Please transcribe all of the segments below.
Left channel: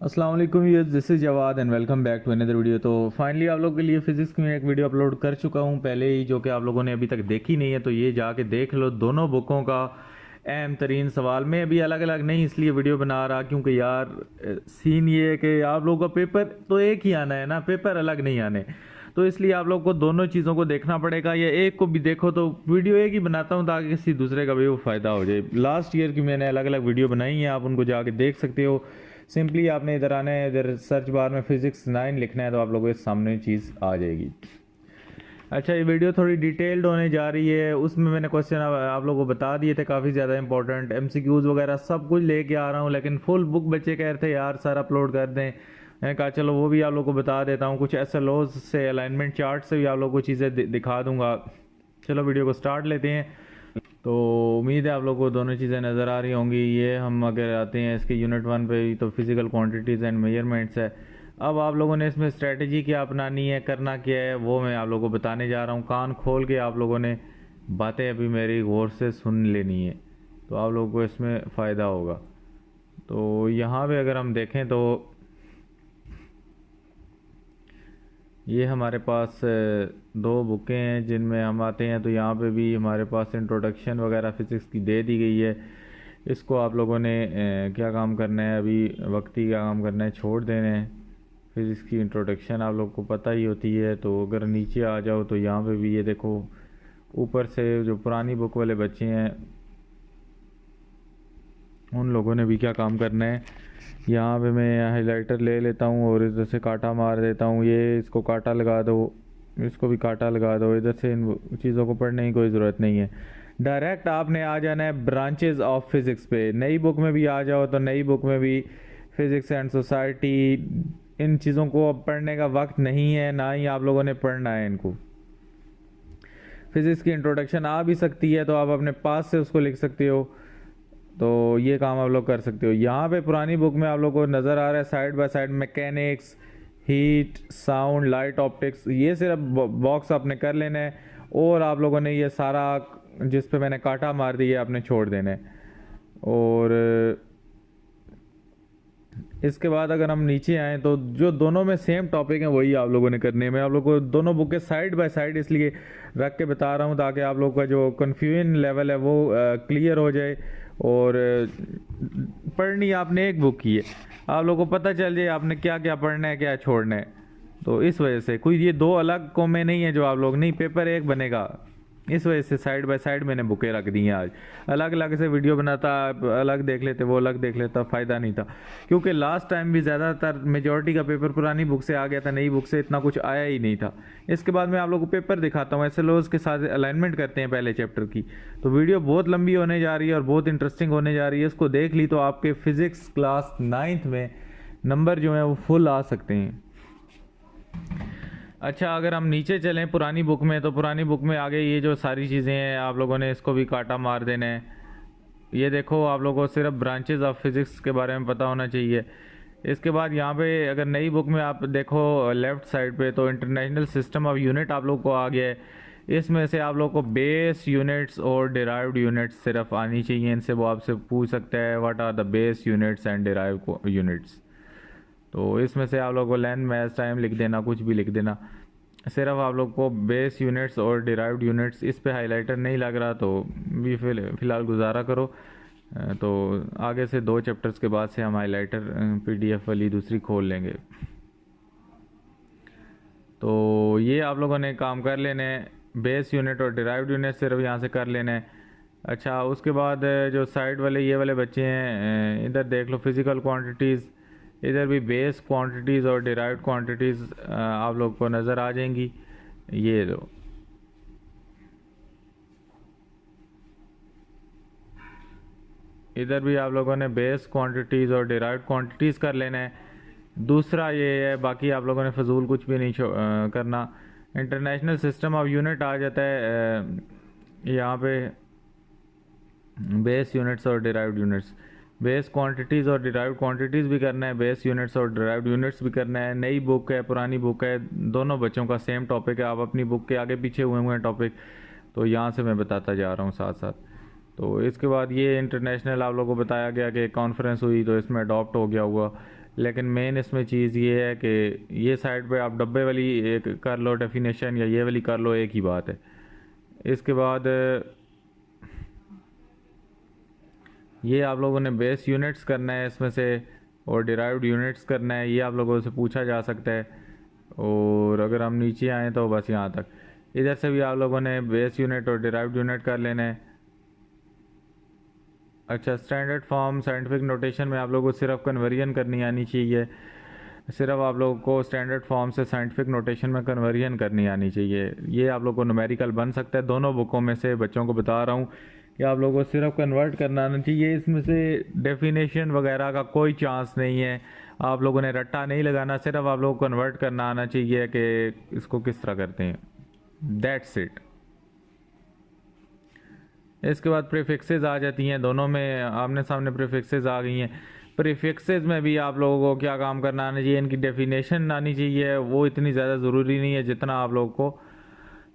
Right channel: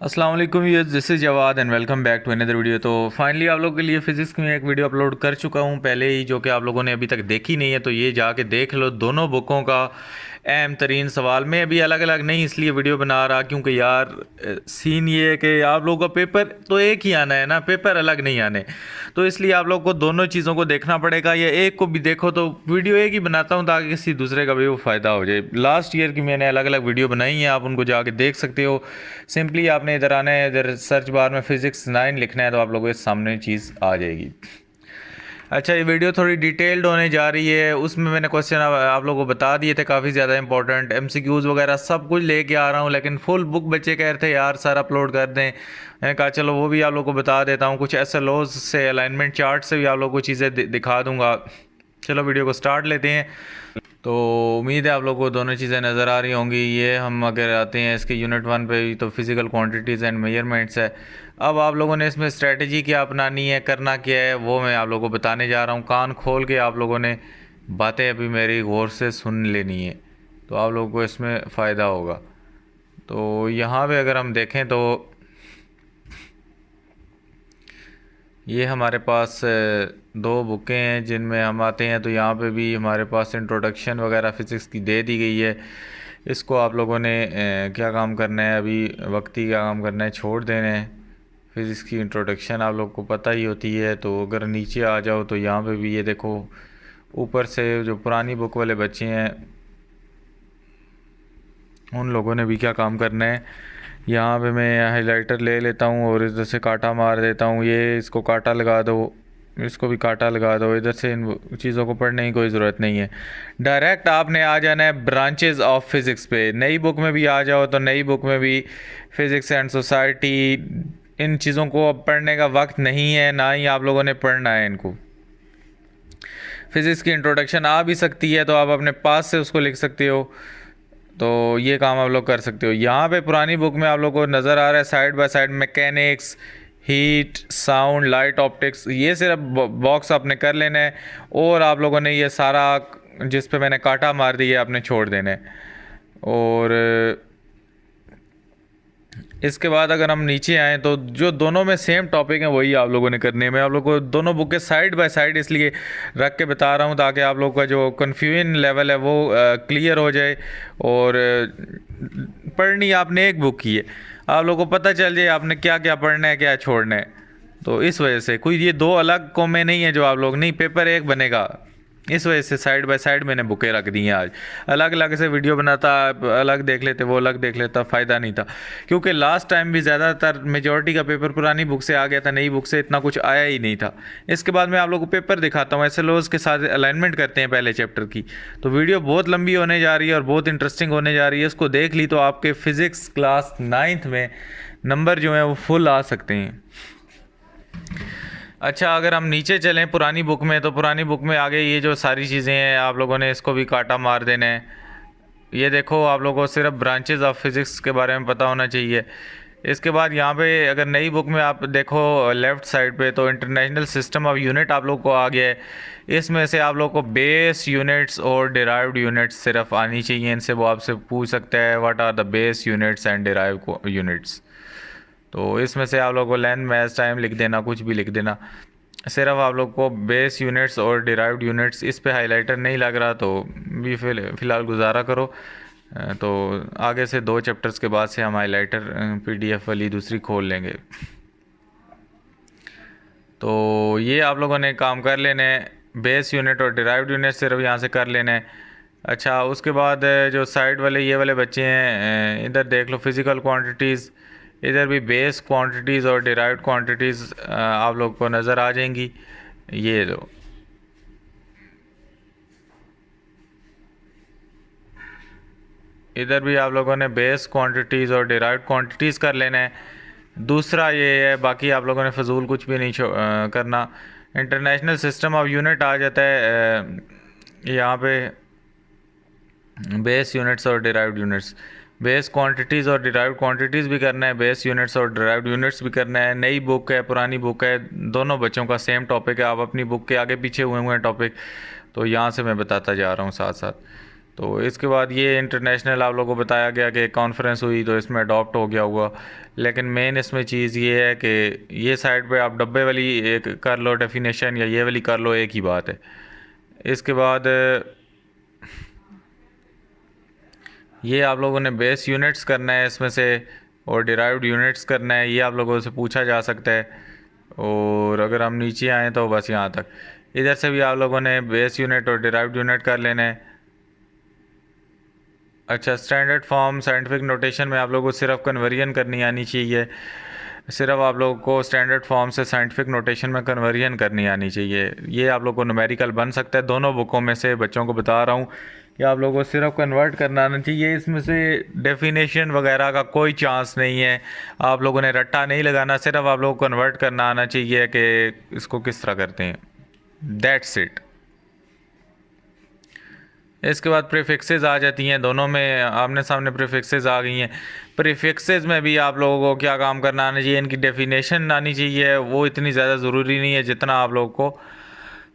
अस्सलाम वालेकुम viewers, this is Jawad and welcome back to another video. तो फाइनली आप लोगों के लिए फ़िज़िक्स में एक वीडियो अपलोड कर चुका हूँ पहले ही, जो कि आप लोगों ने अभी तक देखी नहीं है, तो ये जाके देख लो। दोनों बुकों का अहम तरीन सवाल मैं अभी अलग अलग नहीं इसलिए वीडियो बना रहा क्योंकि यार सीन ये है कि आप लोगों का पेपर तो एक ही आना है ना, पेपर अलग नहीं आने। तो इसलिए आप लोग को दोनों चीज़ों को देखना पड़ेगा, या एक को भी देखो। तो वीडियो एक ही बनाता हूँ ताकि किसी दूसरे का भी वो फ़ायदा हो जाए। लास्ट ईयर की मैंने अलग अलग वीडियो बनाई हैं, आप उनको जाके देख सकते हो। सिंपली आपने इधर आना है, इधर सर्च बार में फिज़िक्स 9 लिखना है तो आप लोगों के सामने चीज़ आ जाएगी। अच्छा, ये वीडियो थोड़ी डिटेल्ड होने जा रही है। उसमें मैंने क्वेश्चन आप लोगों को बता दिए थे, काफ़ी ज़्यादा इंपॉर्टेंट एमसीक्यूज़ वगैरह सब कुछ लेके आ रहा हूँ, लेकिन फुल बुक बच्चे कह रहे थे यार सर अपलोड कर दें। मैंने कहा चलो वो भी आप लोगों को बता देता हूँ। कुछ एसएलओज से, अलाइनमेंट चार्ट से भी आप लोगों को चीज़ें दिखा दूँगा। चलो वीडियो को स्टार्ट लेते हैं। तो उम्मीद है आप लोगों को दोनों चीज़ें नज़र आ रही होंगी। ये हम अगर आते हैं इसके यूनिट 1 पे भी, तो फिज़िकल क्वांटिटीज़ एंड मेजरमेंट्स है। अब आप लोगों ने इसमें स्ट्रेटजी क्या अपनानी है, करना क्या है, वो मैं आप लोगों को बताने जा रहा हूँ। कान खोल के आप लोगों ने बातें अभी मेरी गौर से सुन लेनी है, तो आप लोगों को इसमें फ़ायदा होगा। तो यहाँ पे अगर हम देखें तो ये हमारे पास दो बुकें हैं जिनमें हम आते हैं। तो यहाँ पे भी हमारे पास इंट्रोडक्शन वगैरह फ़िज़िक्स की दे दी गई है। इसको आप लोगों ने क्या काम करना है, अभी वक्ती क्या काम करना है, छोड़ देना है। फ़िज़िक्स की इंट्रोडक्शन आप लोग को पता ही होती है। तो अगर नीचे आ जाओ तो यहाँ पे भी ये देखो, ऊपर से जो पुरानी बुक वाले बच्चे हैं उन लोगों ने भी क्या काम करना है। यहाँ पे मैं हाइलाइटर ले लेता हूँ और इधर से कांटा मार देता हूँ। ये इसको कांटा लगा दो, इसको भी कांटा लगा दो। इधर से इन चीज़ों को पढ़ने की कोई ज़रूरत नहीं है। डायरेक्ट आपने आ जाना है ब्रांचेस ऑफ फिज़िक्स पे। नई बुक में भी आ जाओ तो नई बुक में भी फ़िज़िक्स एंड सोसाइटी, इन चीज़ों को अब पढ़ने का वक्त नहीं है, ना ही आप लोगों ने पढ़ना है इनको। फ़िज़िक्स की इंट्रोडक्शन आ भी सकती है तो आप अपने पास से उसको लिख सकते हो। तो ये काम आप लोग कर सकते हो। यहाँ पे पुरानी बुक में आप लोग को नज़र आ रहा है side by side mechanics, heat, sound, light, optics, ये सिर्फ बॉक्स आपने कर लेना है। और आप लोगों ने ये सारा जिस पे मैंने कांटा मार दिया आपने छोड़ देना है। और इसके बाद अगर हम नीचे आएँ तो जो दोनों में सेम टॉपिक हैं वही आप लोगों ने करने हैं। मैं आप लोगों को दोनों बुक के साइड बाय साइड इसलिए रख के बता रहा हूँ ताकि आप लोग का जो कन्फ्यूजन लेवल है वो क्लियर हो जाए। और पढ़नी आपने एक बुक की है, आप लोगों को पता चल जाए आपने क्या क्या पढ़ना है, क्या छोड़ना है। तो इस वजह से कोई ये दो अलग कॉमे नहीं है जो आप लोग, नहीं पेपर एक बनेगा। इस वजह से साइड बाय साइड मैंने बुकें रख दी हैं। आज अलग अलग से वीडियो बनाता, अलग देख लेते, वो अलग देख लेता, फ़ायदा नहीं था। क्योंकि लास्ट टाइम भी ज़्यादातर मेजॉरिटी का पेपर पुरानी बुक से आ गया था, नई बुक से इतना कुछ आया ही नहीं था। इसके बाद मैं आप लोगों को पेपर दिखाता हूँ, एसएलओज के साथ अलाइनमेंट करते हैं पहले चैप्टर की। तो वीडियो बहुत लंबी होने जा रही है और बहुत इंटरेस्टिंग होने जा रही है। इसको देख ली तो आपके फ़िज़िक्स क्लास 9th में नंबर जो है वो फुल आ सकते हैं। अच्छा, अगर हम नीचे चलें पुरानी बुक में, तो पुरानी बुक में आगे ये जो सारी चीज़ें हैं आप लोगों ने इसको भी कांटा मार देना है। ये देखो, आप लोगों को सिर्फ ब्रांचेस ऑफ फिज़िक्स के बारे में पता होना चाहिए। इसके बाद यहाँ पे अगर नई बुक में आप देखो लेफ़्ट साइड पे, तो इंटरनेशनल सिस्टम ऑफ यूनिट आप लोग को आ गया है। इसमें से आप लोग को बेस यूनिट्स और डिराइव्ड यूनिट्स सिर्फ आनी चाहिए। इनसे वो आपसे पूछ सकता है what are the base units and derived units. तो इसमें से आप लोग को लेंथ, मैथ, टाइम लिख देना, कुछ भी लिख देना। सिर्फ आप लोग को बेस यूनिट्स और डिराइव्ड यूनिट्स, इस पे हाइलाइटर नहीं लग रहा तो भी फ़िलहाल गुजारा करो। तो आगे से 2 चैप्टर्स के बाद से हम हाइलाइटर पीडीएफ वाली दूसरी खोल लेंगे। तो ये आप लोगों ने काम कर लेना है, बेस यूनिट और डिराइव्ड यूनिट सिर्फ यहाँ से कर लेना है। अच्छा, उसके बाद जो साइड वाले ये वाले बच्चे हैं, इधर देख लो फिज़िकल क्वांटिटीज़, इधर भी बेस क्वांटिटीज़ और डिराइव्ड क्वांटिटीज़ आप लोग को नज़र आ जाएंगी। ये लो, इधर भी आप लोगों ने बेस क्वांटिटीज़ और डिराइव्ड क्वांटिटीज़ कर लेना है। दूसरा ये है, बाकी आप लोगों ने फजूल कुछ भी नहीं करना। इंटरनेशनल सिस्टम ऑफ यूनिट आ जाता है यहाँ पे, बेस यूनिट्स और डिराइव्ड यूनिट्स। बेस क्वांटिटीज़ और डिराइव्ड क्वांटिटीज़ भी करना है, बेस यूनिट्स और डिराइव्ड यूनिट्स भी करना है। नई बुक है, पुरानी बुक है, दोनों बच्चों का सेम टॉपिक है। आप अपनी बुक के आगे पीछे हुए हैं टॉपिक, तो यहाँ से मैं बताता जा रहा हूँ साथ साथ। तो इसके बाद ये इंटरनेशनल आप लोगों को बताया गया कि कॉन्फ्रेंस हुई तो इसमें अडॉप्ट हो गया होगा, लेकिन मेन इसमें चीज़ ये है कि ये साइड पे आप डब्बे वाली एक कर लो डेफिनेशन या ये वाली कर लो, एक ही बात है। इसके बाद ये आप लोगों ने बेस यूनिट्स करना है इसमें से, और डिराइव्ड यूनिट्स करना है, ये आप लोगों से पूछा जा सकता है। और अगर हम नीचे आएँ तो बस यहाँ तक, इधर से भी आप लोगों ने बेस यूनिट और डिराइव्ड यूनिट कर लेना है। अच्छा, स्टैंडर्ड फॉर्म साइंटिफिक नोटेशन में आप लोगों को सिर्फ कन्वर्जन करनी आनी चाहिए, सिर्फ आप लोगों को स्टैंडर्ड फॉर्म से साइंटिफिक नोटेशन में कन्वर्जन करनी आनी चाहिए। ये आप लोगों को न्यूमेरिकल बन सकता है, दोनों बुकों में से बच्चों को बता रहा हूँ कि आप लोगों को सिर्फ कन्वर्ट करना आना चाहिए। इसमें से डेफिनेशन वगैरह का कोई चांस नहीं है, आप लोगों ने रट्टा नहीं लगाना, सिर्फ आप लोगों को कन्वर्ट करना आना चाहिए कि इसको किस तरह करते हैं, दैट्स इट। इसके बाद प्रीफिक्सेस आ जाती हैं, दोनों में आमने सामने प्रीफिक्सेस आ गई हैं। प्रीफिक्सेस में भी आप लोगों को क्या काम करना आना चाहिए, इनकी डेफिनेशन आनी चाहिए, वो इतनी ज़्यादा ज़रूरी नहीं है जितना आप लोगों को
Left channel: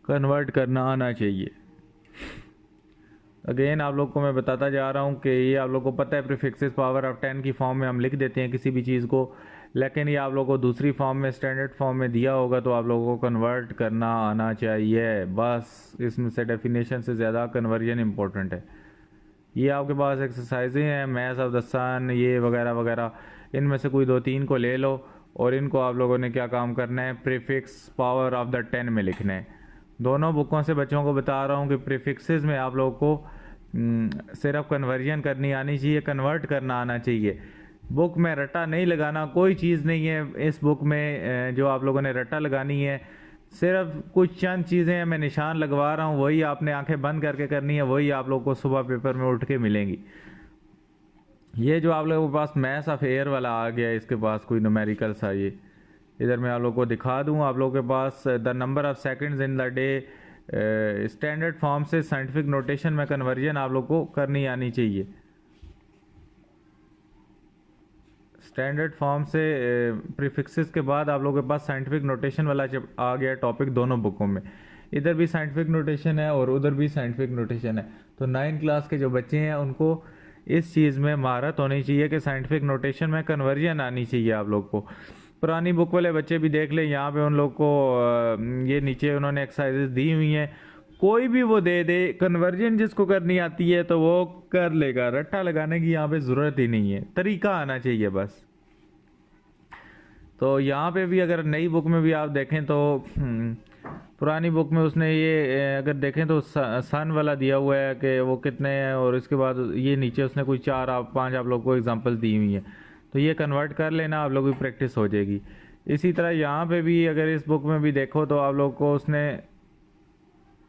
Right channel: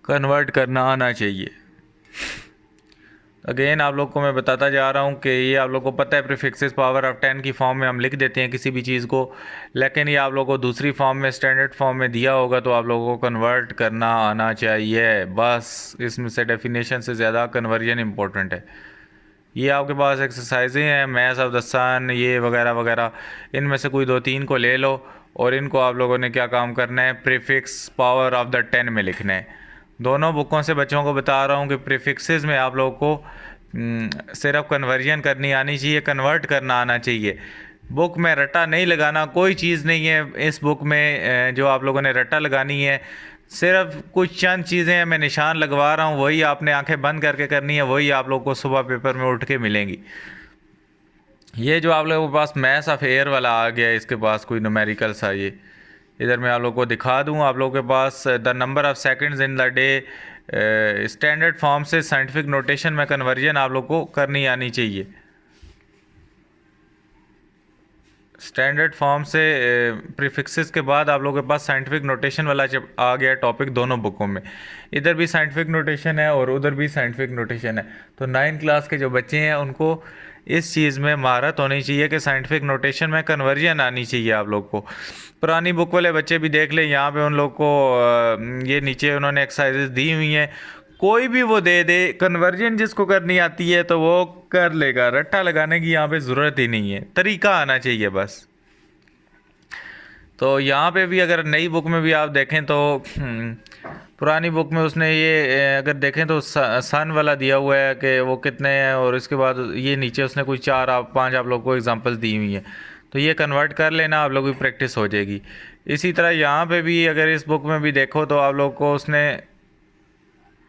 कन्वर्ट करना आना चाहिए। अगेन आप लोग को मैं बताता जा रहा हूँ कि ये आप लोग को पता है प्रीफिक्सेस पावर ऑफ 10 की फॉर्म में हम लिख देते हैं किसी भी चीज़ को, लेकिन ये आप लोग को दूसरी फॉर्म में स्टैंडर्ड फॉर्म में दिया होगा तो आप लोगों को कन्वर्ट करना आना चाहिए। बस इसमें से डेफिनेशन से ज़्यादा कन्वर्जन इंपॉर्टेंट है। ये आपके पास एक्सरसाइजें हैं, मैथ्स ऑफ द सन ये वगैरह वगैरह, इनमें से कोई 2-3 को ले लो और इनको आप लोगों ने क्या काम करना है, प्रीफिक्स पावर ऑफ द 10 में लिखना है। दोनों बुकों से बच्चों को बता रहा हूँ कि प्रीफिक्सेस में आप लोगों को सिर्फ कन्वर्जन करनी आनी चाहिए, कन्वर्ट करना आना चाहिए। बुक में रट्टा नहीं लगाना, कोई चीज़ नहीं है इस बुक में जो आप लोगों ने रट्टा लगानी है, सिर्फ कुछ चंद चीज़ें हैं मैं निशान लगवा रहा हूँ, वही आपने आंखें बंद करके करनी है, वही आप लोग को सुबह पेपर में उठ के मिलेंगी। ये जो आप लोगों के पास मैथ्स ऑफ एयर वाला आ गया, इसके पास कोई न्यूमेरिकल सा, ये इधर मैं आप लोगों को दिखा दूँ। आप लोगों के पास the number of seconds in the day, standard form से साइंटिफिक नोटेशन में कन्वर्जन आप लोग को करनी आनी चाहिए। स्टैंडर्ड फॉर्म से प्रीफिक्सेस के बाद आप लोगों के पास साइंटिफिक नोटेशन वाला आ गया टॉपिक दोनों बुकों में, इधर भी साइंटिफिक नोटेशन है और उधर भी साइंटिफिक नोटेशन है। तो 9th क्लास के जो बच्चे हैं उनको इस चीज़ में महारत होनी चाहिए कि साइंटिफिक नोटेशन में कन्वर्जन आनी चाहिए आप लोग को। पुरानी बुक वाले बच्चे भी देख लें, यहाँ पे उन लोग को ये नीचे उन्होंने एक्सरसाइजेज दी हुई हैं, कोई भी वो दे दे, कन्वर्जन जिसको करनी आती है तो वो कर लेगा, रट्टा लगाने की यहाँ पे ज़रूरत ही नहीं है, तरीका आना चाहिए बस। तो यहाँ पे भी अगर नई बुक में भी आप देखें तो पुरानी बुक में उसने ये अगर देखें तो सन वाला दिया हुआ है कि वो कितने हैं, और इसके बाद ये नीचे उसने कोई 4-5 आप लोग को एग्जांपल्स दी हुई हैं, तो ये कन्वर्ट कर लेना, आप लोगों की प्रैक्टिस हो जाएगी। इसी तरह यहाँ पे भी अगर इस बुक में भी देखो तो आप लोग को उसने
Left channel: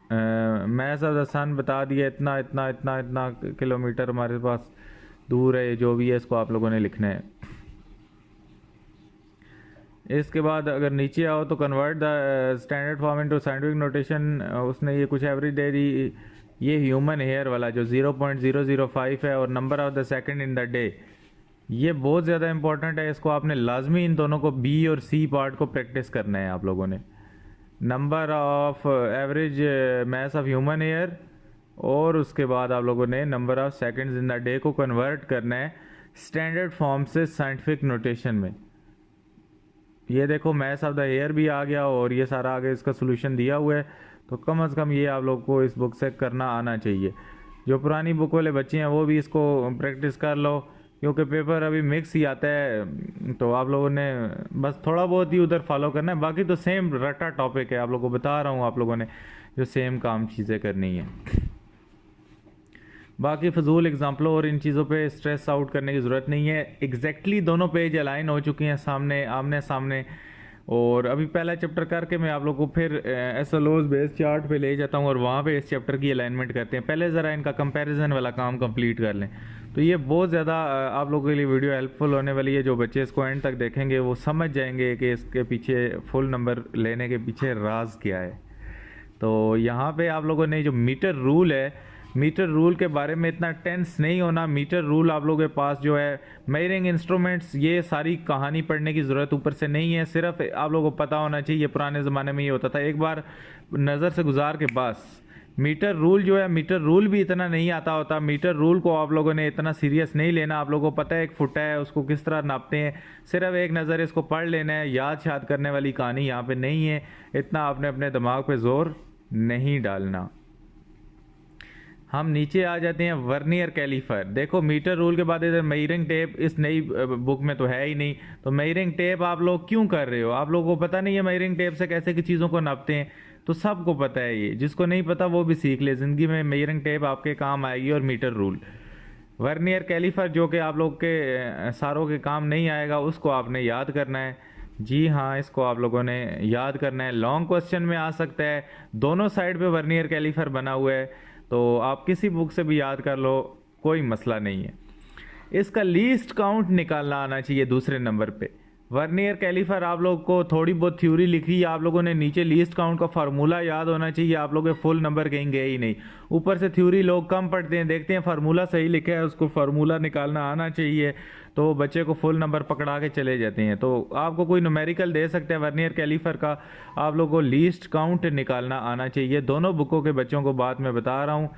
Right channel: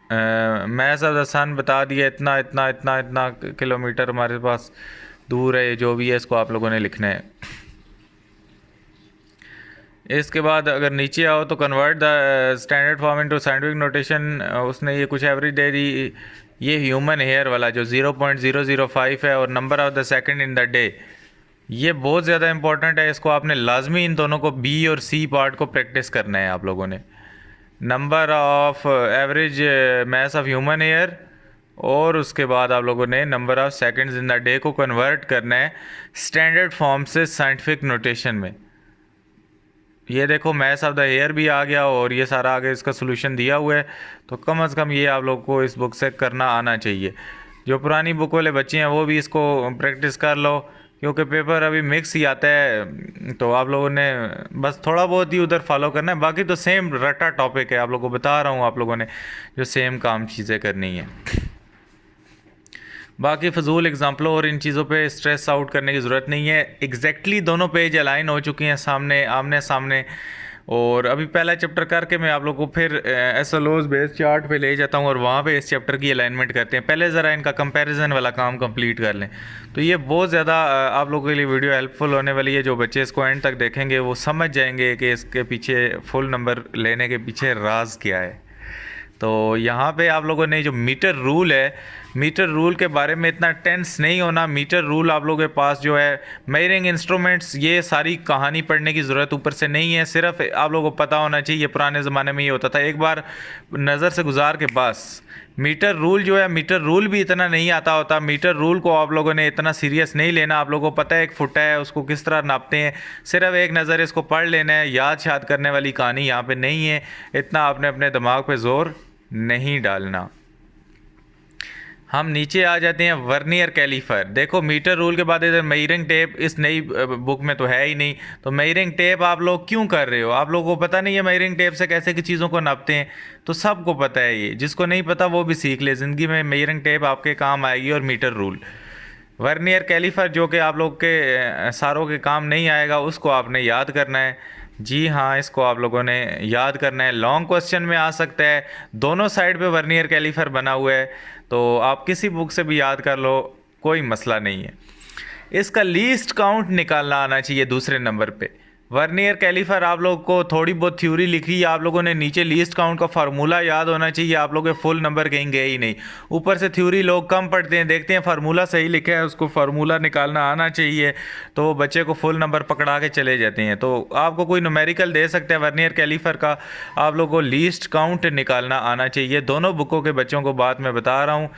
मैथ्स ऑफ द सन बता दिया, इतना इतना इतना इतना किलोमीटर हमारे पास दूर है, जो भी है इसको आप लोगों ने लिखना है। इसके बाद अगर नीचे आओ तो convert the standard form into scientific notation, उसने ये कुछ एवरेज दे दी। ये ह्यूमन हेयर वाला जो 0.005 है और number of the second in the day, ये बहुत ज़्यादा इंपॉर्टेंट है, इसको आपने लाजमी इन दोनों को बी और सी पार्ट को प्रैक्टिस करना है आप लोगों ने। Number of average mass of human hair और उसके बाद आप लोगों ने number of seconds in the day को कन्वर्ट करना है स्टैंडर्ड फॉर्म से साइंटिफिक नोटेशन में। ये देखो मैथ्स ऑफ द हेयर भी आ गया और ये सारा आगे इसका सोल्यूशन दिया हुआ है, तो कम अज़ कम ये आप लोग को इस बुक से करना आना चाहिए। जो पुरानी बुक वाले बच्चे हैं वो भी इसको प्रैक्टिस कर लो, क्योंकि पेपर अभी मिक्स ही आता है, तो आप लोगों ने बस थोड़ा बहुत ही उधर फॉलो करना है, बाकी तो सेम रटा टॉपिक है, आप लोगों को बता रहा हूँ, आप लोगों ने जो सेम काम चीज़ें करनी है। बाकी फजूल एग्जाम्पलों और इन चीज़ों पे स्ट्रेस आउट करने की ज़रूरत नहीं है। एग्जैक्टली दोनों पेज अलाइन हो चुके हैं सामने आमने सामने, और अभी पहला चैप्टर करके मैं आप लोगों को फिर एसएलओज बेस चार्ट पे ले जाता हूँ और वहाँ पे इस चैप्टर की अलाइनमेंट करते हैं। पहले ज़रा इनका कंपैरिजन वाला काम कंप्लीट कर लें, तो ये बहुत ज़्यादा आप लोगों के लिए वीडियो हेल्पफुल होने वाली है। जो बच्चे इसको एंड तक देखेंगे वो समझ जाएंगे कि इसके पीछे फुल नंबर लेने के पीछे राज क्या है। तो यहाँ पे आप लोगों ने जो मीटर रूल है, मीटर रूल के बारे में इतना टेंस नहीं होना। मीटर रूल आप लोगों के पास जो है मेजरिंग इंस्ट्रूमेंट्स, ये सारी कहानी पढ़ने की ज़रूरत ऊपर से नहीं है, सिर्फ आप लोगों को पता होना चाहिए। पुराने ज़माने में ये होता था, एक बार नज़र से गुजार के बस। मीटर रूल जो है, मीटर रूल भी इतना नहीं आता होता। मीटर रूल को आप लोगों ने इतना सीरियस नहीं लेना। आप लोगों को पता है एक फुट है, उसको किस तरह नापते हैं, सिर्फ एक नज़र इसको पढ़ लेना है। याद शाद करने वाली कहानी यहाँ पे नहीं है, इतना आपने अपने दिमाग पे जोर नहीं डालना। हम नीचे आ जाते हैं वर्नियर कैलीफर। देखो मीटर रूल के बाद इधर मेजरिंग टेप इस नई बुक में तो है ही नहीं, तो मेजरिंग टेप आप लोग क्यों कर रहे हो? आप लोगों को पता नहीं है मेजरिंग टेप से कैसे की चीज़ों को नापते हैं? तो सबको पता है ये, जिसको नहीं पता वो भी सीख ले। ज़िंदगी में मेजरिंग टेप आपके काम आएगी और मीटर रूल। वर्नियर कैलीफर जो कि आप लोग के सारों के काम नहीं आएगा, उसको आपने याद करना है। जी हाँ, इसको आप लोगों ने याद करना है। लॉन्ग क्वेश्चन में आ सकता है, दोनों साइड पे वर्नियर कैलीफर बना हुआ है, तो आप किसी बुक से भी याद कर लो, कोई मसला नहीं है। इसका लीस्ट काउंट निकालना आना चाहिए दूसरे नंबर पे। वर्नियर कैलीफर आप लोग को थोड़ी बहुत थ्योरी लिखी है आप लोगों ने, नीचे लीस्ट काउंट का फार्मूला याद होना चाहिए। आप लोग के फुल नंबर कहीं गए ही नहीं, ऊपर से थ्योरी लोग कम पढ़ते हैं, देखते हैं फार्मूला सही लिखा है, उसको फार्मूला निकालना आना चाहिए, तो वो बच्चे को फुल नंबर पकड़ा के चले जाते हैं। तो आपको कोई न्यूमेरिकल दे सकता है वर्नियर कैलीफर का, आप लोग को लीस्ट काउंट निकालना आना चाहिए। दोनों बुकों के बच्चों को बात मैं बता रहा हूँ।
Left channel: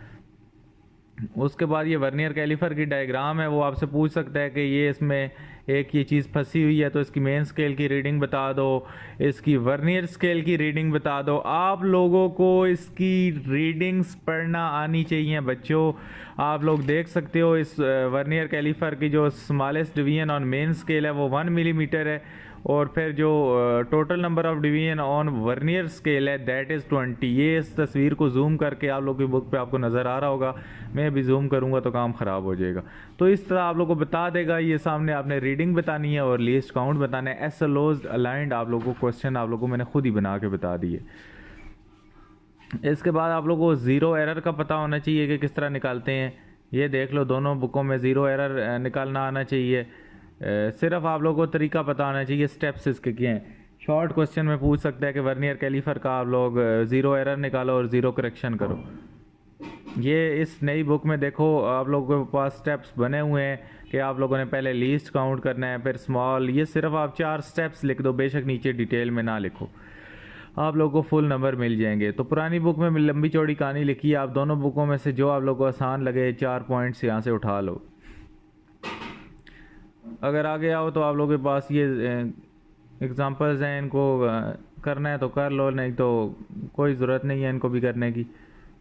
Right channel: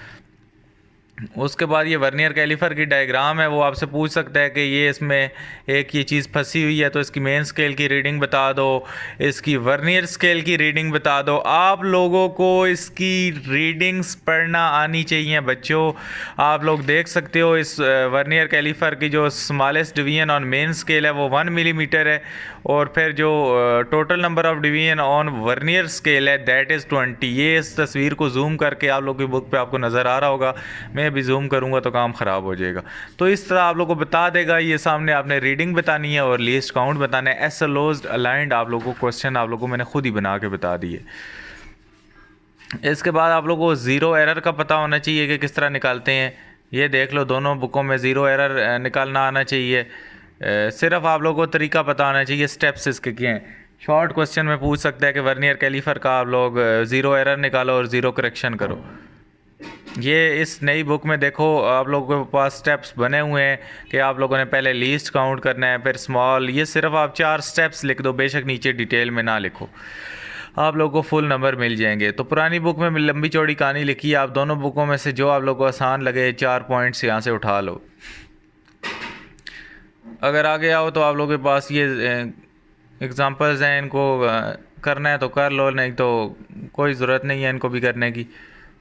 उसके बाद ये वर्नियर कैलीफर की डायग्राम है, वो आपसे पूछ सकता है कि ये इसमें एक ये चीज़ फंसी हुई है, तो इसकी मेन स्केल की रीडिंग बता दो, इसकी वर्नियर स्केल की रीडिंग बता दो। आप लोगों को इसकी रीडिंग्स पढ़ना आनी चाहिए बच्चों। आप लोग देख सकते हो इस वर्नियर कैलीफर की जो smallest division on main scale है वो 1 मिलीमीटर है, और फिर जो total number of division on vernier scale है दैट इज़ 20। ये इस तस्वीर को जूम करके आप लोग की बुक पे आपको नज़र आ रहा होगा, मैं भी जूम करूंगा तो काम ख़राब हो जाएगा। तो इस तरह आप लोग को बता देगा ये सामने, आपने रीडिंग बतानी है और लीस्ट काउंट बताना है। एसोलोज्ड अलाइंड आप लोगों को क्वेश्चन आप लोगों को मैंने खुद ही बना के बता दिए। इसके बाद आप लोगों को ज़ीरो एरर का पता होना चाहिए कि किस तरह निकालते हैं। ये देख लो, दोनों बुकों में ज़ीरो एरर निकालना आना चाहिए। सिर्फ आप लोगों को तरीका पता होना चाहिए, स्टेप्स इसके क्या हैं। शॉर्ट क्वेश्चन में पूछ सकता है कि वर्नियर कैलीफर का आप लोग ज़ीरो एरर निकालो और ज़ीरो करेक्शन करो। ये इस नई बुक में देखो आप लोगों के पास स्टेप्स बने हुए हैं कि आप लोगों ने पहले लीस्ट काउंट करना है, फिर स्मॉल। ये सिर्फ आप 4 स्टेप्स लिख दो, बेशक नीचे डिटेल में ना लिखो, आप लोगों को फुल नंबर मिल जाएंगे। तो पुरानी बुक में लंबी चौड़ी कहानी लिखी है, आप दोनों बुकों में से जो आप लोगों को आसान लगे 4 पॉइंट्स यहाँ से उठा लो। अगर आगे आओ तो आप लोगों के पास ये एग्ज़ाम्पल्स हैं, इनको करना है तो कर लो, नहीं तो कोई ज़रूरत नहीं है इनको भी करने की।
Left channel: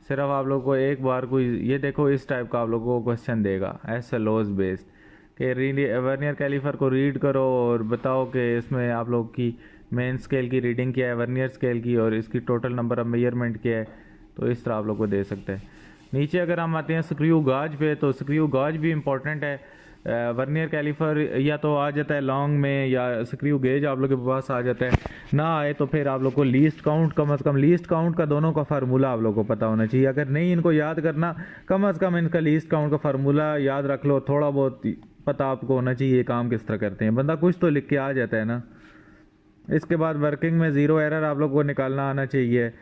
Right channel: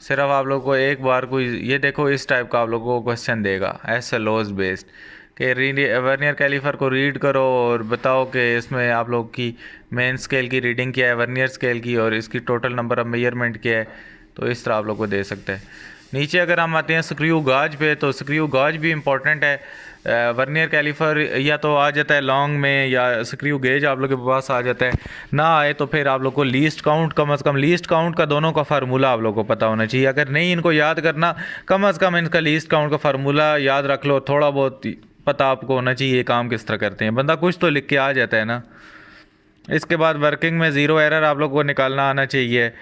सिर्फ आप लोग को एक बार कोई ये देखो इस टाइप का आप लोगों को क्वेश्चन देगा एसएलओज बेस्ड कि वर्नियर कैलीफर को रीड करो और बताओ कि इसमें आप लोग की मेन स्केल की रीडिंग क्या है, वर्नियर स्केल की, और इसकी टोटल नंबर ऑफ मेजरमेंट क्या है। तो इस तरह आप लोग को दे सकते हैं। नीचे अगर हम आते हैं स्क्रू गाज पे, तो स्क्रू गाज भी इंपॉर्टेंट है। वर्नियर कैलीफर या तो आ जाता है लॉन्ग में, या स्क्रू गेज आप लोग के पास आ जाता है। ना आए तो फिर आप लोग को लीस्ट काउंट, कम से कम लीस्ट काउंट का दोनों का फार्मूला आप लोग को पता होना चाहिए। अगर नहीं इनको याद करना, कम से कम इनका लीस्ट काउंट का फार्मूला याद रख लो, थोड़ा बहुत पता आपको होना चाहिए काम किस तरह करते हैं। बंदा कुछ तो लिख के आ जाता है ना। इसके बाद वर्किंग में ज़ीरो एरर आप लोग को निकालना आना चाहिए,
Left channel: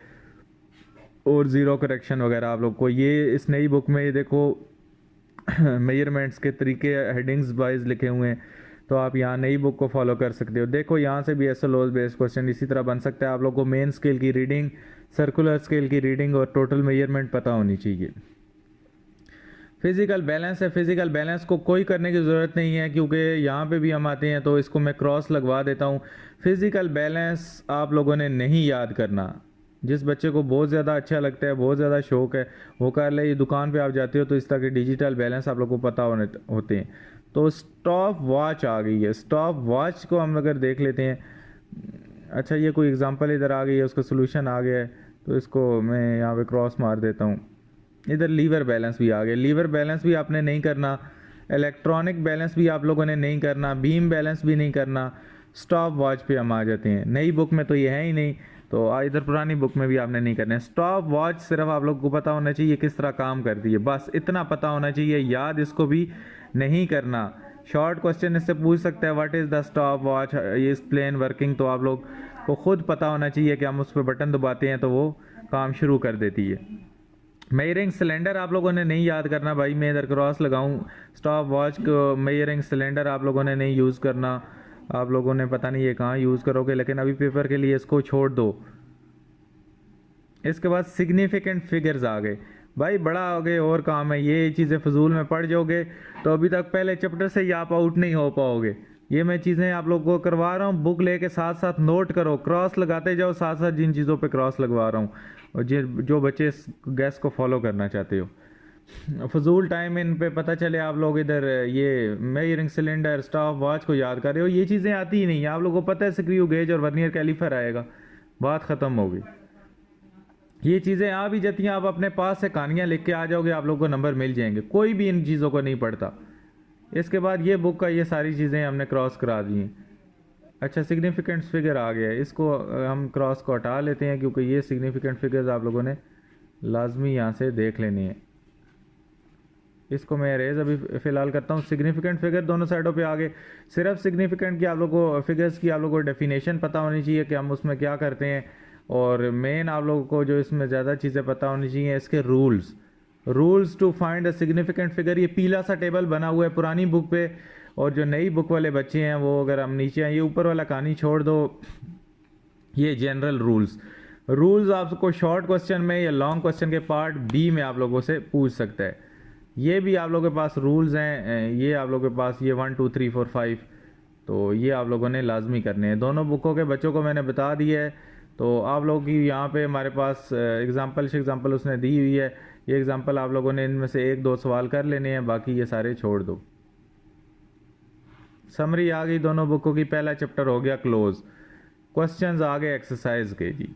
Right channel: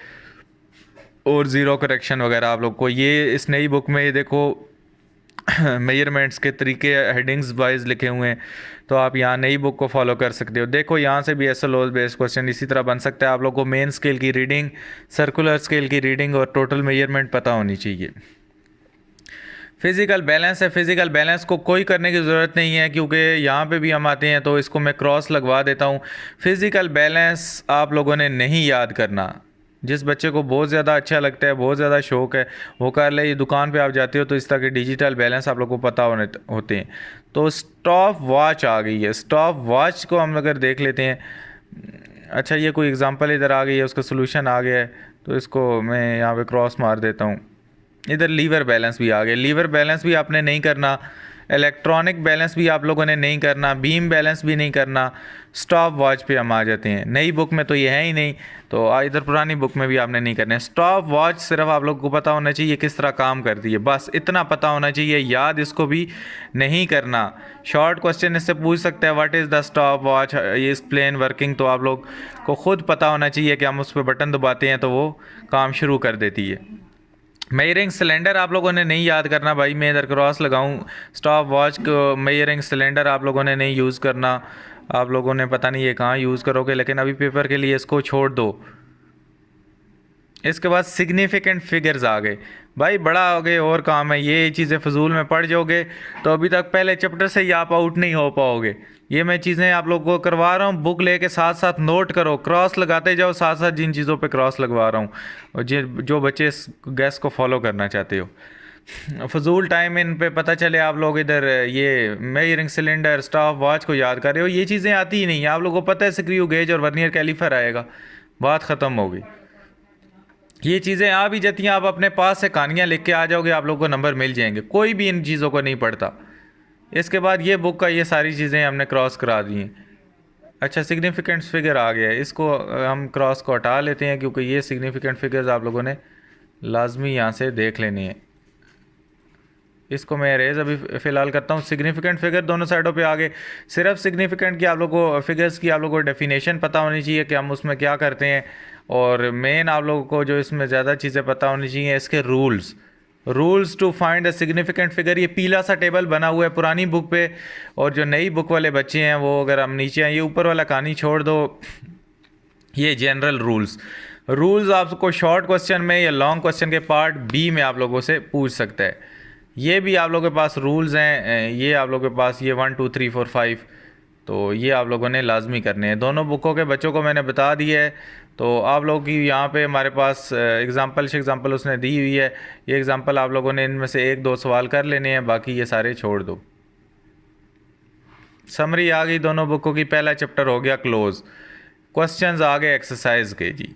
और ज़ीरो करेक्शन वगैरह आप लोग को। ये इस नई बुक में ये देखो मेजरमेंट्स के तरीके हेडिंग्स वाइज लिखे हुए हैं, तो आप यहाँ नई बुक को फॉलो कर सकते हो। देखो यहाँ से भी एसएलओ बेस्ड क्वेश्चन इसी तरह बन सकता है। आप लोग को मेन स्केल की रीडिंग, सर्कुलर स्केल की रीडिंग और टोटल मेजरमेंट पता होनी चाहिए। फिज़िकल बैलेंस है, फिज़िकल बैलेंस को कोई करने की ज़रूरत नहीं है, क्योंकि यहाँ पे भी हम आते हैं तो इसको मैं क्रॉस लगवा देता हूँ। फिज़िकल बैलेंस आप लोगों ने नहीं याद करना। जिस बच्चे को बहुत ज़्यादा अच्छा लगता है, बहुत ज़्यादा शौक़ है, वो कर ले। दुकान पे आप जाते हो तो इस तरह के डिजिटल बैलेंस आप लोग को पता होते हैं। तो स्टॉप वॉच आ गई है, स्टॉप वॉच को हम अगर देख लेते हैं। अच्छा, ये कोई एग्जांपल इधर आ गई है, उसका सोल्यूशन आ गया है, तो इसको मैं यहाँ पे क्रॉस मार देता हूँ। इधर लीवर बैलेंस भी आ गया। लीवर बैलेंस भी आपने नहीं करना, इलेक्ट्रॉनिक बैलेंस भी आप लोगों ने नहीं करना, बीम बैलेंस भी नहीं करना। स्टॉप वॉच पे हम आ जाते हैं। नई बुक में तो ये है ही नहीं, तो इधर पुरानी बुक में भी आपने नहीं करना। स्टॉप वॉच सिर्फ आप लोग को पता होना चाहिए किस तरह काम करती है, बस इतना पता होना चाहिए। याद इसको भी नहीं करना। शॉर्ट क्वेश्चन इससे पूछ सकते हैं what is the stop watch, ये एक्सप्लेन वर्किंग। तो आप लोग को खुद पता होना चाहिए कि हम उस पर बटन दबाते हैं तो वो काम शुरू कर देती है। मेजरिंग सिलेंडर आप लोगों ने नहीं याद करना भाई, मैं इधर क्रॉस लगाऊं स्टॉप वॉच को, मेजरिंग सिलेंडर आप लोगों ने नहीं यूज़ करना। आप लोगों ने पता नहीं ये कहाँ यूज़ करोगे, लेकिन अभी पेपर के लिए इसको छोड़ दो। इसके बाद सिग्निफिकेंट फिगर्स आ गए भाई, बड़ा हो गए और काम है, ये चीज़ें फजूल में पढ़ जाओगे तो अभी तक पहले चैप्टर से ही आप आउट नहीं हो पाओगे। ये मैं चीज़ें आप लोगों को करवा रहा हूँ, बुक लेके साथ साथ नोट करो, क्रॉस लगाते जाओ साथ साथ जिन चीज़ों पे क्रॉस लगवा रहा हूँ, और जो बच्चे इस गैस को फॉलो करना चाहते हो। फजूल टाइम इन पे पता चले आप लोग इधर ये मेजरिंग सिलेंडर स्टॉप वॉच को याद कर रहे हो, ये चीज़ें आती ही नहीं है। आप लोगों को पता है स्क्रू गेज और वर्नियर कैलीफर आएगा, बात ख़त्म होगी। ये चीज़ें आ भी जाती हैं, आप अपने पास से कहानियाँ लिख के आ जाओगे, आप लोगों को नंबर मिल जाएंगे। कोई भी इन चीज़ों को नहीं पढ़ता। इसके बाद ये बुक का ये सारी चीज़ें हमने क्रॉस करा दी हैं। अच्छा, सिग्निफिकेंट फिगर आ गया है, इसको हम क्रॉस को हटा लेते हैं, क्योंकि ये सिग्निफिकेंट फिगर्स आप लोगों ने लाजमी यहाँ से देख लेनी है। इसको मैं रेज अभी फ़िलहाल करता हूँ। सिग्निफिकेंट फिगर दोनों साइडों पे आ गए। सिर्फ सिग्निफिकेंट की आप लोगों को फिगर्स की आप लोगों को डेफिनेशन पता होनी चाहिए कि हम उसमें क्या करते हैं, और मेन आप लोगों को जो इसमें ज़्यादा चीज़ें पता होनी चाहिए इसके rules to find a significant figure. ये पीला सा टेबल बना हुआ है पुरानी बुक पे, और जो नई बुक वाले बच्चे हैं वो अगर हम नीचे हैं, ये ऊपर वाला कहानी छोड़ दो, ये जनरल रूल्स आपको शॉर्ट क्वेश्चन में या लॉन्ग क्वेश्चन के पार्ट बी में आप लोगों से पूछ सकता है। ये भी आप लोगों के पास रूल्स हैं, ये आप लोगों के पास ये 1 2 3 4 5, तो ये आप लोगों ने लाजमी करने हैं। दोनों बुकों के बच्चों को मैंने बता दिया है, तो आप लोगों की यहाँ पे हमारे पास एग्जांपल उसने दी हुई है। ये एग्जांपल आप लोगों ने इनमें से 1 2 सवाल कर लेने हैं, बाकी ये सारे छोड़ दो। समरी आ गई दोनों बुकों की, पहला चैप्टर हो गया क्लोज। क्वेश्चंस आ गए एक्सरसाइज के जी।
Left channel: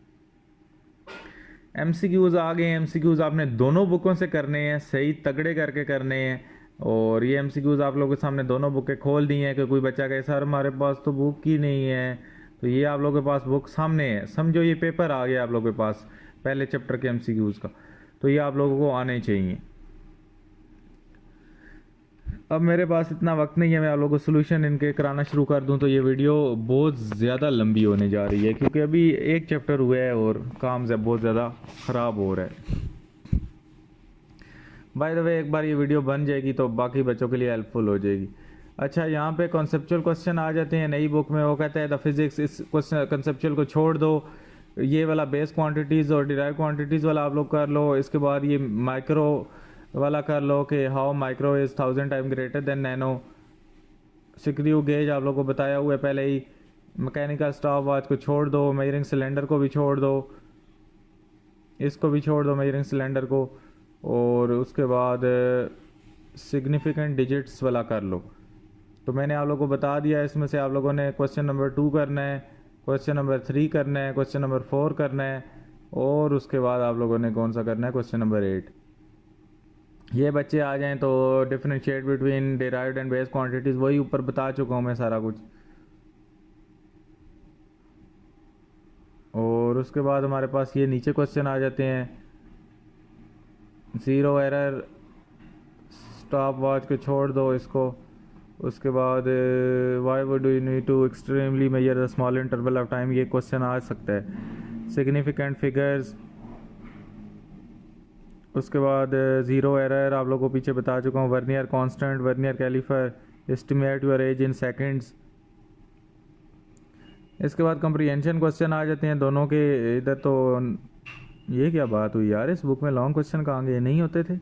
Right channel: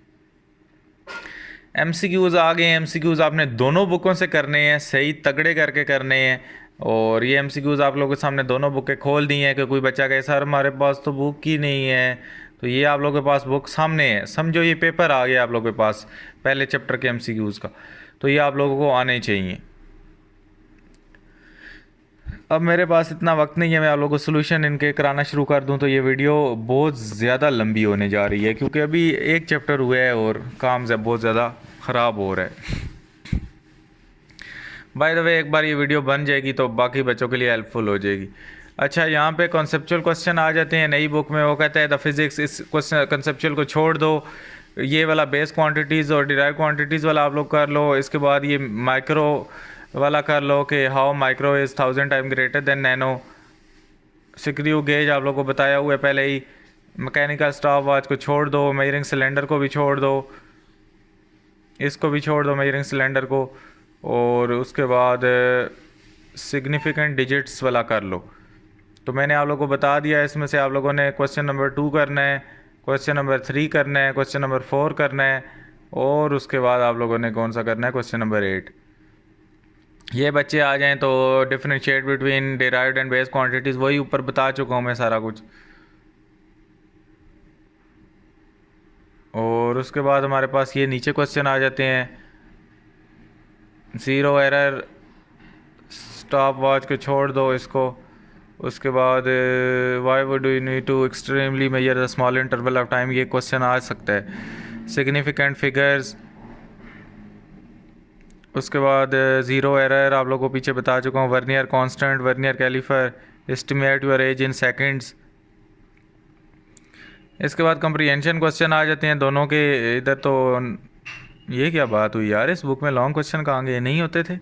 एमसीक्यूज़ आ गए। एमसीक्यूज़ आपने दोनों बुकों से करने हैं, सही तगड़े करके करने हैं। और ये एमसीक्यूज़ आप लोगों के सामने दोनों बुकें खोल दी हैं कि कोई बच्चा कहे सर हमारे पास तो बुक ही नहीं है, तो ये आप लोगों के पास बुक सामने है, समझो ये पेपर आ गया आप लोगों के पास पहले चैप्टर के एमसीक्यूज़ का, तो ये आप लोगों को आने चाहिए। अब मेरे पास इतना वक्त नहीं है मैं आप लोगों को सोल्यूशन इनके कराना शुरू कर दूं, तो ये वीडियो बहुत ज़्यादा लंबी होने जा रही है, क्योंकि अभी एक चैप्टर हुआ है और काम से बहुत ज़्यादा ख़राब हो रहा है। बाय द वे एक बार ये वीडियो बन जाएगी तो बाकी बच्चों के लिए हेल्पफुल हो जाएगी। अच्छा, यहाँ पे कॉन्सेप्चुअल क्वेश्चन आ जाते हैं नई बुक में। वो कहता है द फिज़िक्स, इस क्वेश्चन कॉन्सेप्चुअल को छोड़ दो, ये वाला बेस क्वांटिटीज़ और डिराइव क्वांटिटीज़ वाला आप लोग कर लो। इसके बाद ये माइक्रो वाला कर लो कि how micro is 1000 time greater than nano. Screw gauge आप लोगों को बताया हुआ है पहले ही। मैकेनिकल स्टॉप वॉच को छोड़ दो, मेजरिंग सिलेंडर को भी छोड़ दो, इसको भी छोड़ दो मेजरिंग सिलेंडर को, और उसके बाद सिग्निफिकेंट डिजिट्स वाला कर लो। तो मैंने आप लोगों को बता दिया, इसमें से आप लोगों ने क्वेश्चन नंबर 2 करना है, क्वेश्चन नंबर 3 करना है, क्वेश्चन नंबर 4 करना है, और उसके बाद आप लोगों ने कौन सा करना है, क्वेश्चन नंबर 8। ये बच्चे आ जाएं तो differentiate between derived and base quantities, वही ऊपर बता चुका हूँ मैं सारा कुछ। और उसके बाद हमारे पास ये नीचे क्वेश्चन आ जाते हैं। ज़ीरो एरर स्टॉप वॉच को छोड़ दो इसको। उसके बाद why would you need to extremely measure the small interval of time, ये क्वेश्चन आ सकता है। सिग्निफिकेंट फिगर्स, उसके बाद ज़ीरो एरर आप लोगों को पीछे बता चुका हूँ। Vernier constant, vernier calliper, estimate your age in seconds. इसके बाद कंप्रीहेंशन क्वेश्चन आ जाते हैं दोनों के। इधर तो ये क्या बात हुई यार, इस बुक में लॉन्ग क्वेश्चन कहाँ गए, नहीं होते थे।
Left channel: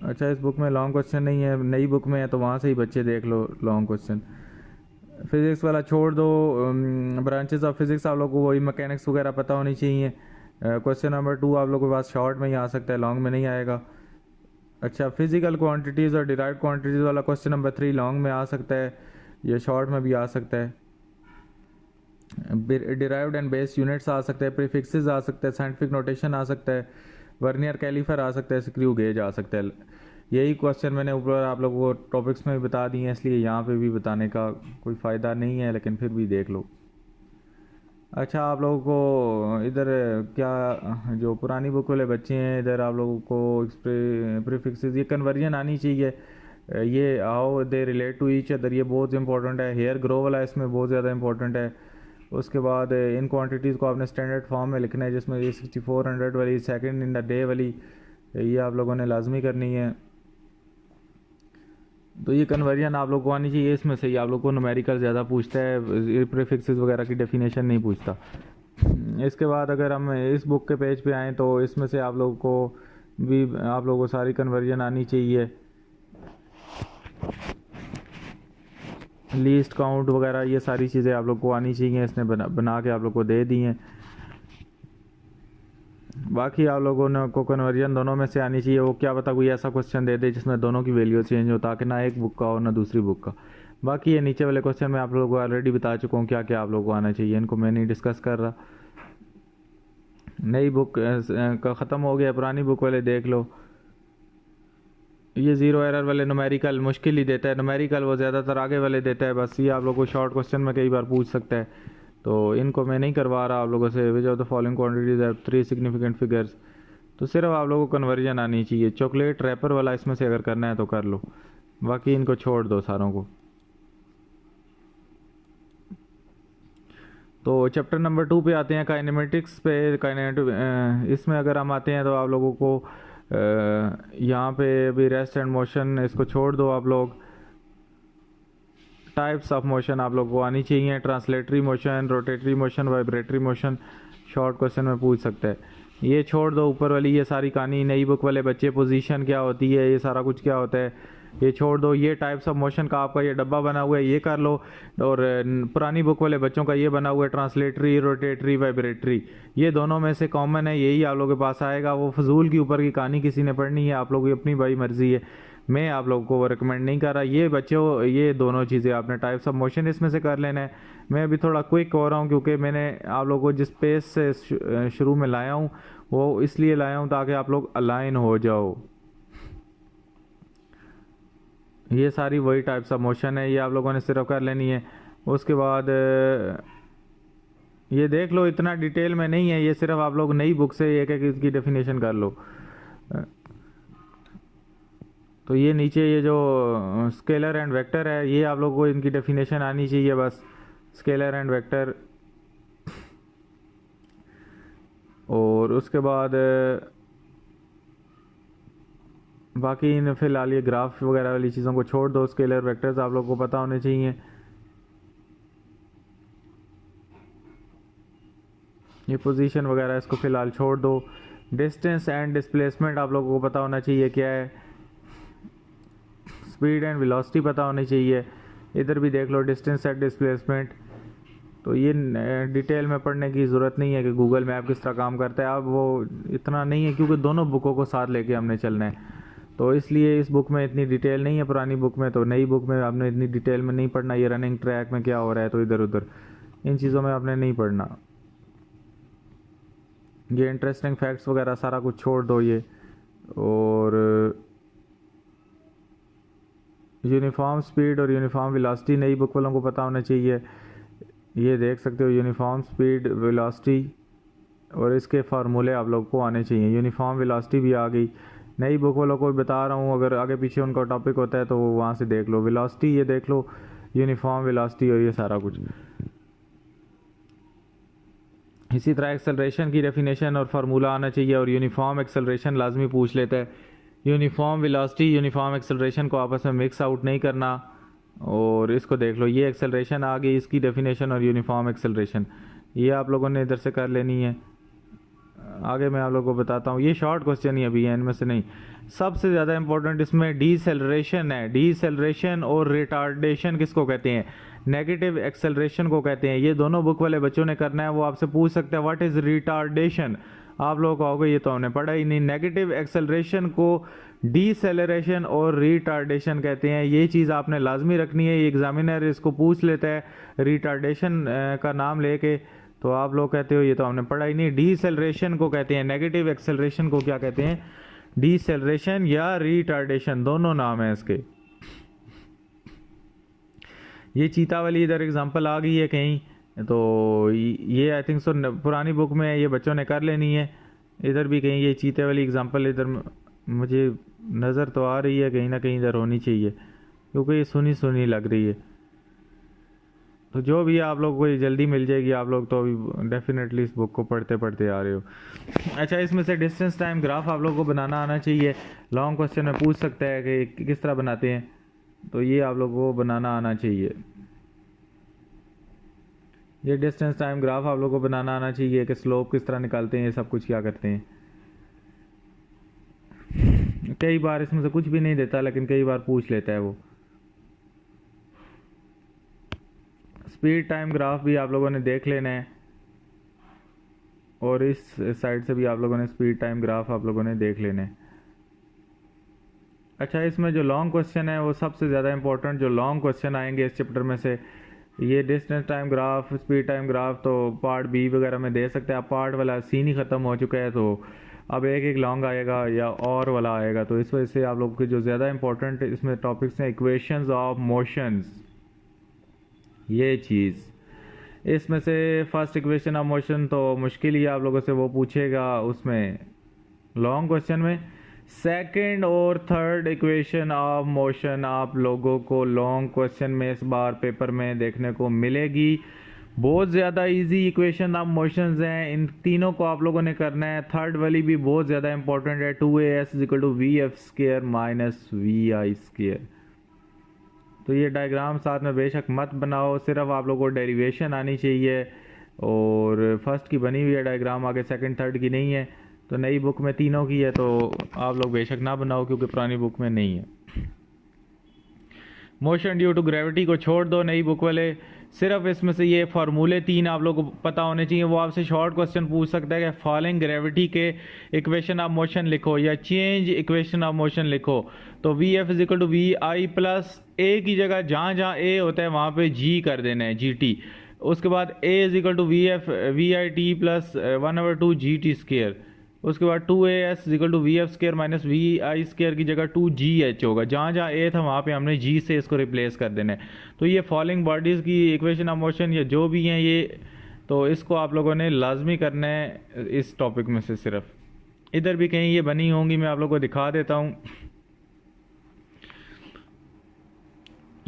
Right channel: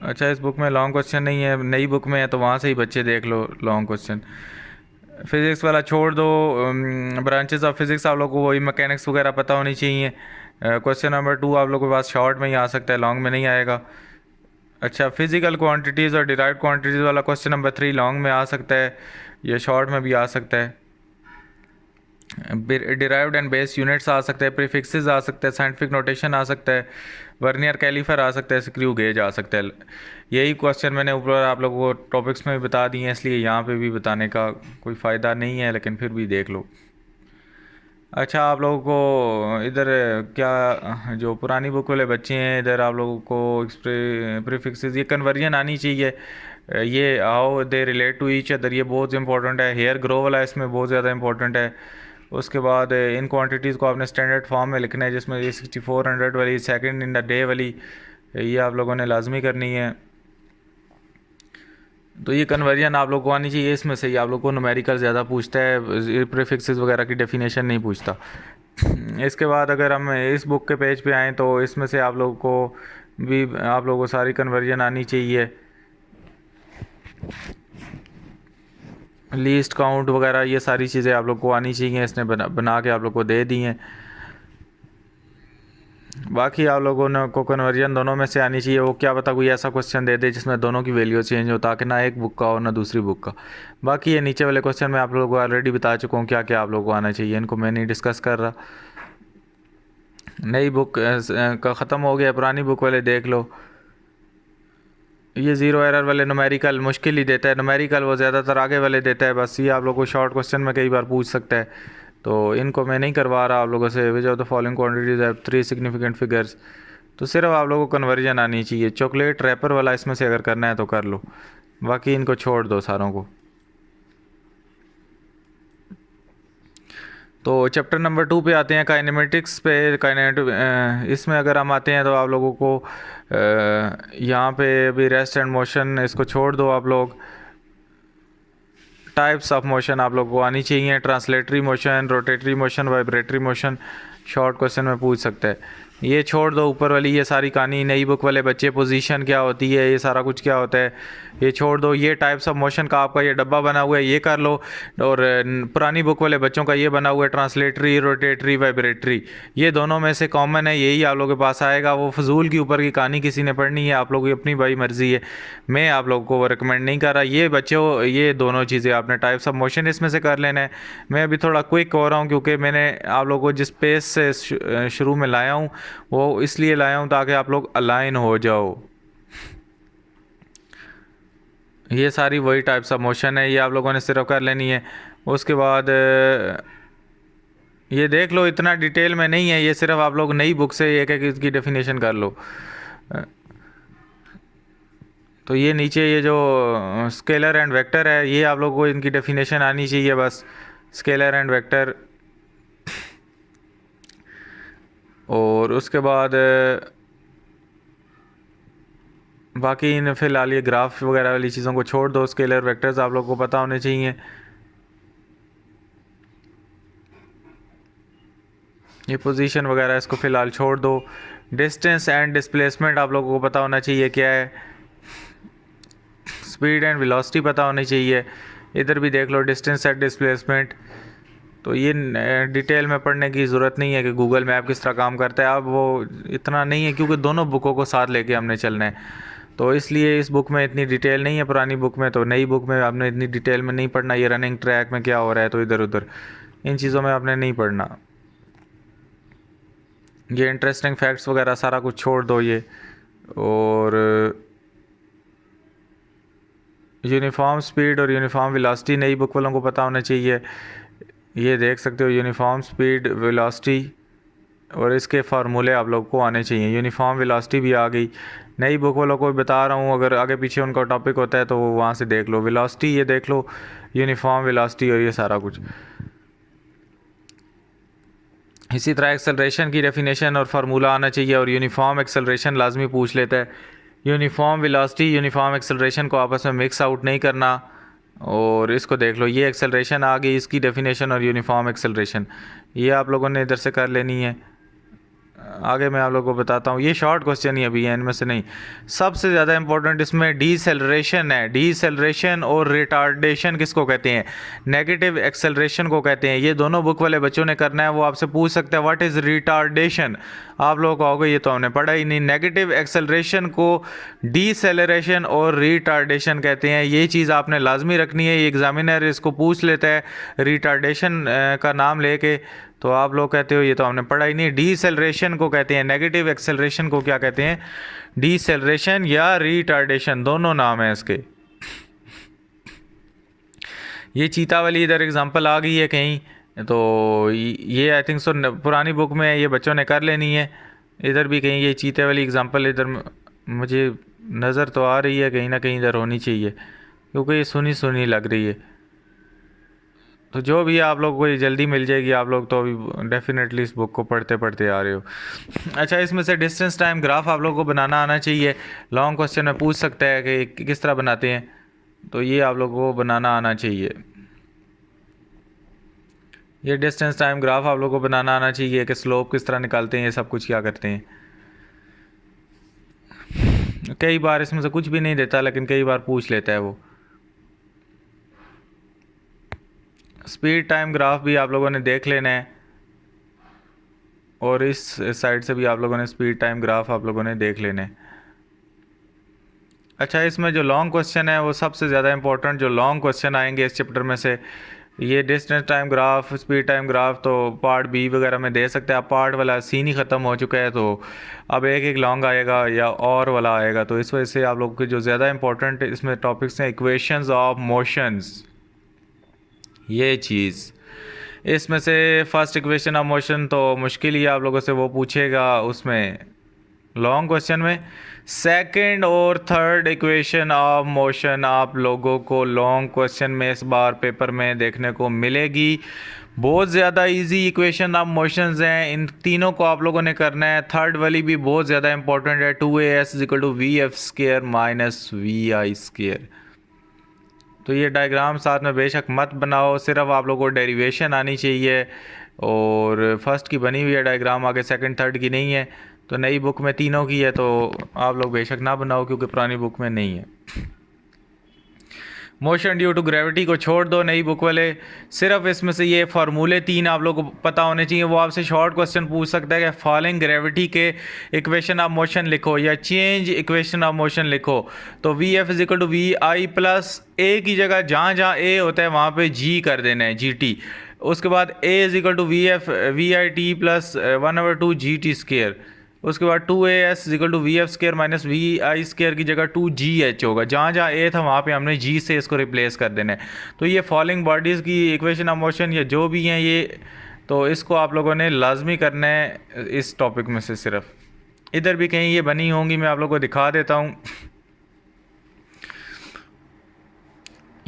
अच्छा, इस बुक में लॉन्ग क्वेश्चन नहीं है, नई बुक में है, तो वहाँ से ही बच्चे देख लो लॉन्ग क्वेश्चन। फिज़िक्स वाला छोड़ दो। ब्रांचेस ऑफ फिज़िक्स आप लोगों को वही मैकेनिक्स वगैरह पता होनी चाहिए। क्वेश्चन नंबर 2 आप लोगों के पास शॉर्ट में ही आ सकता है, लॉन्ग में नहीं आएगा। अच्छा, फिजिकल क्वांटिटीज़ और डिराइव्ड क्वांटिटीज़ वाला क्वेश्चन नंबर 3 लॉन्ग में आ सकता है, या शॉर्ट में भी आ सकता है। डिराइव्ड एंड बेस यूनिट्स आ सकते हैं, प्रीफिक्सेस आ सकते हैं, साइंटिफिक नोटेशन आ सकता है, वर्नियर कैलीफर आ सकता है, स्क्रू गेज आ सकता है। यही क्वेश्चन मैंने ऊपर आप लोगों को टॉपिक्स में भी बता दिए हैं, इसलिए यहाँ पे भी बताने का कोई फ़ायदा नहीं है, लेकिन फिर भी देख लो। अच्छा, आप लोगों को इधर क्या, जो पुरानी बुक वाले बच्चे हैं, इधर आप लोगों को प्रीफिक्सेस, ये कन्वर्जन आनी चाहिए। ये how they relate to each other, ये बहुत इंपॉर्टेंट है। हेयर ग्रो वाला इसमें बहुत ज़्यादा इंपॉर्टेंट है। उसके बाद इन क्वांटिटीज़ को आपने स्टैंडर्ड फॉर्म में लिखना है, जिसमें ये 6400 वाली सेकंड इन द डे वाली ये आप लोगों ने लाजमी करनी है। तो ये कन्वर्जन आप लोग को आनी चाहिए। इसमें से ही आप लोग को न्यूमेरिकल ज़्यादा पूछता है, प्रीफिक्सेस वगैरह की डेफिनेशन नहीं पूछता। इसके बाद अगर हम इस बुक के पेज पे आएँ तो इसमें से आप लोग को भी आप लोगों को सारी कन्वर्जन आनी चाहिए, लीस्ट काउंट वगैरह ये सारी चीज़ें आप लोग को आनी चाहिए। इसने बना के आप लोग को दे दी हैं। बाकी आप लोगों ने को कन्वर्जन दोनों में से आनी चाहिए। वो क्या पता कोई ऐसा क्वेश्चन दे दे जिसमें दोनों की वैल्यू चेंज हो, ताकि ना एक बुक का हो ना दूसरी बुक का। बाकी ये नीचे वाले क्वेश्चन मैं आप लोगों को ऑलरेडी बता चुका हूँ क्या क्या आप लोगों को आना चाहिए, इनको मैं नहीं डिस्कस कर रहा। नई बुक का ख़त्म हो गया, पुरानी बुक वाले देख लो। ये ज़ीरो एरर वाले न्यूमेरिकल मुश्किल ही देता है, न्यूमेरिकल वो ज़्यादातर आगे वाले देता है। बस ये आप लोग को शॉर्ट क्वेश्चन में कई बार पूछ सकता है, तो इनको मैं नहीं करवा रहा आप लोगों से। Which of the following quantities have 3 significant figures. तो सिर्फ आप लोगों को कन्वर्जन आनी चाहिए। चॉकलेट रैपर वाला इसमें से अगर करना है तो कर लो, बाकी इनको छोड़ दो सारों को। तो चैप्टर नंबर 2 पे आते हैं, काइनेमेटिक्स पे। इसमें अगर हम आते हैं तो आप लोगों को यहाँ पे अभी रेस्ट एंड मोशन इसको छोड़ दो आप लोग। टाइप्स ऑफ मोशन आप लोग को आनी चाहिए, translatory motion, rotatory motion, vibratory motion. Short question में पूछ सकता है। ये छोड़ दो, ऊपर वाली ये सारी कहानी नई बुक वाले बच्चे, पोजीशन क्या होती है, ये सारा कुछ क्या होता है, ये छोड़ दो। ये टाइप्स ऑफ मोशन का आपका ये डब्बा बना हुआ है, ये कर लो। और पुरानी बुक वाले बच्चों का ये बना हुआ है ट्रांसलेटरी, रोटेटरी, वाइब्रेटरी। ये दोनों में से कॉमन है, यही आप लोगों के पास आएगा। वो फजूल की ऊपर की कहानी किसी ने पढ़नी है, आप लोगों की अपनी भाई मर्जी है, मैं आप लोगों को वो रिकमेंड नहीं कर रहा। ये बच्चों ये दोनों चीज़ें आपने टाइप्स ऑफ मोशन इसमें से कर लेना है। मैं अभी थोड़ा क्विक हो रहा हूँ क्योंकि मैंने आप लोगों को जिस पेज से शुरू में लाया हूँ वो इसलिए लाया हूँ ताकि आप लोग अलाइन हो जाओ। ये सारी वही टाइप्स ऑफ मोशन है, ये आप लोगों ने सिर्फ कर लेनी है। उसके बाद ये देख लो, इतना डिटेल में नहीं है, ये सिर्फ आप लोग नई बुक से एक एक इसकी डेफिनेशन कर लो। तो ये नीचे ये जो स्केलर एंड वेक्टर है, ये आप लोगों को इनकी डेफिनेशन आनी चाहिए बस, स्केलर एंड वेक्टर। और उसके बाद बाकी इन फिलहाल ये ग्राफ वगैरह वाली चीज़ों को छोड़ दो। स्केलर वेक्टर्स आप लोगों को पता होने चाहिए। ये पोजीशन वगैरह इसको फ़िलहाल छोड़ दो। डिस्टेंस एंड डिस्प्लेसमेंट आप लोगों को पता होना चाहिए क्या है। स्पीड एंड वेलोसिटी पता होनी चाहिए। इधर भी देख लो डिस्टेंस एंड डिस्प्लेसमेंट। तो ये डिटेल में पढ़ने की ज़रूरत नहीं है कि गूगल मैप किस तरह काम करता है, अब वो इतना नहीं है क्योंकि दोनों बुकों को साथ लेके हमने चलना है। तो इसलिए इस बुक में इतनी डिटेल नहीं है, पुरानी बुक में। तो नई बुक में आपने इतनी डिटेल में नहीं पढ़ना, ये रनिंग ट्रैक में क्या हो रहा है तो इधर उधर इन चीज़ों में आपने नहीं पढ़ना। ये इंटरेस्टिंग फैक्ट्स वगैरह सारा कुछ छोड़ दो ये। और यूनिफॉर्म स्पीड और यूनिफॉर्म वेलोसिटी नई बुक वालों को पता होना चाहिए। ये देख सकते हो यूनिफॉर्म स्पीड, वेलोसिटी और इसके फार्मूले आप लोग को आने चाहिए। यूनिफॉर्म वेलोसिटी भी आ गई, नई बुक वालों को बता रहा हूँ, अगर आगे पीछे उनका टॉपिक होता है तो वो वहाँ से देख लो। वेलोसिटी ये देख लो, यूनिफॉर्म वेलोसिटी और ये सारा कुछ। इसी तरह एक्सेलरेशन की डेफिनेशन और फार्मूला आना चाहिए। और यूनिफॉर्म एक्सेलरेशन लाजमी पूछ लेता है। यूनिफॉर्म वेलोसिटी, यूनिफॉर्म एक्सेलरेशन को आपस में मिक्स आउट नहीं करना। और इसको देख लो, ये एक्सेलरेशन आ गई, इसकी डेफिनेशन और यूनिफॉर्म एक्सेलरेशन ये आप लोगों ने इधर से कर लेनी है। आगे मैं आप लोगों को बताता हूँ, ये शॉर्ट क्वेश्चन ही अभी है, इनमें से नहीं। सबसे ज़्यादा इंपॉर्टेंट इसमें डीसेलरेशन है। डीसेलरेशन और रिटार्डेशन किसको कहते हैं? नेगेटिव एक्सेलरेशन को कहते हैं। ये दोनों बुक वाले बच्चों ने करना है। वो आपसे पूछ सकते हैं व्हाट इज़ रिटार्डेशन, आप लोग कहोगे ये तो हमने पढ़ा ही नहीं। नेगेटिव एक्सेलरेशन को डीसेलरेशन और रिटार्डेशन कहते हैं। ये चीज़ आपने लाजमी रखनी है, एग्जामिनर इसको पूछ लेता है रिटार्डेशन का नाम लेके, तो आप लोग कहते हो ये तो हमने पढ़ा ही नहीं। डीसेलरेशन को कहते हैं, नेगेटिव एक्सेलरेशन को क्या कहते हैं? डीसेलरेशन या रिटार्डेशन, दोनों नाम है इसके। ये चीता वाली इधर एग्जांपल आ गई है कहीं, तो ये आई थिंक सो पुरानी बुक में ये बच्चों ने कर लेनी है। इधर भी कहीं ये चीते वाली एग्जांपल इधर मुझे नज़र तो आ रही है, कहीं ना कहीं इधर होनी चाहिए क्योंकि ये सुनी सुनी लग रही है। तो जो भी आप लोग को ये जल्दी मिल जाएगी, आप लोग तो अभी डेफिनेटली इस बुक को पढ़ते पढ़ते आ रहे हो। अच्छा, इसमें से डिस्टेंस टाइम ग्राफ आप लोग को बनाना आना चाहिए। लॉन्ग क्वेश्चन में पूछ सकता है कि किस तरह बनाते हैं, तो ये आप लोग को बनाना आना चाहिए। ये डिस्टेंस टाइम ग्राफ आप लोग को बनाना आना चाहिए कि स्लोप किस तरह निकालते हैं, ये सब कुछ क्या करते हैं। कई बार इसमें से कुछ भी नहीं देता, लेकिन कई बार पूछ लेता है वो। स्पीड टाइम ग्राफ भी आप लोगों ने देख लेना है, और इस साइड से भी आप लोगों ने स्पीड टाइम ग्राफ आप लोगों ने देख लेना है। अच्छा, इसमें जो लॉन्ग क्वेश्चन है वो सबसे ज़्यादा इंपॉर्टेंट जो लॉन्ग क्वेश्चन आएंगे इस चैप्टर में से, ये distance time graph, speed time graph तो पार्ट बी वगैरह में दे सकते हैं। अब पार्ट वाला सीन ही ख़त्म हो चुका है, तो अब एक एक लॉन्ग आएगा या और वाला आएगा। तो इस वजह से आप लोग के जो ज़्यादा इंपॉर्टेंट इसमें टॉपिक्स हैं, इक्वेशंस ऑफ मोशंस, ये चीज़। इसमें से फर्स्ट इक्वेशन ऑफ मोशन तो मुश्किल ही आप लोगों से वो पूछेगा उसमें लॉन्ग क्वेश्चन में। सेकंड और थर्ड इक्वेशन ऑफ मोशन आप लोगों को लॉन्ग क्वेश्चन में इस बार पेपर में देखने को मिलेगी। बहुत ज़्यादा इजी इक्वेशन ऑफ मोशंस हैं, इन तीनों को आप लोगों ने करना है। थर्ड वाली भी बहुत ज़्यादा इंपॉर्टेंट है, 2as = vf² - vi²। तो ये डायग्राम साथ में बेशक मत बनाओ, सिर्फ आप लोगों को डेरिवेशन आनी चाहिए। और फर्स्ट की बनी हुई है डायग्राम, आगे सेकंड थर्ड की नहीं है। तो नई बुक में तीनों की है, तो आप लोग बेशक ना बनाओ क्योंकि पुरानी बुक में नहीं है। मोशन ड्यू टू ग्रेविटी को छोड़ दो नई बुक वाले, सिर्फ इसमें से ये फार्मूले 3 आप लोग को पता होने चाहिए। वो आपसे शॉर्ट क्वेश्चन पूछ सकता है कि फॉलोइंग ग्रेविटी के इक्वेशन ऑफ मोशन लिखो या चेंज इक्वेशन ऑफ मोशन लिखो। तो vf = vi+ a की जगह जहाँ जहाँ a होता है वहाँ पे g कर देना है, gt। उसके बाद a = vf vit + 1/2 gt²। उसके बाद 2as = vf² - vi² की जगह 2gh होगा। जहाँ जहाँ a था वहाँ पे हमने g से इसको रिप्लेस कर देना है। तो ये फॉलोइंग बॉडीज़ की इक्वेशन ऑफ मोशन या जो भी हैं ये, तो इसको आप लोगों ने लाजमी करना है इस टॉपिक में से। सिर्फ इधर भी कहीं ये बनी होंगी, मैं आप लोगों को दिखा देता हूँ।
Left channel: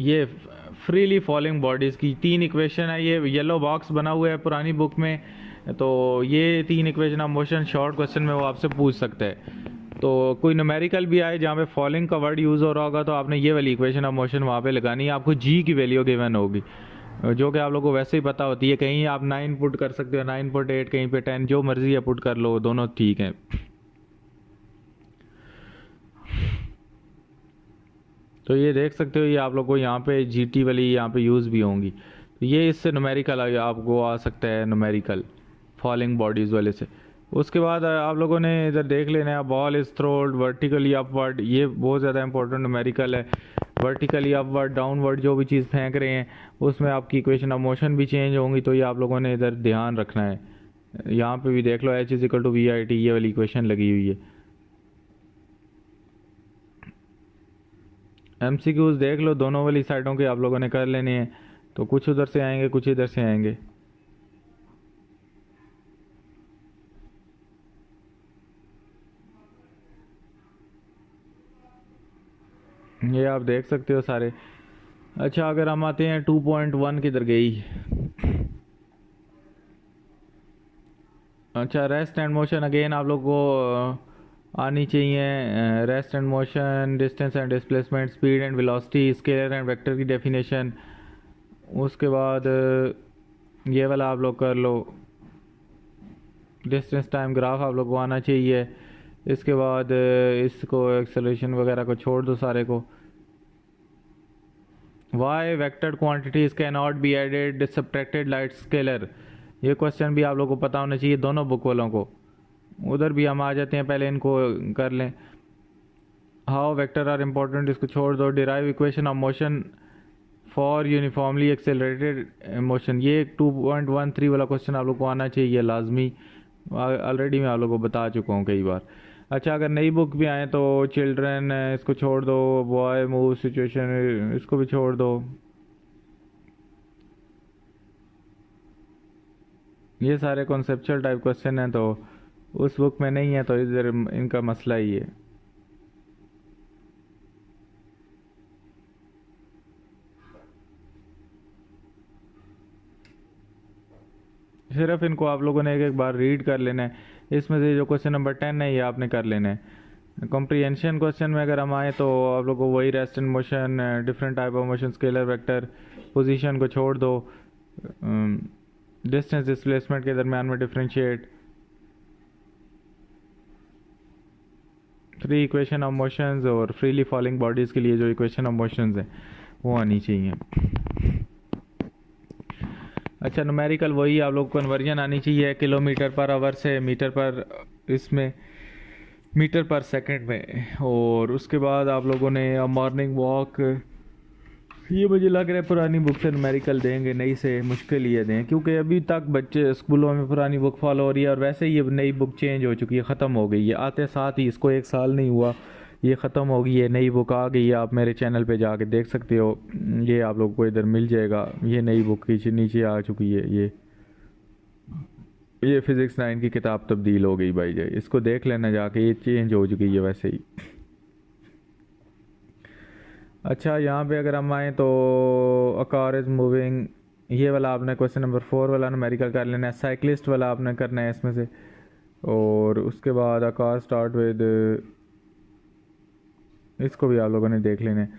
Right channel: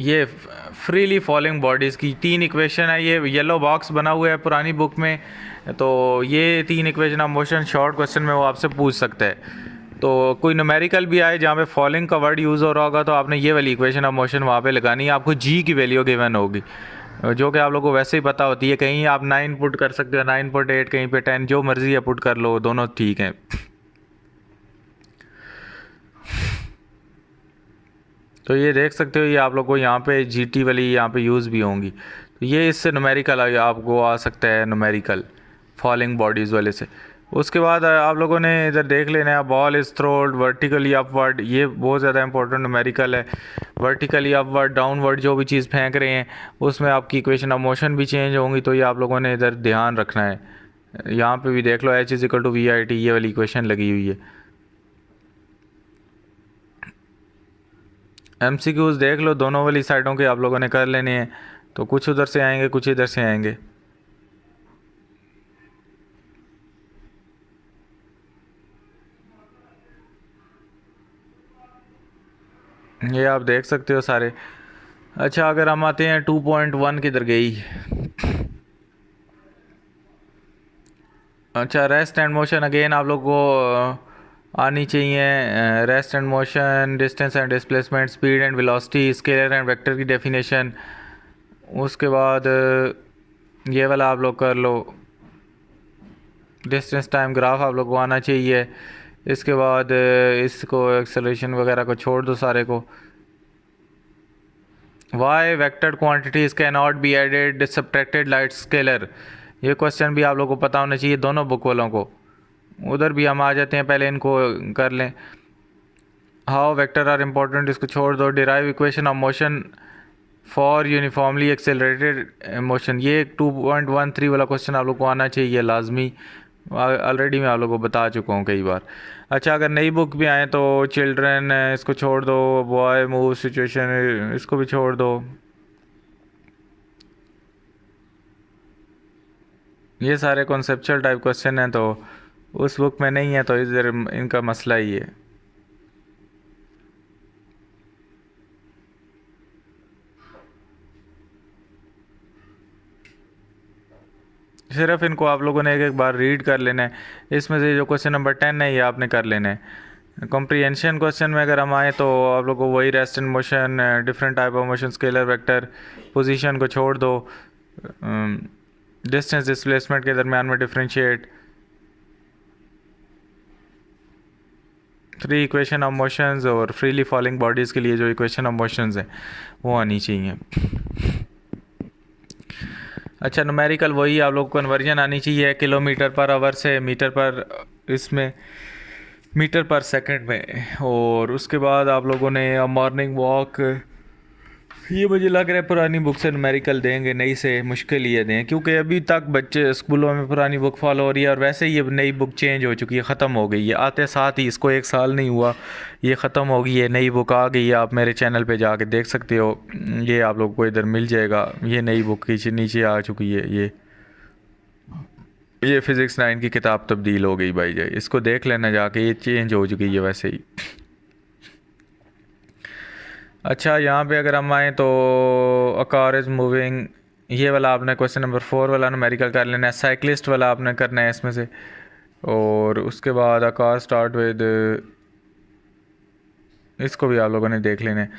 ये फ्रीली फॉलोइंग बॉडीज़ की 3 इक्वेशन है, ये येलो बॉक्स बना हुआ है पुरानी बुक में। तो ये 3 equation of motion short question में वो आपसे पूछ सकता है। तो कोई न्यूमेरिकल भी आए जहाँ पे फॉलोइंग का वर्ड यूज़ हो रहा होगा, तो आपने ये वाली इक्वेशन ऑफ मोशन वहाँ पे लगानी है। आपको जी की वैल्यू गिवन होगी, जो कि आप लोगों को वैसे ही पता होती है। कहीं आप 9 पुट कर सकते हो, 9.8, कहीं पे 10, जो मर्जी है पुट कर लो, दोनों ठीक हैं। तो ये देख सकते हो, ये आप लोग को यहाँ पे जीटी वाली यहाँ पे यूज़ भी होंगी। तो ये इससे न्यूमेरिकल आपको आ सकता है, न्यूमेरिकल फॉलिंग बॉडीज़ वाले से। उसके बाद आप लोगों ने इधर देख लेना है, बॉल इज़ थ्रोड वर्टिकली अपवर्ड, ये बहुत ज़्यादा इंपॉर्टेंट न्यूमेरिकल है। वर्टिकली अपवर्ड, डाउनवर्ड जो भी चीज़ फेंक रहे हैं उसमें आपकी इक्वेशन ऑफ मोशन भी चेंज होंगी। तो ये आप लोगों ने इधर ध्यान रखना है। यहाँ पे भी देख लो, h = vit, ये वाली इक्वेशन लगी हुई है। MCQs देख लो, दोनों वाली साइडों के आप लोगों ने कर लेने हैं। तो कुछ उधर से आएंगे, कुछ इधर से आएंगे। ये आप देख सकते हो सारे। अच्छा, अगर हम आते हैं 2.1 किधर गई। अच्छा, रेस्ट एंड मोशन अगेन आप लोग को आनी चाहिए। Rest and motion, distance and displacement, speed and velocity, scalar and vector की डेफिनेशन। उसके बाद ये वाला आप लोग कर लो, डिस्टेंस टाइम ग्राफ आप लोग को आना चाहिए। इसके बाद इसको एक्सेलरेशन वगैरह को छोड़ दो सारे को। Why vector quantities can not be added subtracted like scalar, ये क्वेश्चन भी आप लोग को पता होना चाहिए दोनों बुक वालों को। उधर भी हम आ जाते हैं, पहले इनको कर लें। हाउ वेक्टर आर इम्पोर्टेंट, इसको छोड़ दो। Derive equation of motion for uniformly accelerated motion, ये 2.13 वाला क्वेश्चन आप लोग को आना चाहिए लाजमी। ऑलरेडी मैं आप लोगों को बता चुका हूँ कई बार। अच्छा, अगर नई बुक भी आए तो चिल्ड्रन इसको छोड़ दो, बॉय मूव सिचुएशन इसको भी छोड़ दो। ये सारे कॉन्सेप्चुअल टाइप क्वेश्चन हैं, तो उस बुक में नहीं है, तो इधर इनका मसला ही है। सिर्फ इनको आप लोगों ने एक एक बार रीड कर लेना है। इसमें से जो क्वेश्चन नंबर 10 है ये आपने कर लेना है। कॉम्प्रिहेंशन क्वेश्चन में अगर हम आए तो आप लोगों को वही rest in motion, different type of motion, scalar vector, position को छोड़ दो, डिस्टेंस डिस्प्लेसमेंट के दरमियान में डिफरेंशिएट, 3 इक्वेशन ऑफ मोशंस और फ्रीली फॉलिंग बॉडीज़ के लिए जो इक्वेशन ऑफ मोशंस हैं वो आनी चाहिए। अच्छा, न्यूमेरिकल वही आप लोग को कन्वर्जन आनी चाहिए किलोमीटर पर आवर से मीटर पर, इसमें मीटर पर सेकंड में। और उसके बाद आप लोगों ने मॉर्निंग वॉक, ये मुझे लग रहा है पुरानी बुक से न्यूमेरिकल देंगे, नई से मुश्किल ये दें, क्योंकि अभी तक बच्चे स्कूलों में पुरानी बुक फॉलो हो रही है और वैसे ही अब नई बुक चेंज हो चुकी है, ख़त्म हो गई है। आते साथ ही इसको 1 साल नहीं हुआ, ये ख़त्म हो गई है, नई बुक आ गई है। आप मेरे चैनल पे जाके देख सकते हो, ये आप लोग को इधर मिल जाएगा। ये नई बुक की नीचे आ चुकी है, ये फिज़िक्स 9 की किताब तब्दील हो गई भाई जाए, इसको देख लेना जाके, ये चेंज हो चुकी है वैसे ही। अच्छा, यहाँ पे अगर हम आएँ तो अ कार इज़ मूविंग, ये वाला आपने क्वेश्चन नंबर 4 वाला न्यूमेरिकल कर लेना है। साइकिलिस्ट वाला आपने करना है इसमें से। और उसके बाद अ कार स्टार्ट विद, इसको भी आप लोगों ने देख लेना है।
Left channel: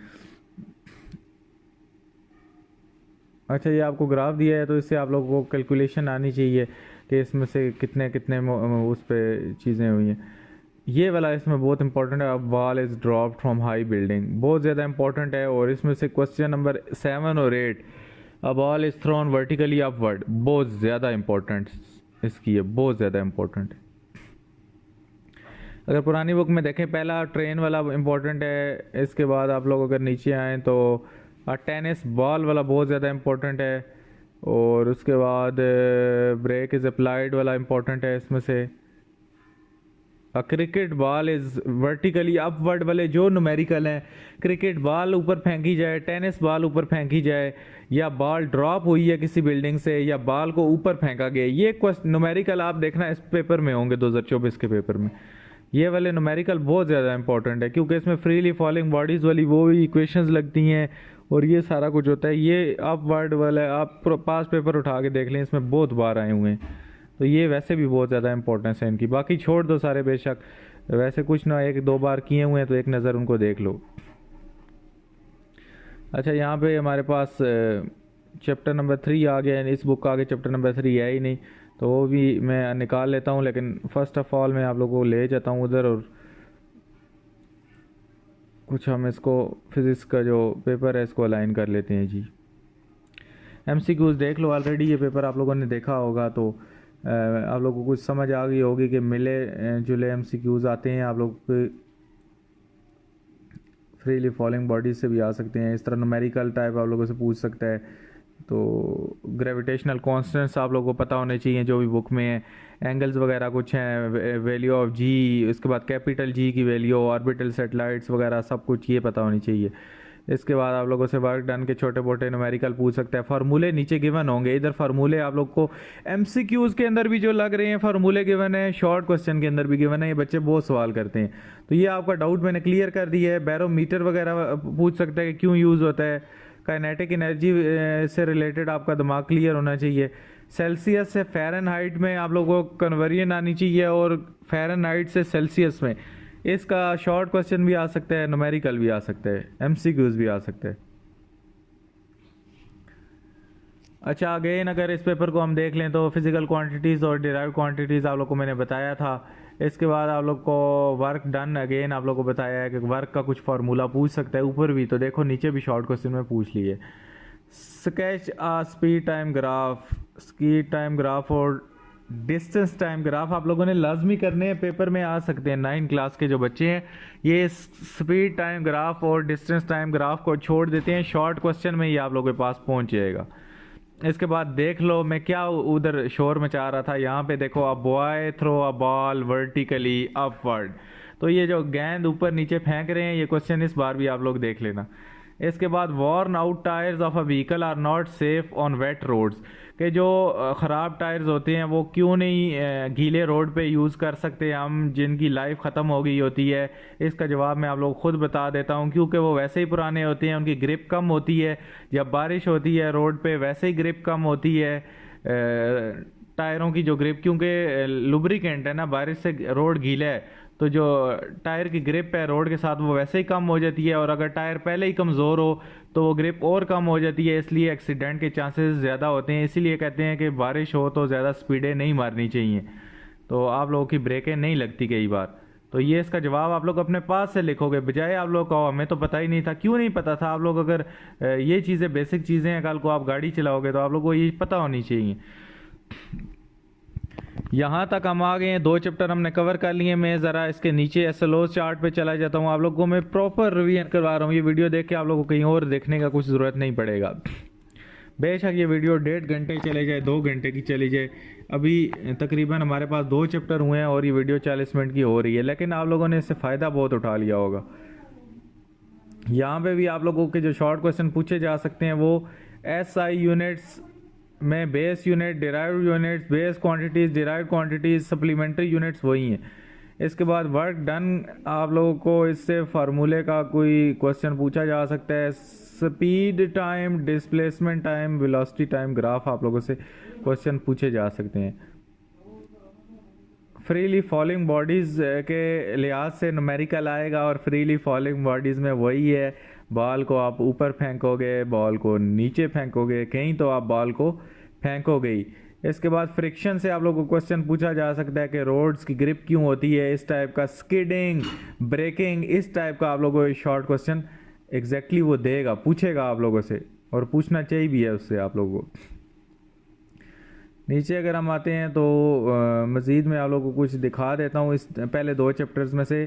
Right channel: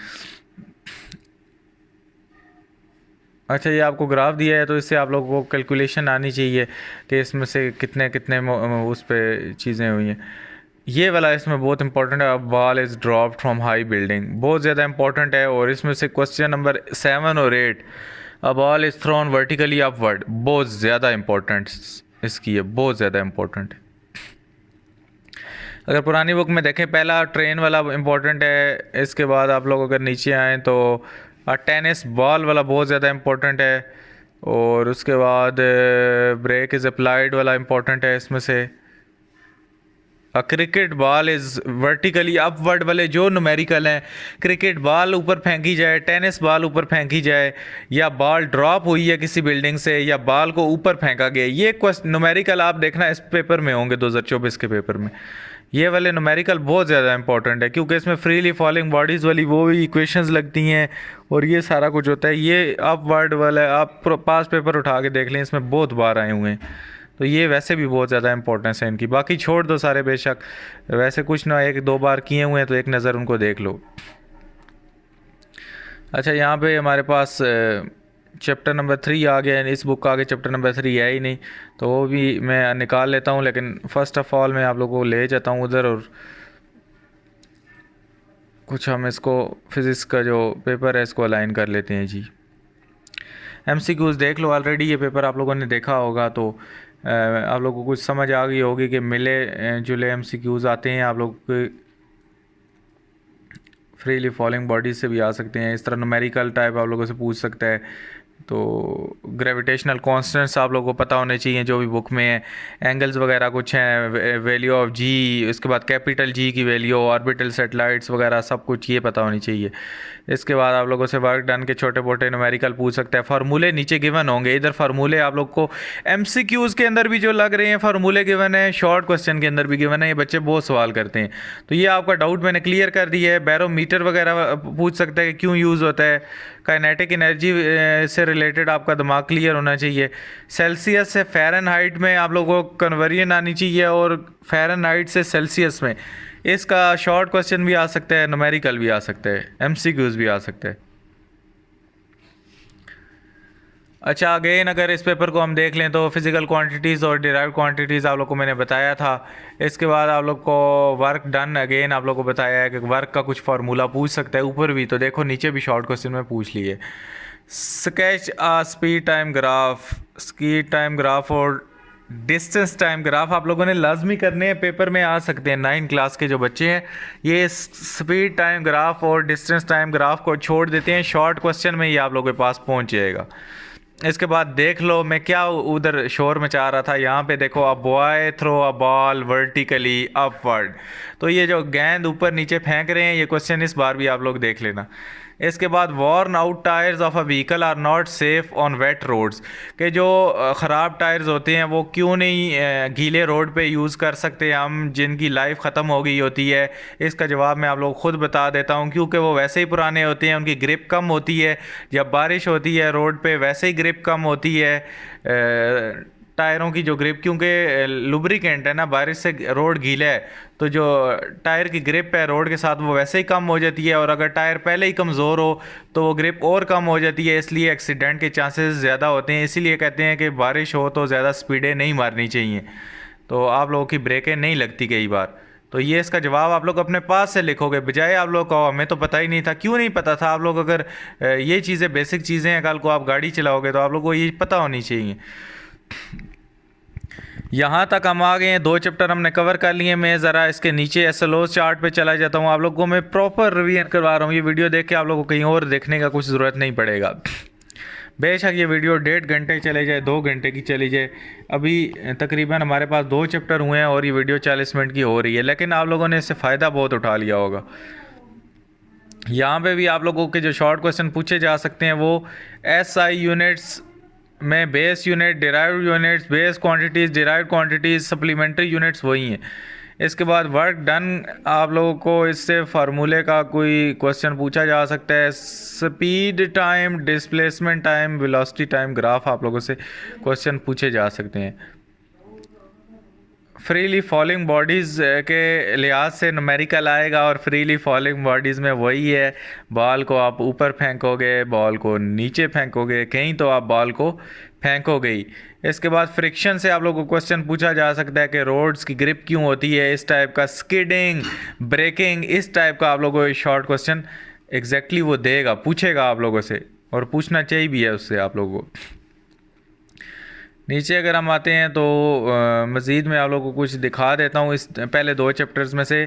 अच्छा, ये आपको ग्राफ दिया है तो इससे आप लोगों को कैलकुलेशन आनी चाहिए कि इसमें से कितने कितने उस पर चीज़ें हुई हैं। ये वाला इसमें बहुत इंपॉर्टेंट है, ball is dropped from high building, बहुत ज़्यादा इंपॉर्टेंट है। और इसमें से क्वेश्चन नंबर 7 और 8, a ball is thrown vertically upward, बहुत ज़्यादा इंपॉर्टेंट इसकी है, बहुत ज़्यादा इंपॉर्टेंट है। अगर पुरानी बुक में देखें, पहला ट्रेन वाला इंपॉर्टेंट है, इसके बाद आप लोग अगर नीचे आएँ तो टेनिस बॉल वाला बहुत ज़्यादा इंपॉर्टेंट है। और उसके बाद ब्रेक इज़ अप्लाइड वाला इंपॉर्टेंट है इसमें से। Cricket ball is vertically upward वाले जो न्यूमेरिकल हैं, क्रिकेट बॉल ऊपर फेंकी जाए, टेनिस बॉल ऊपर फेंकी जाए, या बॉल ड्रॉप हुई है किसी बिल्डिंग से, या बॉल को ऊपर फेंका गया, ये न्यूमेरिकल आप देखना इस पेपर में होंगे 2024 के पेपर में। ये वाले न्यूमेरिकल बहुत ज़्यादा इंपॉर्टेंट है क्योंकि इसमें फ्रीली फॉलिंग बॉडीज़ वाली वो भी इक्वेशंस लगती हैं और ये सारा कुछ होता है। ये अपवर्ड वाला आप पास पेपर उठा के देख लें, इसमें बहुत बार आए हुए हैं, तो ये वैसे भी बहुत ज़्यादा इंपॉर्टेंस है इनकी। बाकी छोड़ दो सारे, बेशक वैसे कुछ ना 1-2 बार किए हुए हैं तो एक नज़र उनको देख लो। अच्छा, यहाँ पे हमारे पास चैप्टर नंबर 3 आ गया है, इस बुक का आगे चैप्टर नंबर 3 है ही नहीं, तो वो भी मैं निकाल लेता हूँ। लेकिन फ़र्स्ट ऑफ़ ऑल मैं आप लोगों को ले जाता हूँ उधर, और कुछ हम इसको फिज़िक्स का जो पेपर है इसको अलाइन कर लेते हैं जी। MCQs देख लो, ऑलरेडी ये पेपर आप लोगों ने देखा होगा, तो आप लोगों को कुछ समझ आ गई होगी कि मिले जुले MCQs आते हैं। आप लोग फ्रीली फॉलिंग बॉडीज से भी आ सकते हैं, इस तरह न्यूमेरिकल टाइप आप लोगों से पूछ सकता है। तो ग्रेविटेशनल कांस्टेंट्स आप लोगों को पता होने चाहिए जो भी बुक में है, एंगल्स वगैरह कुछ हैं, वैल्यू ऑफ जी, उसके बाद कैपिटल जी की वैल्यू, ऑर्बिटल सैटेलाइट्स वगैरह सब कुछ ये पता होनी चाहिए। इसके बाद आप लोगों से वर्क डन के छोटे मोटे न्यूमेरिकल पूछ सकते हैं। फार्मूले नीचे गिवन होंगे, इधर फार्मूले आप लोग को MCQs के अंदर भी जो लग रहे हैं फार्मूले गिवन है, शॉर्ट क्वेश्चन के अंदर भी गिवन है, ये बच्चे बहुत सवाल करते हैं, तो ये आपका डाउट मैंने क्लियर कर दिया है। बैरोमीटर वगैरह पूछ सकता है कि क्यों यूज़ होता है, काइनेटिक एनर्जी से रिलेटेड आपका दिमाग क्लियर होना चाहिए। सेल्सियस से फ़ारेनहाइट में आप लोगों को कन्वर्जन आनी चाहिए, और फ़ारेनहाइट से सेल्सियस में इसका शॉर्ट क्वेश्चन भी आ सकता है, न्यूमेरिकल भी आ सकता है, MCQs भी आ सकता है। अच्छा, अगेन अगर इस पेपर को हम देख लें तो फिजिकल क्वांटिटीज़ और डिराइव्ड क्वांटिटीज़ आप लोग को मैंने बताया था। इसके बाद आप लोग को वर्क डन, अगेन आप लोग को बताया है कि वर्क का कुछ फार्मूला पूछ सकता है, ऊपर भी तो देखो नीचे भी शॉर्ट क्वेश्चन में पूछ लिए। Sketch a speed time graph, speed time graph और डिस्टेंस टाइम ग्राफ आप लोगों ने लाजमी करने हैं, पेपर में आ सकते हैं। 9 क्लास के जो बच्चे हैं ये स्पीड टाइम ग्राफ और डिस्टेंस टाइम ग्राफ को छोड़ देते हैं, शॉर्ट क्वेश्चन में ये आप लोगों के पास पहुंच जाएगा। इसके बाद देख लो मैं क्या उधर शोर मचा रहा था, यहाँ पे देखो, a boy throw a ball vertically upward, तो ये जो गेंद ऊपर नीचे फेंक रहे हैं ये क्वेश्चन इस बार भी आप लोग देख लेना। इसके बाद worn out tyres of a vehicle are not safe on wet roads, के जो ख़राब टायर्स होते हैं वो क्यों नहीं गीले रोड पे यूज़ कर सकते हम, जिनकी लाइफ ख़त्म हो गई होती है। इसका जवाब मैं आप लोग खुद बता देता हूँ, क्योंकि वो वैसे ही पुराने होते हैं, उनकी ग्रिप कम होती है, जब बारिश होती है रोड पे वैसे ही ग्रिप कम होती है, टायरों की जो ग्रिप, क्योंकि लुब्रिकेंट है ना, बारिश से रोड गीला है तो जो टायर की ग्रिप है रोड के साथ वो वैसे ही कम हो जाती है, और अगर टायर पहले ही कमज़ोर हो तो वो ग्रिप और कम हो जाती है, इसलिए एक्सीडेंट के चांसेस ज़्यादा होते हैं। इसीलिए कहते हैं कि बारिश हो तो ज़्यादा स्पीडें नहीं मारनी चाहिए, तो आप लोगों की ब्रेकें नहीं लगती कई बार। तो ये इसका जवाब आप लोग अपने पास से लिखोगे, बजाय आप लोग को हमें तो पता ही नहीं था। क्यों नहीं पता था? आप लोग अगर ये चीज़ें बेसिक चीज़ें हैं, कल को आप गाड़ी चलाओगे तो आप लोग को ये पता होनी चाहिए। यहाँ तक हम आ गए हैं, 2 चैप्टर हमने कवर कर लिए। मैं ज़रा इसके नीचे एसएलओ चार्ट पे चला जाता हूँ, आप लोगों को मैं प्रॉपर रिवीजन करवा रहा हूँ। ये वीडियो देख के आप लोगों को कहीं और देखने का कुछ ज़रूरत नहीं पड़ेगा। बेशक ये वीडियो 1.5 घंटे चले जाए, 2 घंटे की चली जाए, अभी तकरीबन हमारे पास 2 चैप्टर हुए हैं और ये वीडियो 40 मिनट की हो रही है, लेकिन आप लोगों ने इससे फ़ायदा बहुत उठा लिया होगा। यहाँ पे भी आप लोगों के जो शॉर्ट क्वेश्चन पूछे जा सकते हैं वो एसआई यूनिट्स में base unit, derived units, base quantities, derived quantities, supplementary units वही हैं। इसके बाद वर्क डन, आप लोगों को इससे फार्मूले का कोई क्वेश्चन पूछा जा सकता है। Speed time, displacement time, velocity time graph आप लोगों से क्वेश्चन पूछे जा सकते हैं। फ्रीली फॉलिंग बॉडीज़ के लिहाज से न्यूमेरिकल आएगा, और फ्रीली फॉलिंग बॉडीज़ में वही है, बॉल को आप ऊपर फेंकोगे, बॉल को नीचे फेंकोगे, कहीं तो आप बॉल को फेंकोगे ही। इसके बाद फ्रिक्शन से आप लोगों को क्वेश्चन पूछा जा सकता है कि रोड्स की ग्रिप क्यों होती है, इस टाइप का। स्किडिंग, ब्रेकिंग, इस टाइप का आप लोगों को शॉर्ट क्वेश्चन एग्जैक्टली वो देगा, पूछेगा आप लोगों से, और पूछना चाहिए भी है उससे आप लोगों को। नीचे अगर हम आते हैं तो मज़ीद में आप लोगों को कुछ दिखा देता हूँ इस पहले 2 चैप्टर्स में से।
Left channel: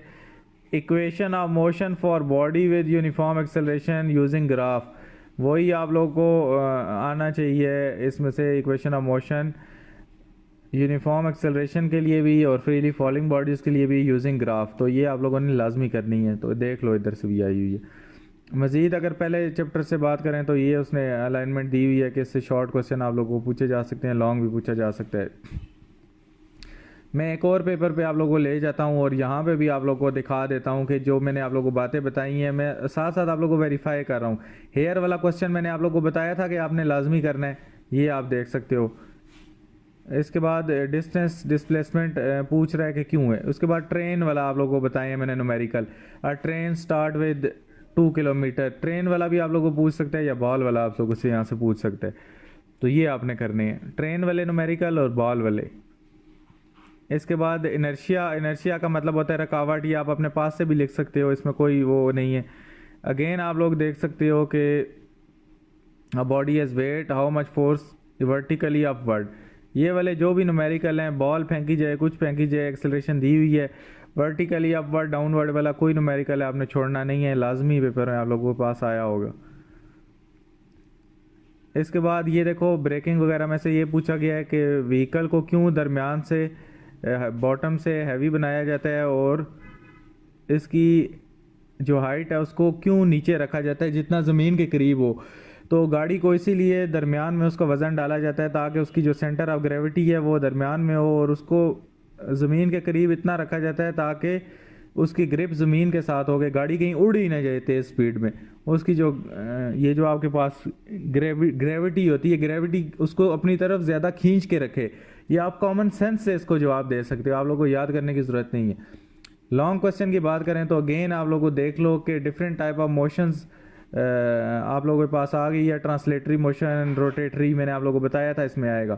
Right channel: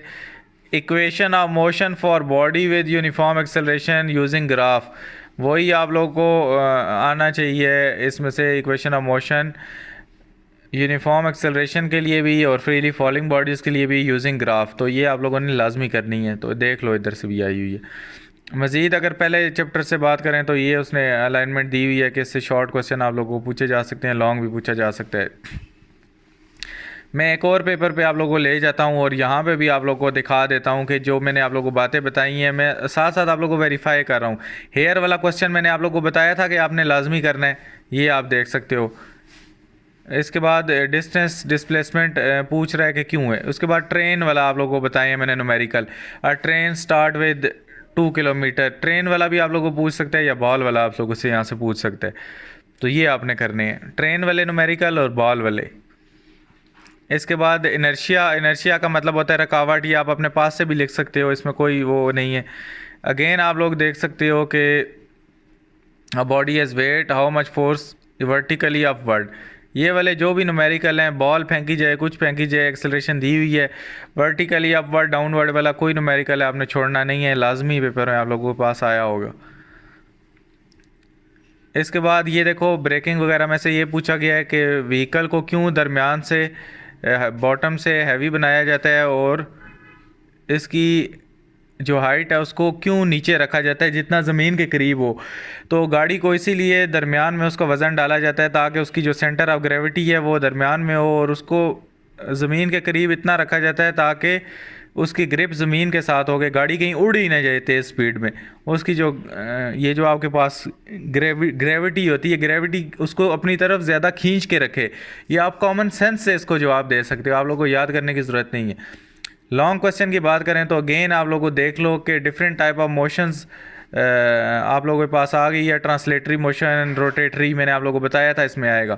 Equation of motion for body with uniform acceleration using graph, वही आप लोगों को आना चाहिए इसमें से। Equation of motion uniform acceleration के लिए भी और फ्रीली फॉलिंग बॉडीज़ के लिए भी यूजिंग ग्राफ, तो ये आप लोगों ने लाजमी करनी है। तो देख लो इधर से भी आई हुई है। मज़ीद अगर पहले चैप्टर से बात करें तो ये उसने अलाइनमेंट दी हुई है कि इससे शॉर्ट क्वेश्चन आप लोगों को पूछे जा सकते हैं, लॉन्ग भी पूछा जा सकता है। मैं एक और पेपर पे आप लोगों को ले जाता हूँ और यहाँ पे भी आप लोगों को दिखा देता हूँ कि जो मैंने आप लोगों को बातें बताई हैं, मैं साथ साथ आप लोगों को वेरीफाई कर रहा हूँ। हेयर वाला क्वेश्चन मैंने आप लोगों को बताया था कि आपने लाजमी करना है, ये आप देख सकते हो। इसके बाद डिस्टेंस डिस्प्लेसमेंट पूछ रहा है कि क्यों है। उसके बाद ट्रेन वाला आप लोगों को बताया मैंने numerical, train start with 2 kilometre, train वाला भी आप लोगों को पूछ सकता है, या बॉल वाला आप लोगों से यहाँ से पूछ सकता है। तो ये आपने करने हैं, ट्रेन वाले न्यूमेरिकल और बॉल वाले। इसके बाद इनर्शिया, इनर्शिया का मतलब होता है रुकावट, ये आप अपने पास से भी लिख सकते हो, इसमें कोई वो नहीं है। अगेन आप लोग देख सकते हो कि body has wait, how much force vertically upward, ये वाले जो भी न्यूमेरिकल हैं, बॉल फेंकी जाए, कुछ फेंकी जाए, एक्सेलरेशन दी हुई है, वर्टिकली अपवर्ड डाउनवर्ड वाला कोई न्यूमेरिकल है आपने छोड़ना नहीं है, लाजमी पेपर में आप लोगों के पास आया होगा। इसके बाद ये देखो ब्रेकिंग वगैरह में से ये पूछा गया है कि व्हीकल को क्यों दरमियान से बॉटम से हैवी बनाया जाता है, और इसकी जो हाइट है उसको क्यों नीचे रखा जाता है जितना ज़मीन के करीब हो। तो गाड़ी को इसीलिए दरमियान में उसका वज़न डाला जाता है ताकि उसकी जो सेंटर ऑफ ग्रेविटी है वो दरमियान में हो, और उसको ज़मीन के करीब इतना रखा जाता है ताकि उसकी ग्रिप ज़मीन के साथ हो गई, गाड़ी कहीं उड़ ही ना जाए तेज़ स्पीड में। उसकी जो ये जो आपके पास ग्रेविटी होती है, ग्रेविटी उसको अपनी तरफ ज़्यादा खींच के रखे। ये आप कॉमन सेंस से इसको जवाब दे सकते हो, आप लोगों को याद करने की ज़रूरत नहीं है। लॉन्ग क्वेश्चन की बात करें तो अगेन आप लोगों को देख लो कि डिफरेंट टाइप ऑफ मोशंस आप लोगों के पास आ गई है। ट्रांसलेटरी मोशन, रोटेटरी मैंने आप लोगों को बताया था इसमें आएगा।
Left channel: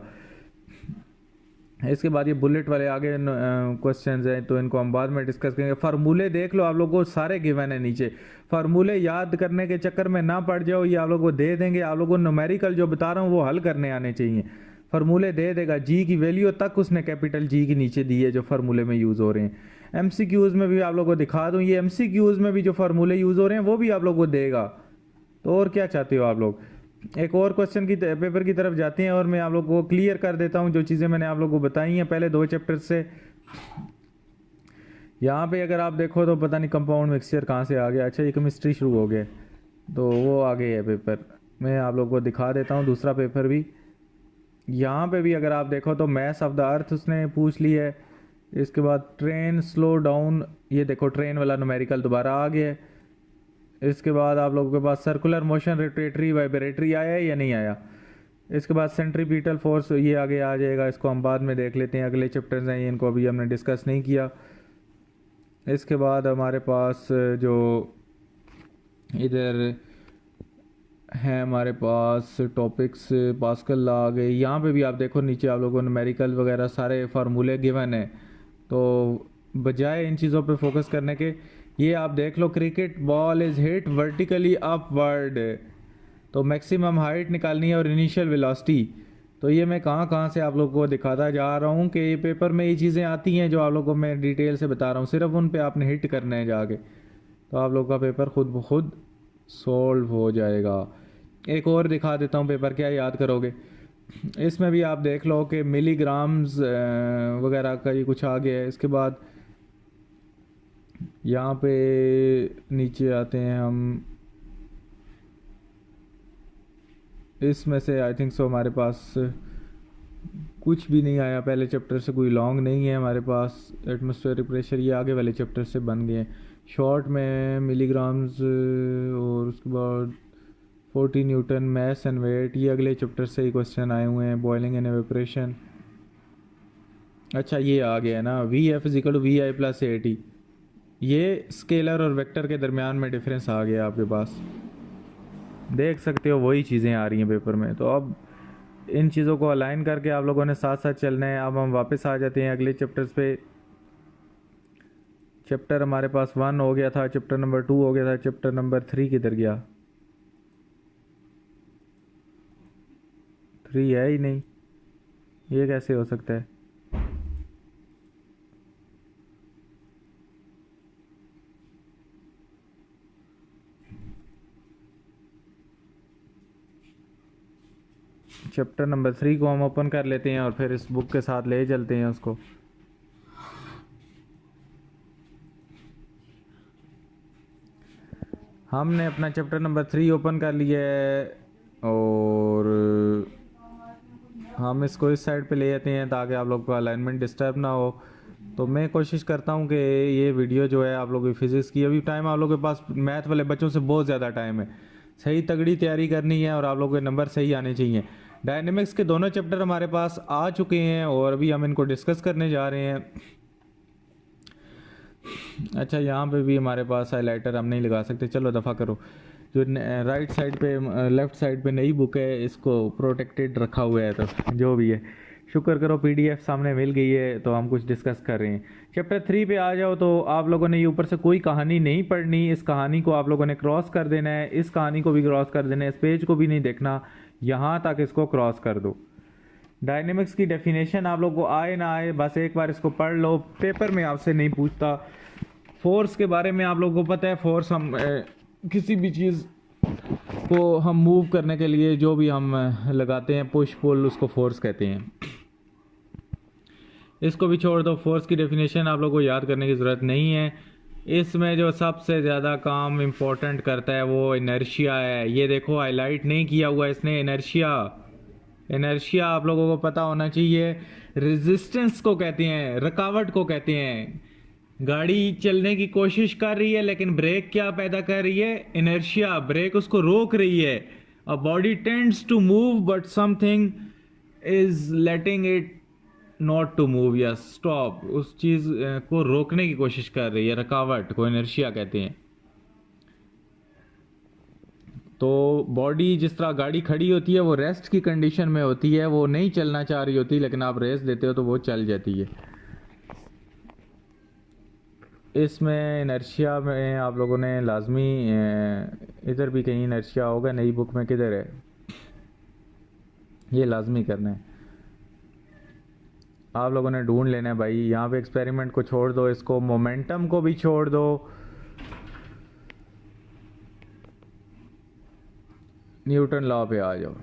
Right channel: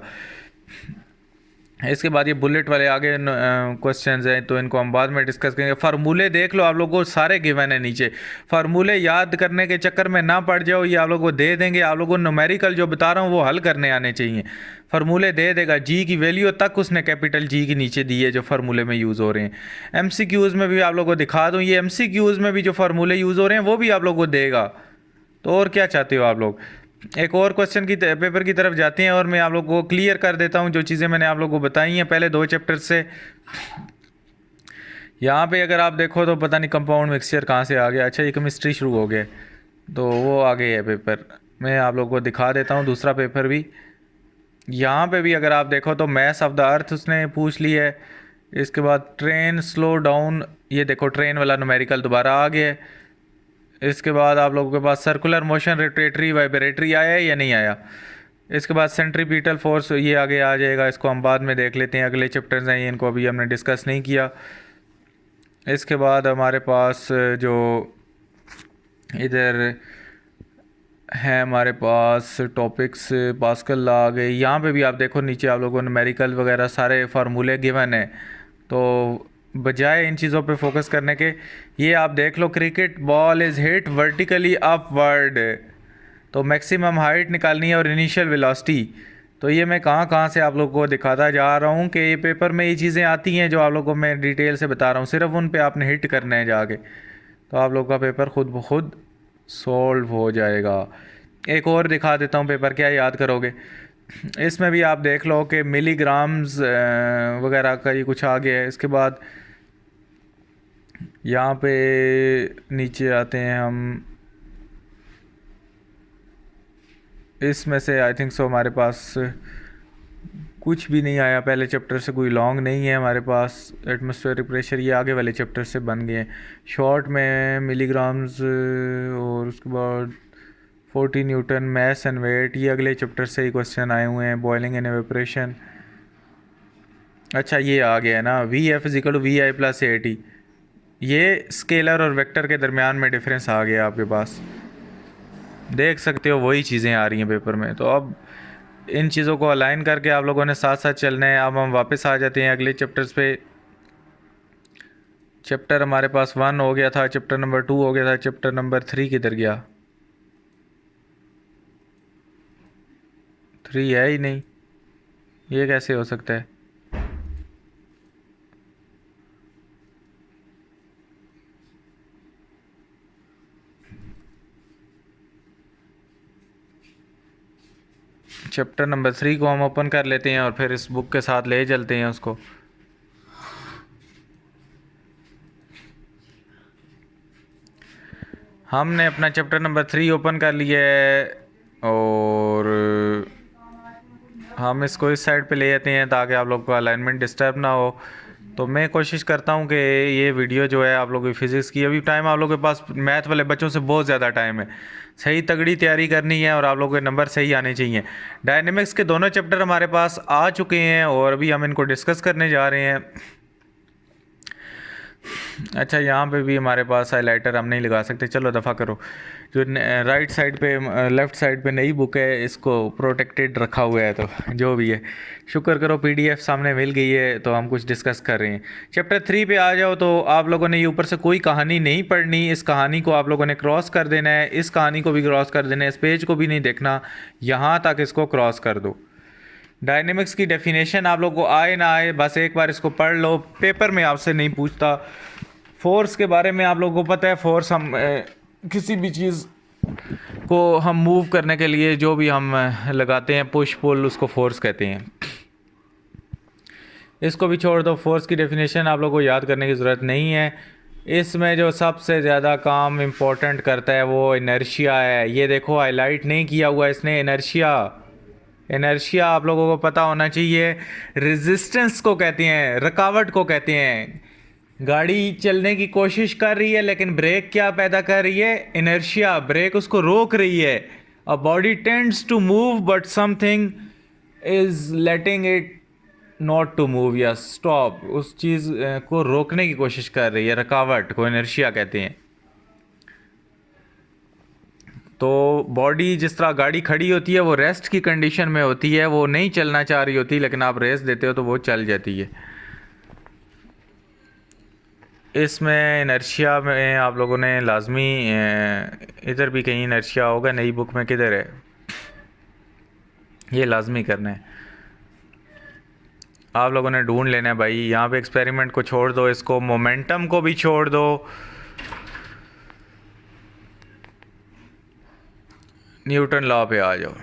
इसके बाद ये बुलेट वाले आगे क्वेश्चंस हैं तो इनको हम बाद में डिस्कस करेंगे। फार्मूले देख लो, आप लोगों को सारे गिवन है नीचे, फार्मूले याद करने के चक्कर में ना पड़ जाओ, ये आप लोगों को दे देंगे। आप लोगों को न्यूमेरिकल जो बता रहा हूँ वो हल करने आने चाहिए। फार्मूले दे देगा, जी की वैल्यू तक उसने कैपिटल जी के नीचे दी है जो फार्मूले में यूज़ हो रहे हैं। MCQs में भी आप लोगों को दिखा दूँ, ये MCQs में भी जो फार्मूले यूज़ हो रहे हैं वो भी आप लोगों को देगा। तो और क्या चाहते हो आप लोग। एक और क्वेश्चन की पेपर की तरफ जाते हैं और मैं आप लोगों को क्लियर कर देता हूं जो चीज़ें मैंने आप लोगों को बताई हैं पहले 2 चैप्टर से। यहाँ पे अगर आप देखो तो पता नहीं कंपाउंड मिक्सचर कहाँ से आ गया। अच्छा, ये केमिस्ट्री शुरू हो गया तो वो आ गया है पेपर। मैं आप लोगों को दिखा देता हूँ दूसरा पेपर भी। यहाँ पे भी अगर आप देखो तो मैस ऑफ द अर्थ उसने पूछ ली है। इसके बाद ट्रेन स्लो डाउन, ये देखो ट्रेन वाला न्यूमेरिकल दोबारा आ गया है। इसके बाद आप लोगों के पास सर्कुलर मोशन, रोटेटरी, वाइब्रेटरी आया है या नहीं आया। इसके बाद सेंट्रीपिटल फोर्स ये आगे आ जाएगा, इसको हम बाद में देख लेते हैं, अगले चैप्टर्स हैं इनको अभी हमने डिस्कस नहीं किया। इसके बाद हमारे पास जो इधर है हमारे पास टॉपिक्स पास्कल लॉ आ गए। यहाँ पे भी आप देखो नीचे आप लोगों ने न्यूमेरिकल वगैरह सारे फार्मूले गिवन है, तो बजाय इन चीज़ों पे फोकस करने के ये आप देख लो, cricket ball is hit vertically upward, तो मैक्सिमम हाइट निकालनी है और इनिशियल वेलोसिटी। तो ये मैं कहाँ कहाँ से आप लोगों को दिखाता जा रहा हूँ कि ये पेपर में ये चीज़ें आती हैं जो आप लोगों को मैं डिटेल से बता रहा हूँ, सिर्फ उन पे आपने हिट करना है जाके, तो आप लोगों का पेपर खुद ब खुद सॉल्व हो जाएगा। एक और दिखा देता हूँ पेपर, क्या याद करोगे, इसमें भी आप देख लो कि मिलीग्राम्स वगैरह का ये कुछ आ गया है। इसके बाद यहाँ पे नीचे आते हैं हम, इसमें से आई थिंक सो हमारे पास कुछ भी नहीं आया, पहले चैप्टर से कोई लॉन्ग नहीं है हमारे पास। एटमॉस्फेरिक प्रेशर ये आगे वाले चैप्टर से बन गए हैं, शॉर्ट में मिलीग्राम्स और उसके बाद 40 न्यूटन मैस एंड वेट, ये अगले चैप्टर से ही क्वेश्चन आए हुए हैं। बॉइलिंग एंड एवेपोरेशन, अच्छा ये आ गया है ना, v f equal to v i plus a t, ये स्केलर और वेक्टर के दरमियान में डिफरेंस आ गया आपके पास, देख सकते हो वही चीज़ें आ रही हैं पेपर में। तो अब इन चीज़ों को अलाइन करके आप लोगों ने साथ साथ चलना है। अब हम वापस आ जाते हैं अगले चैप्टर्स पे। चैप्टर हमारे पास 1 हो गया था, चैप्टर नंबर 2 हो गया था, चैप्टर नंबर 3 किधर गया, 3 है ही नहीं, ये कैसे हो सकता है। चैप्टर नंबर 3 को हम ओपन कर लेते हैं और फिर इस बुक के साथ ले चलते हैं उसको। हमने अपना चैप्टर नंबर 3 ओपन कर लिया है और हम इसको इस साइड पे ले जाते हैं ताकि आप लोग को अलाइनमेंट डिस्टर्ब ना हो। तो मैं कोशिश करता हूँ कि ये वीडियो जो है आप लोगों की फ़िज़िक्स की, अभी टाइम आप लोगों के पास मैथ वाले बच्चों से बहुत ज़्यादा टाइम है, सही तगड़ी तैयारी करनी है और आप लोगों के नंबर सही आने चाहिए। डायनेमिक्स के दोनों चैप्टर हमारे पास आ चुके हैं और अभी हम इनको डिस्कस करने जा रहे हैं। अच्छा यहाँ पे भी हमारे पास हाइलाइटर हम नहीं लगा सकते, चलो दफ़ा करो। जो राइट साइड पे लेफ़्ट साइड पे नई बुक है इसको प्रोटेक्टेड रखा हुआ है, तो जो भी है शुक्र करो पीडीएफ सामने मिल गई है, तो हम कुछ डिस्कस कर रहे हैं। चैप्टर 3 पे आ जाओ तो आप लोगों ने ये ऊपर से कोई कहानी नहीं पढ़नी, इस कहानी को आप लोगों ने क्रॉस कर देना है, इस कहानी को भी क्रॉस कर देना है, इस पेज को भी नहीं देखना, यहाँ तक इसको क्रॉस कर दो। डायनेमिक्स की डेफिनेशन आप लोग को आए ना आए बस एक बार इसको पढ़ लो, पेपर में आपसे नहीं पूछता। फोर्स के बारे में आप लोगों को पता है, फोर्स हम किसी भी चीज़ को हम मूव करने के लिए जो भी हम लगाते हैं पुश पुल, उसको फोर्स कहते हैं। इसको भी छोड़ दो, फोर्स की डेफिनेशन आप लोगों को याद करने की ज़रूरत नहीं है। इसमें जो सबसे ज़्यादा काम इम्पोर्टेंट करता है वो इनर्शिया है। ये देखो हाईलाइट नहीं किया हुआ इसने, इनर्शिया। इनर्शिया आप लोगों को पता होना चाहिए, रेजिस्टेंस को कहते हैं, रुकावट को कहते हैं। गाड़ी चलने की कोशिश कर रही है लेकिन ब्रेक क्या पैदा कर रही है, इनर्शिया, ब्रेक उसको रोक रही है। A body tends to move but something is letting it not to move या स्टॉप, उस चीज़ को रोकने की कोशिश कर रही है, रुकावट को इनर्शिया कहते हैं। तो बॉडी जिस तरह गाड़ी खड़ी होती है वो रेस्ट की कंडीशन में होती है, वो नहीं चलना चाह रही होती, लेकिन आप रेस्ट देते हो तो वो चल जाती है। इसमें इनर्शिया में आप लोगों ने लाजमी, इधर भी कहीं इनर्शिया होगा, नई बुक में किधर है, ये लाजमी करना है, आप लोगों ने ढूंढ लेना है भाई। यहाँ पे एक्सपेरिमेंट को छोड़ दो, इसको मोमेंटम को भी छोड़ दो। न्यूटन लॉ पे आ जाओ।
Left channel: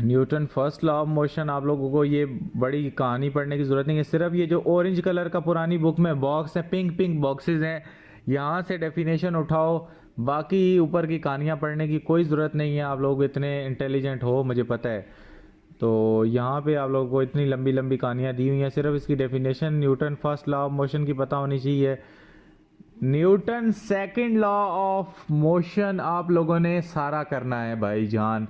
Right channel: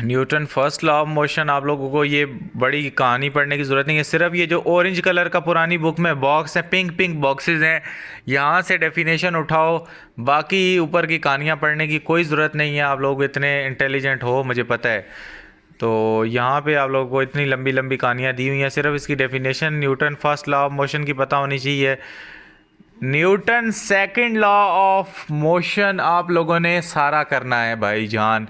Newton first law of motion, आप लोगों को ये बड़ी कहानी पढ़ने की ज़रूरत नहीं है, सिर्फ ये जो ऑरेंज कलर का पुरानी बुक में बॉक्स है, पिंक पिंक बॉक्सेस हैं, यहाँ से डेफिनेशन उठाओ, बाकी ऊपर की कहानियाँ पढ़ने की कोई ज़रूरत नहीं है। आप लोग इतने इंटेलिजेंट हो मुझे पता है, तो यहाँ पे आप लोगों को इतनी लंबी लंबी कहानियाँ दी हुई हैं, सिर्फ इसकी definition Newton first law of motion की पता होनी चाहिए। Newton second law of motion आप लोगों ने सारा करना है भाई जान।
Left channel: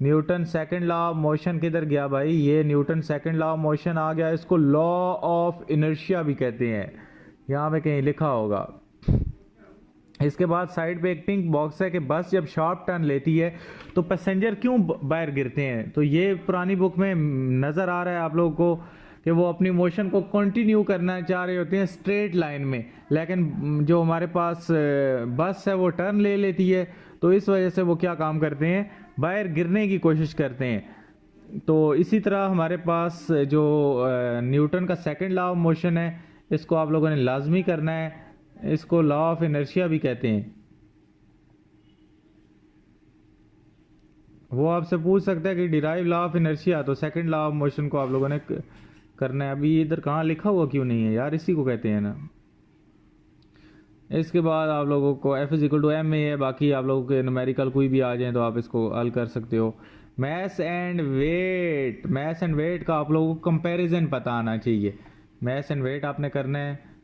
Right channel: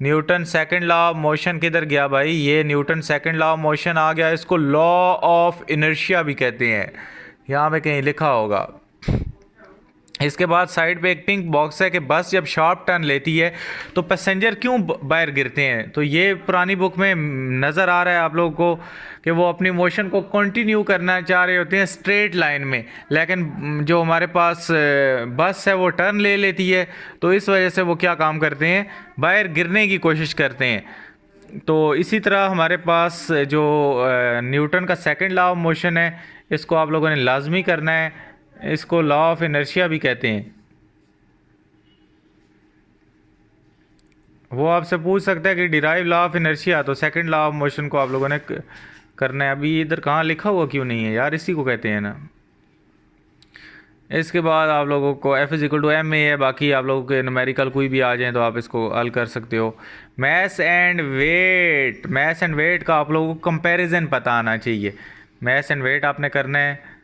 Newton second law of motion किधर गया भाई? ये Newton second law of motion आ गया, इसको लॉ ऑफ इनर्शिया भी कहते हैं, यहाँ पे कहीं लिखा होगा। इसके बाद साइड पे एक पिंक बॉक्स है कि बस जब शार्प टर्न लेती है तो पैसेंजर क्यों बाहर गिरते हैं। तो ये पुरानी बुक में नज़र आ रहा है आप लोगों को कि वो अपनी मोशन को कंटिन्यू करना चाह रहे होते हैं स्ट्रेट लाइन में, लेकिन जो हमारे पास बस है वो टर्न ले लेती है, तो इस वजह से वो क्या काम करते हैं, बाहर गिरने की कोशिश करते हैं। तो इसी तरह हमारे पास जो न्यूटन का सेकंड लॉ ऑफ मोशन है, इसको आप लोगों ने लाजमी करना है, इसको लॉ ऑफ इनर्शिया भी कहते हैं। वो आपसे पूछ सकता है कि डिराइव लॉ ऑफ इनर्शिया, तो सेकंड लॉ ऑफ मोशन को आप लोगों ने करना है। अभी इधर कहाँ लिखा हुआ क्यों नहीं है यार, इसी को कहते हैं ना। इसके बाद आप लोगों को F equal to m a है, बाकी आप लोगों के न्यूमेरिकल कोई भी आ जाए तो आप इसको हल कर सकते हो। Mass and weight, mass and weight का आप लोगों को कंपैरिजन पता आना चाहिए। मैस एंड वेट आपने करना है।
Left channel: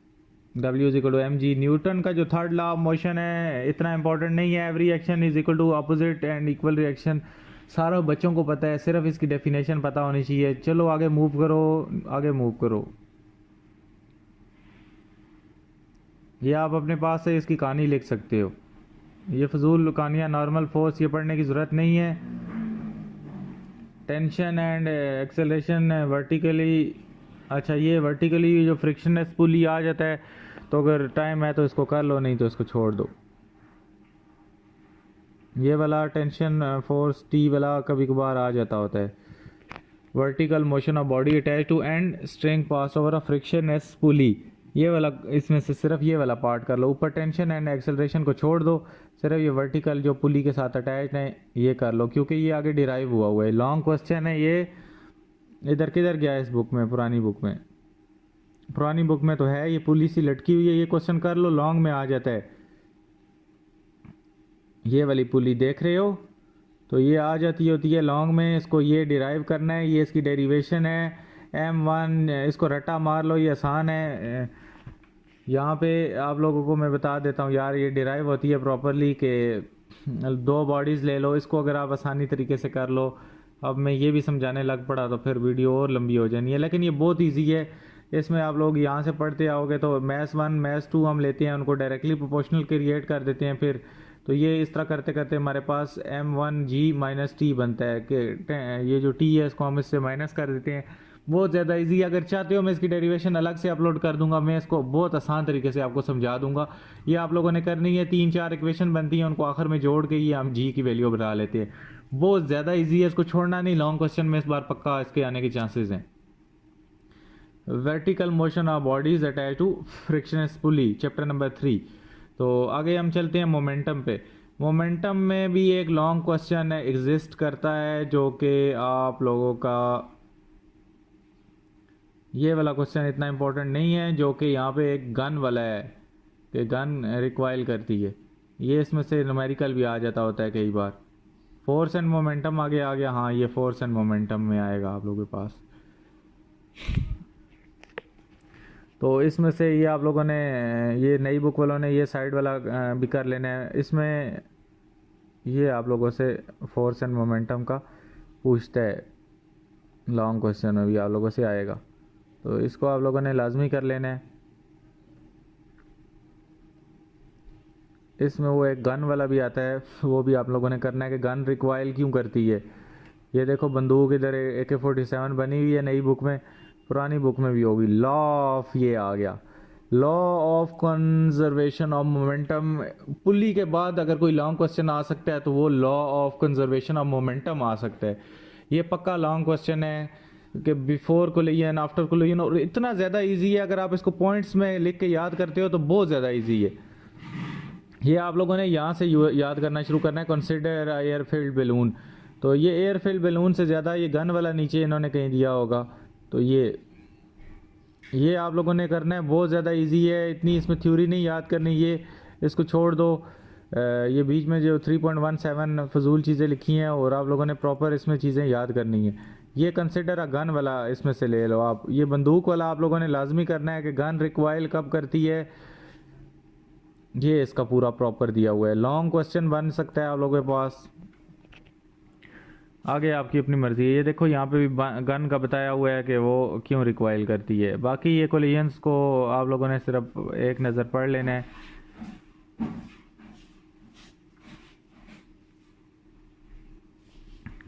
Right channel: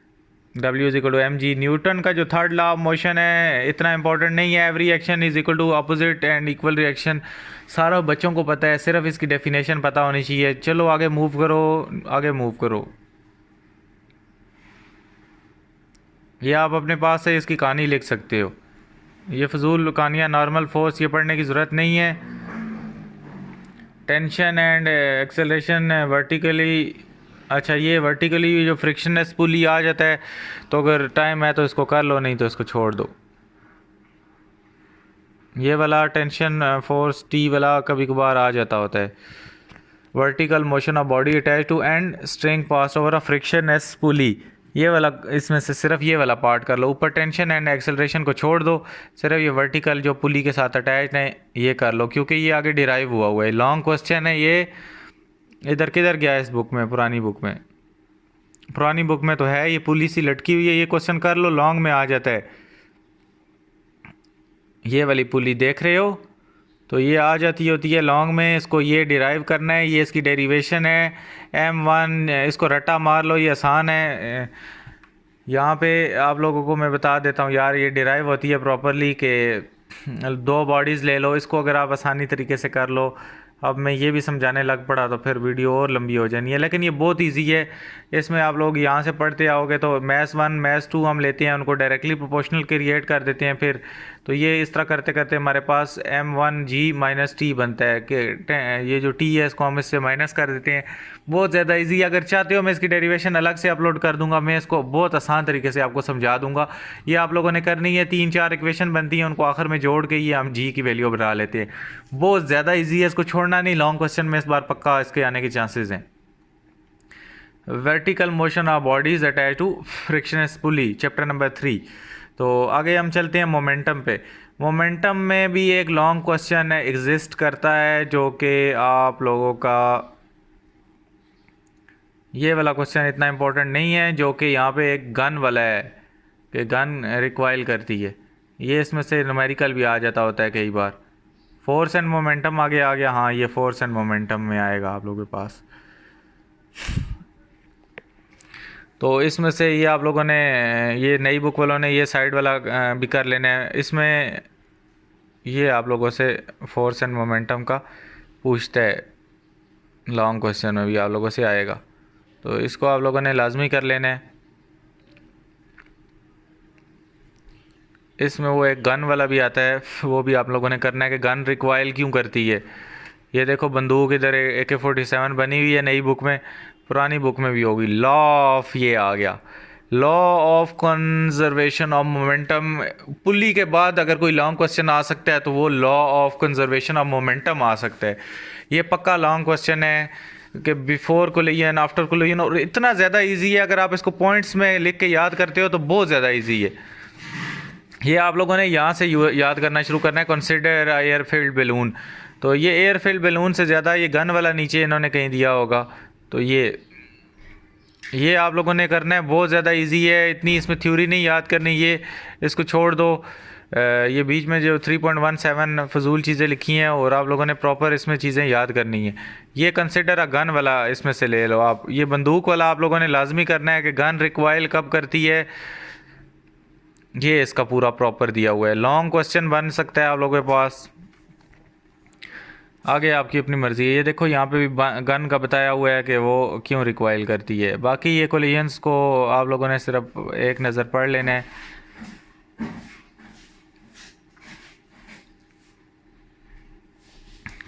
W is equal to m g. Newton का जो थर्ड लॉ ऑफ मोशन है इतना इंपॉर्टेंट नहीं है। Every action is equal to opposite and equal reaction, सारा बच्चों को पता है, सिर्फ इसकी डेफिनेशन पता होनी चाहिए। चलो आगे मूव करो, आगे मूव करो। ये आप अपने पास से इसकी कहानी लिख सकते हो, ये फजूल कहानियाँ, नॉर्मल फोर्स ये पढ़ने की ज़रूरत नहीं है। टेंशन एंड एक्सेलरेशन वर्टिकली, अच्छा ये वर्टिकली जो फ्रिक्शनलेस पुली आ जाता है, तो अगर टाइम है तो इसको कर लो, नहीं तो इसको छोड़ दो। ये वाला टेंशन फोर्स टी वाला कभी कभार आ जाता होता है। Vertical motion of body attach to end string pass over a frictionless pulley, ये वाला, इसमें से सिर्फ ये वाला पार्ट कर लो। ऊपर टेंशन एंड एक्सेलरेशन को छोड़ दो, सिर्फ ये वर्टिकल जो पुली के साथ अटैच है ये कर लो, क्योंकि ये आगे डिराइव हुआ है। लॉन्ग क्वेश्चन है ये, इधर किधर गया इस बुक में, पुरानी बुक में, पुरानी बुक में तो है, ये पुली सी लटकी हुई है, ये क्वेश्चन कर लो, लॉन्ग में आ जाता है। ये वाली पुली देख रहे हो, तो ये आ जाती होती है लॉन्ग में, इसको ये डिराइव करना है, ये इसकी डेरिवेशन है m1, इसको रट्टा मार लो, ये आसान है। यहाँ पे आप लोगों को मैं बता देता हूँ यार, ये डिराइव होती है प्रॉपरली कि दो बॉडीज़ ले लो, इसको अगर आप आसानी तरीके से कर लो। अब मैं ये भी समझाने लग पड़ा तो फिर वीडियो और लंबी हो जानी है, लेकिन ये बहुत इजी है। इसमें आप लोग यहाँ से पढ़ते आओगे तो मैथ्स 1 मैथ्स 2 हम लेते हैं, उनको डायरेक्टली प्रोपोर्शनल क्रिएट कर देते हैं फिर, तो ये इस तरह करते करते हमारे पास m1g माइनस टी बनता है कि ये जो t है इसको हम इससे माइनस कर देते हैं। बहुत ज़्यादा इजी, अगर चाहते हो मैं इसकी डेरिवेशन अलग से अपलोड कर दूंगा, मैं इसको बहुत आसान तरीके से आपको समझा दूंगा। ये आप लोगों ने करनी है, 3-4 इक्वेशन बनती हैं, उनको आखिर में जोड़ के ये हम g की वैल्यू बना लेते हैं। बहुत ज़्यादा ईजी है, इसको छोड़ना नहीं। लॉन्ग क्वेश्चन में इस बार पक्का इसके आने के चांसेस हैं। Vertical motion of bodies attach to frictionless pulley, chapter number 3। तो आगे हम चलते हैं मोमेंटम पे। मोमेंटम में भी एक लॉन्ग क्वेश्चन एग्जिस्ट करता है, जो कि आप लोगों का ये वाला क्वेश्चन इतना इंपॉर्टेंट नहीं है, जो कि यहाँ पे एक गन वाला है कि गन रिक्वाइल करती है, ये इसमें से न्यूमेरिकल भी आ जाता होता है कई बार। फोर्स एंड मोमेंटम आगे आ गया, हाँ ये फोर्स एंड मोमेंटम में आएगा आप लोगों के पास। तो इसमें से ये आप लोगों ने, ये नई बुक वालों ने ये साइड वाला भी कर लेना है। इसमें ये आप लोगों से फोर्स एंड मोमेंटम का पूछता है, लॉन्ग क्वेश्चन में भी आप लोगों से आएगा, तो इसको आप लोगों ने लाजमी कर लेना है। इसमें वो एक गन वाला भी आता है, वो भी आप लोगों ने करना है कि गन रिक्वाइल क्यों करती है। ये देखो बंदूक इधर AK-47 बनी हुई है नई बुक में, पुरानी बुक में भी होगी। लॉ ऑफ, ये आ गया law of conservation of momentum. Pulley के बाद अगर कोई लॉन्ग क्वेश्चन आ सकता है तो वो law of conservation of momentum आ सकता है। ये पक्का लॉन्ग क्वेश्चन है कि बिफोर कोलिजन, आफ्टर कोलिजन, और इतना ज़्यादा इजी है, अगर आप इसको पॉइंट्स में लिख के याद करते हो तो बहुत ज़्यादा इजी है। ये आप लोगों ने यहाँ से याद करना शुरू करना है। कंसिडर एयर फील्ड बैलून, तो ये एयर फील्ड बैलून से ज़्यादा ये गन वाला नीचे इन्होंने कहीं दिया होगा, तो ये आप लोगों ने करना है। बहुत ज़्यादा इजी है, इतनी इसमें थ्योरी नहीं याद करनी, ये इसको छोड़ दो। ये बीच में जो 3.17 फजूल चीज़ें लिखी हैं, और आप लोगों ने प्रॉपर इसमें चीज़ें याद करनी है। ये कंसिडर अ गन वाला इसमें से ले लो आप। ये बंदूक वाला आप लोगों ने लाजमी करना है कि गन रिक्वाइल कब करती है, ये इसका पूरा प्रॉपर दिया हुआ है। लॉन्ग क्वेश्चन बन सकता है आप लोगों के पास। आगे आपकी अपनी मर्ज़ी है। ये देखो यहाँ पे भी गन का बताया हुआ है कि वो क्यों रिक्वाइल करती है। बाकी ये कोलिजन्स को आप लोगों ने सिर्फ एक नज़र पढ़ लेना है।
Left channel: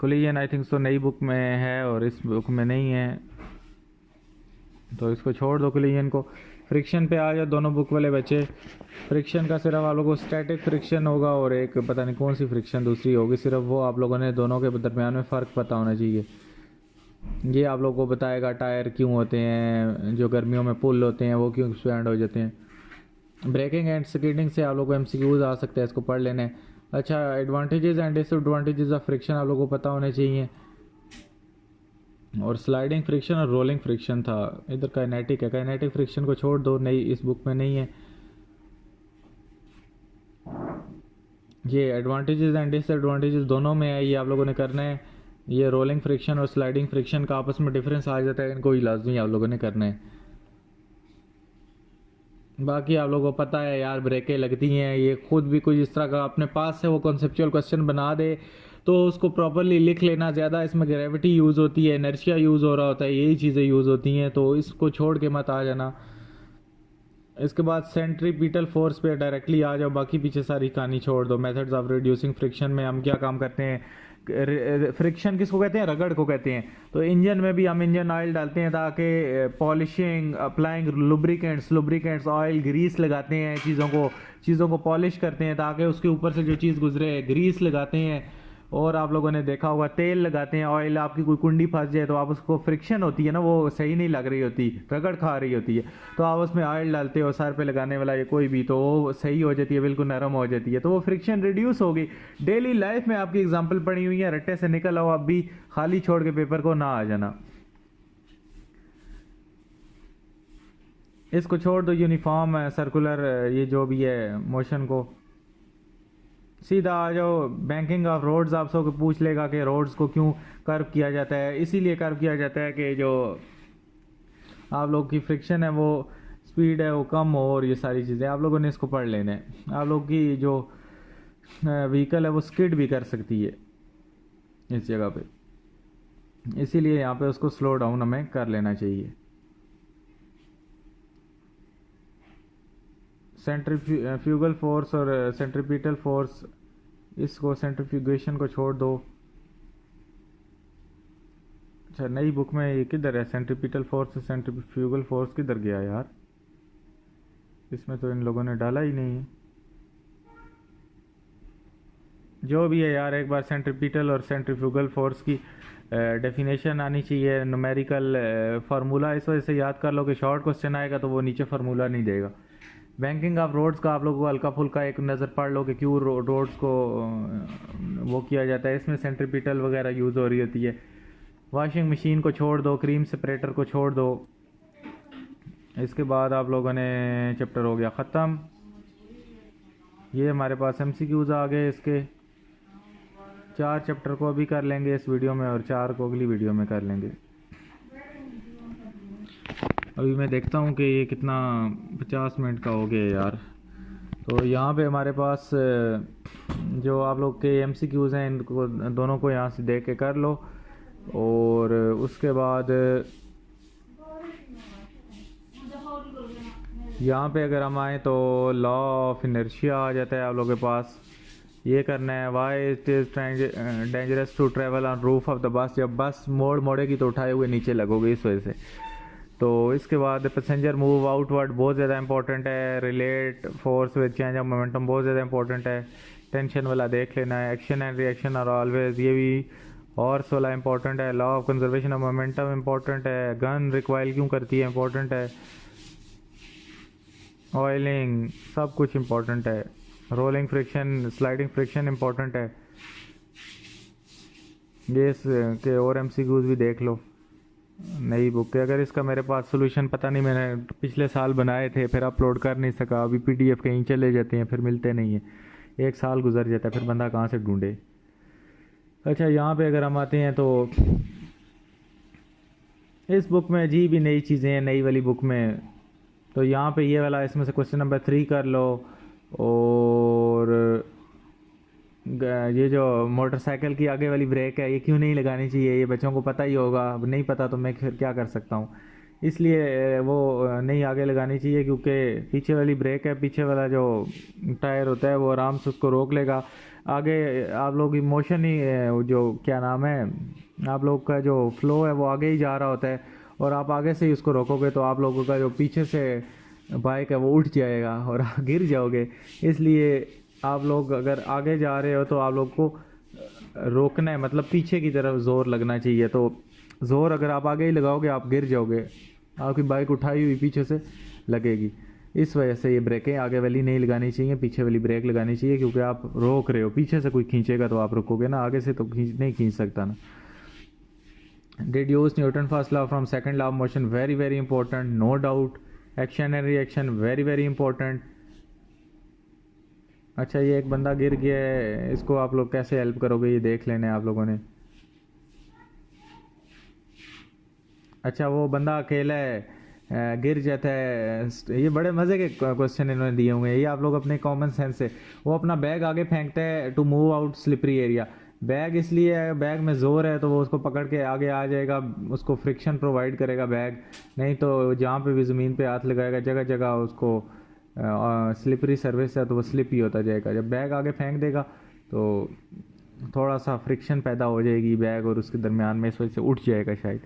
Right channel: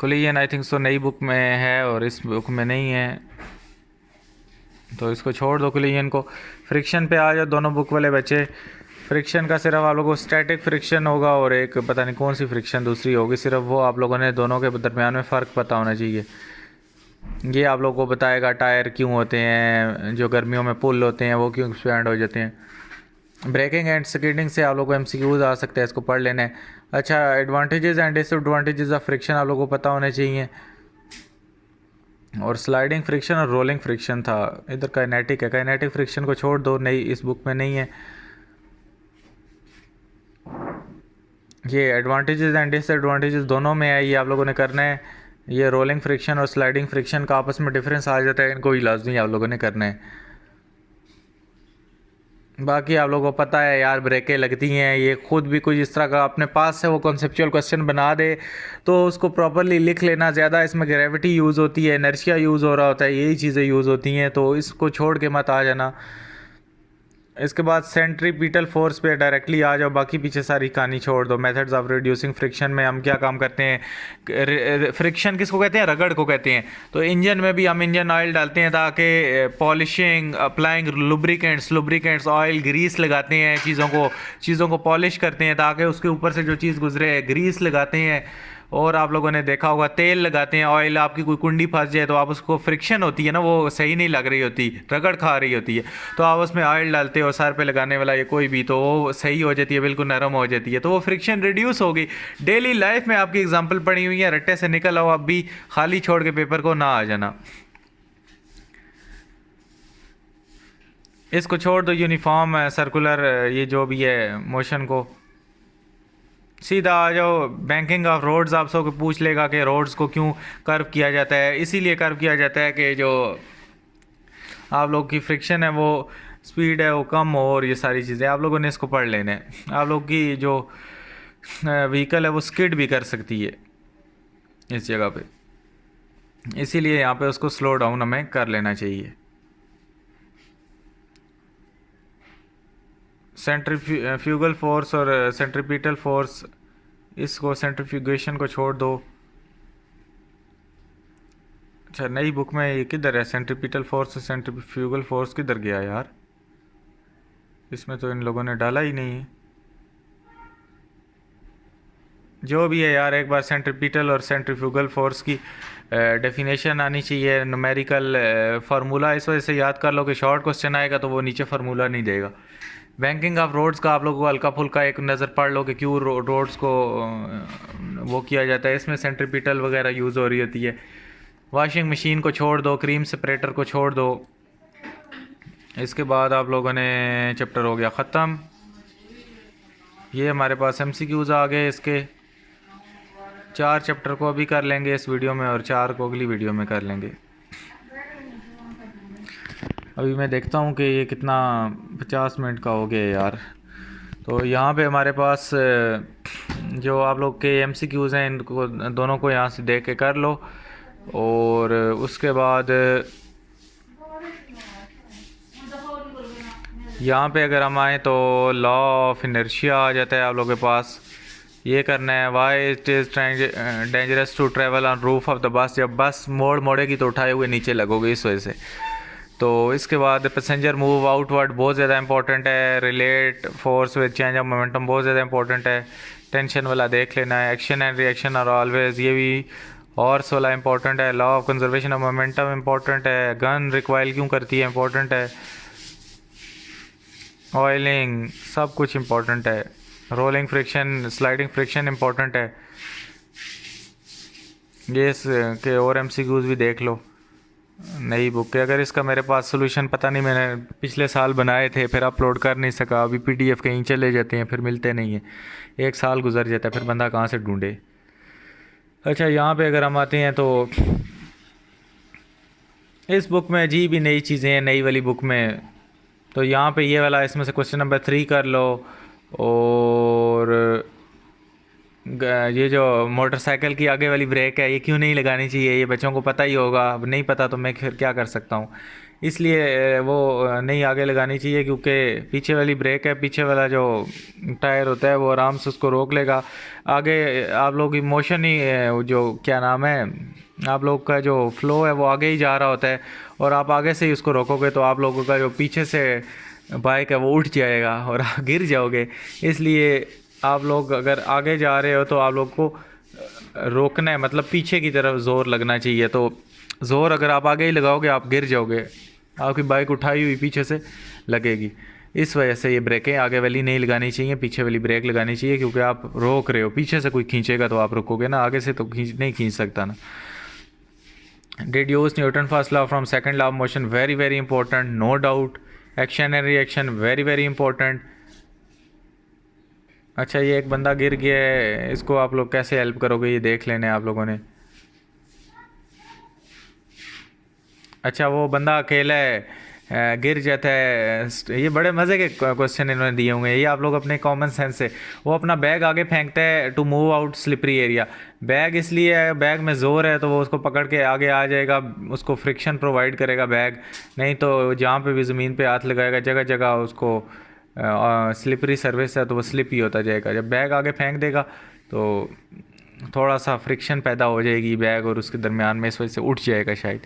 कोलिजन आई थिंक सो नई बुक में है और इस बुक में नहीं है, तो इसको छोड़ दो कोलिजन को। फ्रिक्शन पे आ जाओ दोनों बुक वाले बच्चे। फ्रिक्शन का सिर्फ आप लोगों को स्टैटिक फ्रिक्शन होगा और एक पता नहीं कौन सी फ्रिक्शन दूसरी होगी, सिर्फ वो आप लोगों ने दोनों के दरमियान में फ़र्क पता होना चाहिए। ये आप लोगों को बताएगा टायर क्यों होते हैं, जो गर्मियों में पुल होते हैं वो क्यों एक्सपैंड हो जाते हैं। ब्रेकिंग एंड स्कीडिंग से आप लोगों को एमसीक्यूज आ सकते हैं, इसको पढ़ लेना है। अच्छा, advantages and disadvantages of friction आप लोगों को पता होने चाहिए। और स्लाइडिंग फ्रिक्शन और रोलिंग फ्रिक्शन था। इधर काइनेटिक है, काइनेटिक फ्रिक्शन को छोड़ दो, नई इस बुक में नहीं है। ये एडवांटेजेस एंड डिसएडवांटेजेस दोनों में है, ये आप लोगों ने करना है। ये रोलिंग फ्रिक्शन और स्लाइडिंग फ्रिक्शन का आपस में डिफरेंस आ जाता है, इनको ही लाजमी आप लोगों ने करना है। बाकी आप लोगों को पता है यार, ब्रेकें लगती हैं, ये खुद भी कुछ इस तरह का अपने पास से वो कॉन्सेप्चुअल क्वेश्चन बना दे तो उसको प्रॉपरली लिख लेना। ज़्यादा इसमें ग्रेविटी यूज़ होती है, इनर्शिया यूज़ हो रहा होता है, यही चीज़ें यूज़ होती हैं, तो इसको छोड़ के मत आ जाना। इसके बाद सेंट्रीपिटल फोर्स पे डायरेक्टली आ जाओ, बाकी पीछे सारी कहानी छोड़ दो। मेथड्स ऑफ रिड्यूसिंग फ्रिक्शन में हम क्या काम करते हैं, फ्रिक्शन किसको कहते हैं, रगड़ को कहते हैं। तो इंजन में भी हम इंजन ऑयल डालते हैं ताकि polishing, applying lubricants oil, grease लगाते हैं चीज़ों को पॉलिश करते हैं ताकि उसके ऊपर से जो चीज़ गुजरे, ग्रीस लगाते हैं। और आप लोगों ने देखा होगा तेल लगाते हैं, ऑयल, आपकी कोई कुंडी फंस जाए तो आप उसको, फ्रिक्शन होती है ना, वो सही नहीं लग रही होती, रगड़ खा रही होती है, तो आप उसमें ऑयल डालते हो सर पे लगाने वाला या कोई भी, तो वो सही हो जाती है, बिल्कुल नरम हो जाती है, तो वो फ्रिक्शन रिड्यूस होगी। डेली लाइफ में आपकी एग्जाम्पल पड़ी हुई है, रट्टे से निकल आओ, अब भी खाली छोड़ के पेपर को ना आ जाना। इसको छोड़ दो, यूनिफॉर्म सर्कुलर ये जो भी है मोशन को, सीधा आ जाओ। बैंकिंग ऑफ रोड्स आप सबको पूछ लेगा कि रोड्स को क्यों कर्व किया जाता है। इसीलिए कर्व किया जाता है कि जो आप लोग की फ्रिक्शन है, वो स्पीड है वो कम हो, और ये सारी चीज़ें आप लोगों ने इसको पढ़ लेना है। आप लोग की जो व्हीकल है वो स्किड भी कर सकती है इस जगह पे, इसीलिए यहाँ पे उसको स्लो डाउन हमें कर लेना चाहिए। सेंट्रीफ्यूगल फोर्स और सेंट्रीपिटल फोर्स, इसको सेंट्रीफ्यूगेशन को छोड़ दो। अच्छा, नई बुक में ये किधर है, सेंट्रीपिटल फोर्स और सेंट्रीफ्यूगल फोर्स किधर गया यार, इसमें तो इन लोगों ने डाला ही नहीं है। जो भी है यार, एक बार सेंट्रीपिटल और सेंट्रीफ्यूगल फोर्स की डेफिनेशन आनी चाहिए, न्यूमेरिकल फार्मूला इस वजह से याद कर लो कि शॉर्ट क्वेश्चन आएगा तो वो नीचे फार्मूला नहीं देगा। बैंकिंग ऑफ रोड्स का आप लोगों को हल्का फुल्का एक नज़र पढ़ लो कि क्यों रोड्स को वो किया जाता है, इसमें सेंट्रीपिटल वगैरह यूज़ हो रही होती है। वॉशिंग मशीन को छोड़ दो, क्रीम सेपरेटर को छोड़ दो। इसके बाद आप लोगों ने चैप्टर हो गया ख़त्म। ये हमारे पास एमसीक्यूज़ आ गए, इसके 4 चैप्टर को अभी कर लेंगे इस वीडियो में और 4 को अगली वीडियो में कर लेंगे। अभी मैं देखता हूँ कि ये कितना 50 मिनट का हो गया यार। तो यहाँ पे हमारे पास जो आप लोग के एमसीक्यूज़ हैं, इनको दोनों को यहाँ से देख के कर लो। और उसके बाद यहाँ पे अगर हम आए तो लॉ ऑफ इनर्शिया आ जाता है आप लोगों के पास। ये करना है, why it is dangerous to travel on roof of the bus, जब बस मोड़ेगी तो उठाए हुए नीचे लगोगे इस वजह से। तो इसके बाद पैसेंजर मूव आउटवर्ड बहुत ज़्यादा इंपॉर्टेंट है। Relate force with change of momentum बहुत ज़्यादा इंपॉर्टेंट है। टेंशन वाला देख लेना है। Action and reaction are always, ये भी हॉर्स वाला इंपॉर्टेंट है। Law of conservation of momentum important है। गन रिक्वाइल क्यों करती है इंपॉर्टेंट है। ऑयलिंग सब कुछ इंपॉर्टेंट है। Rolling friction, sliding friction important है। ये के और एमसीक्यूज भी देख लो नई बुक के। अगर इसका मेरे पास सोल्यूशन पता नहीं, मैंने पिछले साल बनाए थे फिर अपलोड कर नहीं सका, अभी पीडीएफ कहीं चले जाते हैं फिर मिलते नहीं हैं, 1 साल गुजर जाता है, फिर बंदा कहाँ से ढूंढे। अच्छा, यहाँ पे अगर हम आते हैं तो इस बुक में अजीब ही नई चीज़ें हैं नई वाली बुक में। तो यहाँ पे ये वाला, इसमें से क्वेश्चन नंबर 3 कर लो और ये जो मोटरसाइकिल की आगे वाली ब्रेक है ये क्यों नहीं लगानी चाहिए, ये बच्चों को पता ही होगा, अब नहीं पता तो मैं फिर क्या कर सकता हूँ। इसलिए वो नहीं आगे लगानी चाहिए, क्योंकि पीछे वाली ब्रेक है, पीछे वाला जो टायर होता है वो आराम से उसको रोक लेगा। आगे आप लोग की मोशन ही वो जो क्या नाम है, आप लोग का जो फ्लो है वो आगे ही जा रहा होता है, और आप आगे से ही उसको रोकोगे तो आप लोगों का जो पीछे से बाइक है वो उठ जाएगा और आप गिर जाओगे। इसलिए आप लोग अगर आगे जा रहे हो तो आप लोग को रोकना है, मतलब पीछे की तरफ ज़ोर लगना चाहिए। तो ज़ोर अगर आप आगे ही लगाओगे आप गिर जाओगे, आपकी बाइक उठाई हुई पीछे से लगेगी। इस वजह से ये ब्रेकें आगे वाली नहीं लगानी चाहिए, पीछे वाली ब्रेक लगानी चाहिए, क्योंकि आप रोक रहे हो, पीछे से कोई खींचेगा तो आप रुकोगे ना, आगे से तो नहीं खींच सकता ना। Deduce Newton first law from second law of motion, very very important, no doubt. Action and reaction, very very important. अच्छा, ये एक बंदा गिर गया है, इसको आप लोग कैसे हेल्प करोगे ये देख लेने आप लोगों ने। अच्छा, वो बंदा अकेला है, गिर जाता है। ये बड़े मज़े के क्वेश्चन इन्होंने दिए होंगे, ये आप लोग अपने कॉमन सेंस से। वो अपना बैग आगे फेंकता है to move out slippery area. Bag इसलिए है, बैग में ज़ोर है तो वो उसको पकड़ के आगे आ जाएगा, उसको फ्रिक्शन प्रोवाइड करेगा बैग। नहीं तो जहाँ पे भी ज़मीन पे हाथ लगाएगा जगह जगह उसको स्लिपरी सर्विस है तो वो स्लिप ही होता जाएगा। जब बैग आगे फेंक देगा तो थोड़ा सा फ्रिक्शन पैदा हो जाएगी बैग और उसके दरमियान में, इस वजह से उठ जाएगा शायद।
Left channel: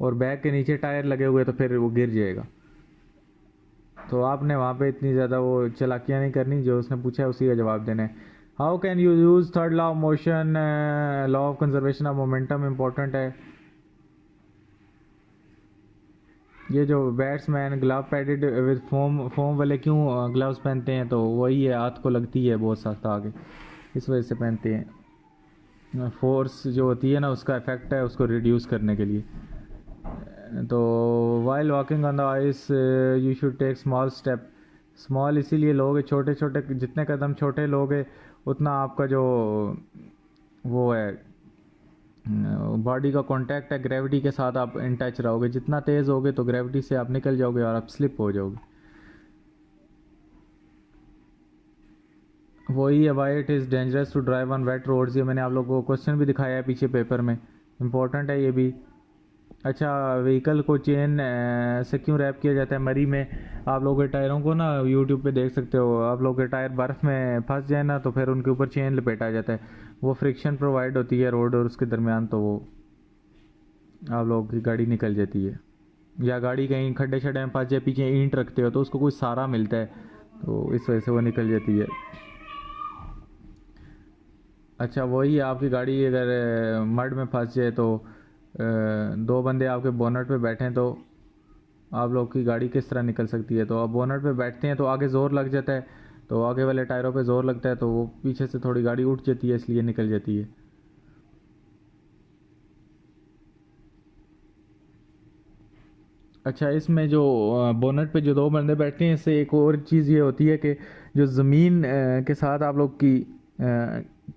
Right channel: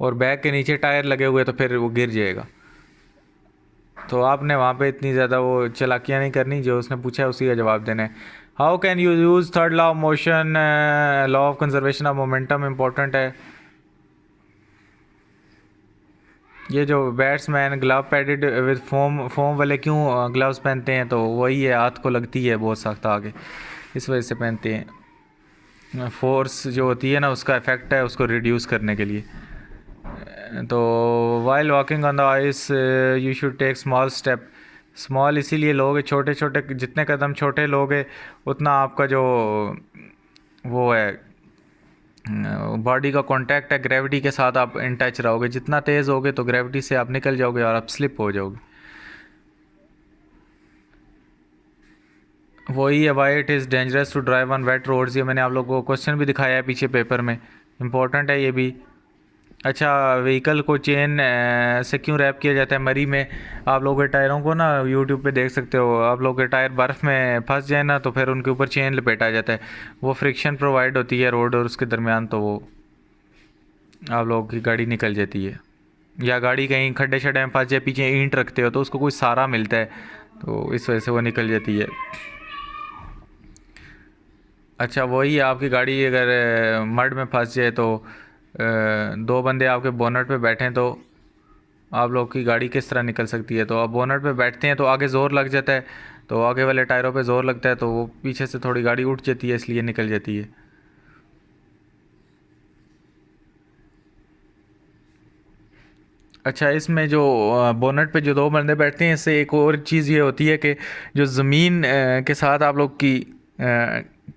और बैग के नीचे टायर लगे हुए तो फिर वो गिर जाएगा। तो आपने वहाँ पे इतनी ज़्यादा वो चालाकियाँ नहीं करनी, जो उसने पूछा है उसी का जवाब देना है। How can you use third law of motion, law of conservation of momentum important है। ये जो batsman glove padded with foam foam वाले क्यों ग्लव्स पहनते हैं, तो वही है, हाथ को लगती है बहुत सख्त आगे, इस वजह से पहनते हैं। फोर्स जो होती है ना उसका इफेक्ट है उसको रिड्यूस करने के लिए। तो while walking on the ice you should take small step. Small इसीलिए लोगे, छोटे छोटे जितने कदम छोटे लोगे उतना आपका जो वो है बॉडी का कांटेक्ट है ग्रेविटी के साथ, आप इन टच रहोगे। जितना तेज़ होगे तो ग्रेविटी से आप निकल जाओगे और आप स्लिप हो जाओगे। वही है, why it is dangerous to drive on wet roads. ये मैंने आप लोगों को क्वेश्चन भी दिखाया है पीछे पेपर में, इंपॉर्टेंट है ये भी। अच्छा, व्हीकल को चेन से क्यों रैप किया जाता है मरी में। आप लोगों के टायरों को ना यूट्यूब पे देख सकते हो, आप लोगों के टायर बर्फ़ में फंस जाए ना तो फिर उनके ऊपर चेन लपेटा जाता है। वो फ्रिक्शन प्रोवाइड होती है रोड और उसके दरमियान, तो वो आप लोगों की गाड़ी निकल जाती है। या गाड़ी कहीं खड्डे शड्डे में फंस जाए, पीछे ईंट रखते हो तो उसको कोई सहारा मिलता है, तो इस वजह से वो निकल जाती है। अच्छा, वही आपकी गाड़ी अगर मड में फंस जाए तो दो बंदे आपके बोनट पे बैठे हैं तो आप लोग की गाड़ी किस तरह निकल सकती है। तो आप बोनट पे बैठते हैं तो आगे ज़ोर लग जाता है, तो आगे वाले टायरों पे ज़ोर लगता है तो वो पीछे से थोड़ी गाड़ी उठ जाती है, इसलिए निकल जाती है। अच्छा, इसमें जो बोनट पे जो दो बंदे बैठते हैं, इससे एक और चीज़ ये होती है कि जो ज़मीन के साथ आप लोग की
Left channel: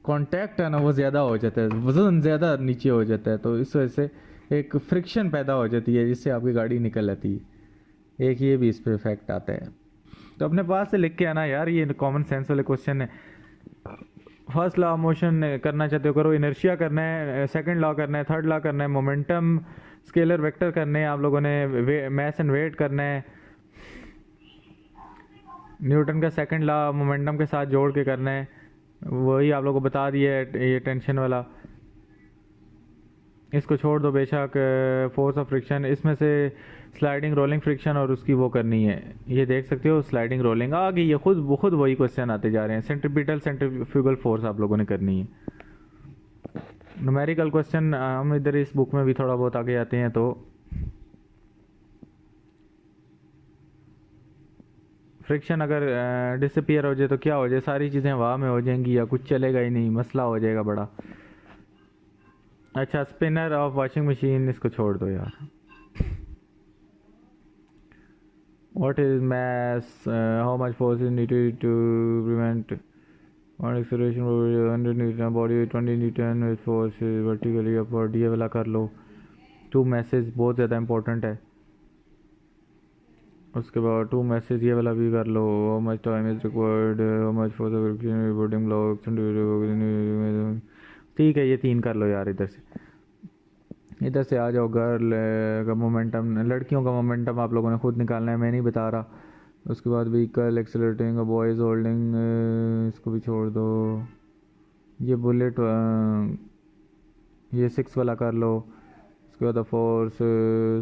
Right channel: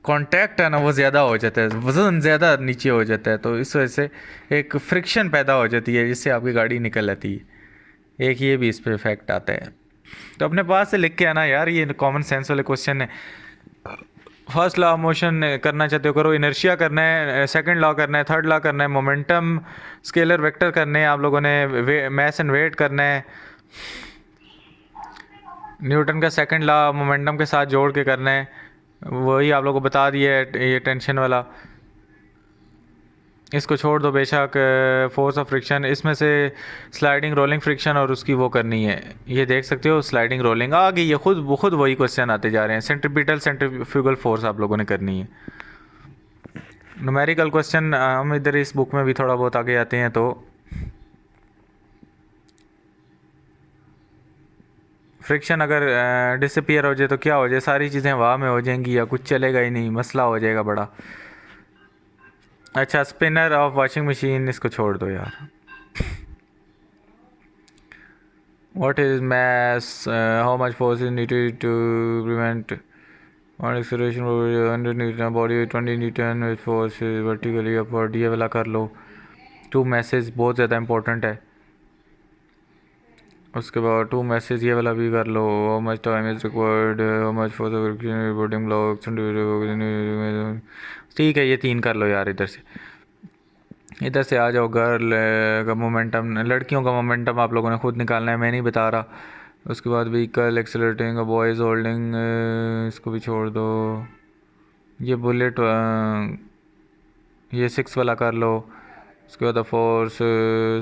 कांटेक्ट है ना वो ज़्यादा हो जाता है, वज़न ज़्यादा नीचे हो जाता है, तो इस वजह से एक फ्रिक्शन पैदा हो जाती है जिससे आपकी गाड़ी निकल आती है। एक ये भी इस पे इफेक्ट आता है। तो अपने पास से लिख के आना यार, ये कॉमन सेंस वाले क्वेश्चन है। फर्स्ट लॉ ऑफ मोशन करना चाहते हो करो, इनर्शिया करना है, सेकंड लॉ करना है, थर्ड लॉ करना है, मोमेंटम स्केलर वेक्टर करने हैं आप लोगों ने, मैस एंड वेट करना है, न्यूटन का सेकंड लॉ मोमेंटम के साथ जोड़ के करना है, वही आप लोगों को बता दिया है ये टेंशन वाला। इसको छोड़ दो बेशक, फोर्स ऑफ फ्रिक्शन, इसमें से स्लाइडिंग रोलिंग फ्रिक्शन और उसकी वो करनी है, ये देख सकते हो स्लाइडिंग रोलिंग आ गई, ये खुद वही क्वेश्चन आते जा रहे हैं। सेंट्रीपिटल सेंट्रीफ्यूगल फोर्स आप लोगों ने करनी है। न्यूमेरिकल क्वेश्चन हम इधर इस बुक में भी थोड़ा बहुत आगे आते हैं। तो फ्रिक्शन अगर डिसअपियर हो जाए तो क्या हो जाए, सारी चीज़ें हवा में हो जाएंगी या कुछ चलेगा ही नहीं, मसला हो जाएगा बड़ा। अच्छा, स्पिनर ऑफ वॉशिंग मशीन, इसको छोड़ दो यार। What is mass, how much force is needed to prevent on acceleration 100 newton body 20 newton with force vertically upward, ये वाला कर लो। टू मैसेज बहुत ज़्यादा इंपॉर्टेंट है। उसके बाद टू मैसेज ये वाला भी कर लो। How much time is required, how much for the reporting blogs. ठीक है, ये 3 कर लो यार। इधर से आ जाओ। गर्ल का मोमेंटम, लड़कियों का मोमेंटम आप लोगों ने खुद निकालना है, मैं नहीं बता रहा। उसके बाद व्हीकल एक्सेलरेटिंग, बॉयज़ होल्डिंग, इसको भी छोड़ दो। ये बुलेट, ये 6 वाला कर लो। उसके बाद force,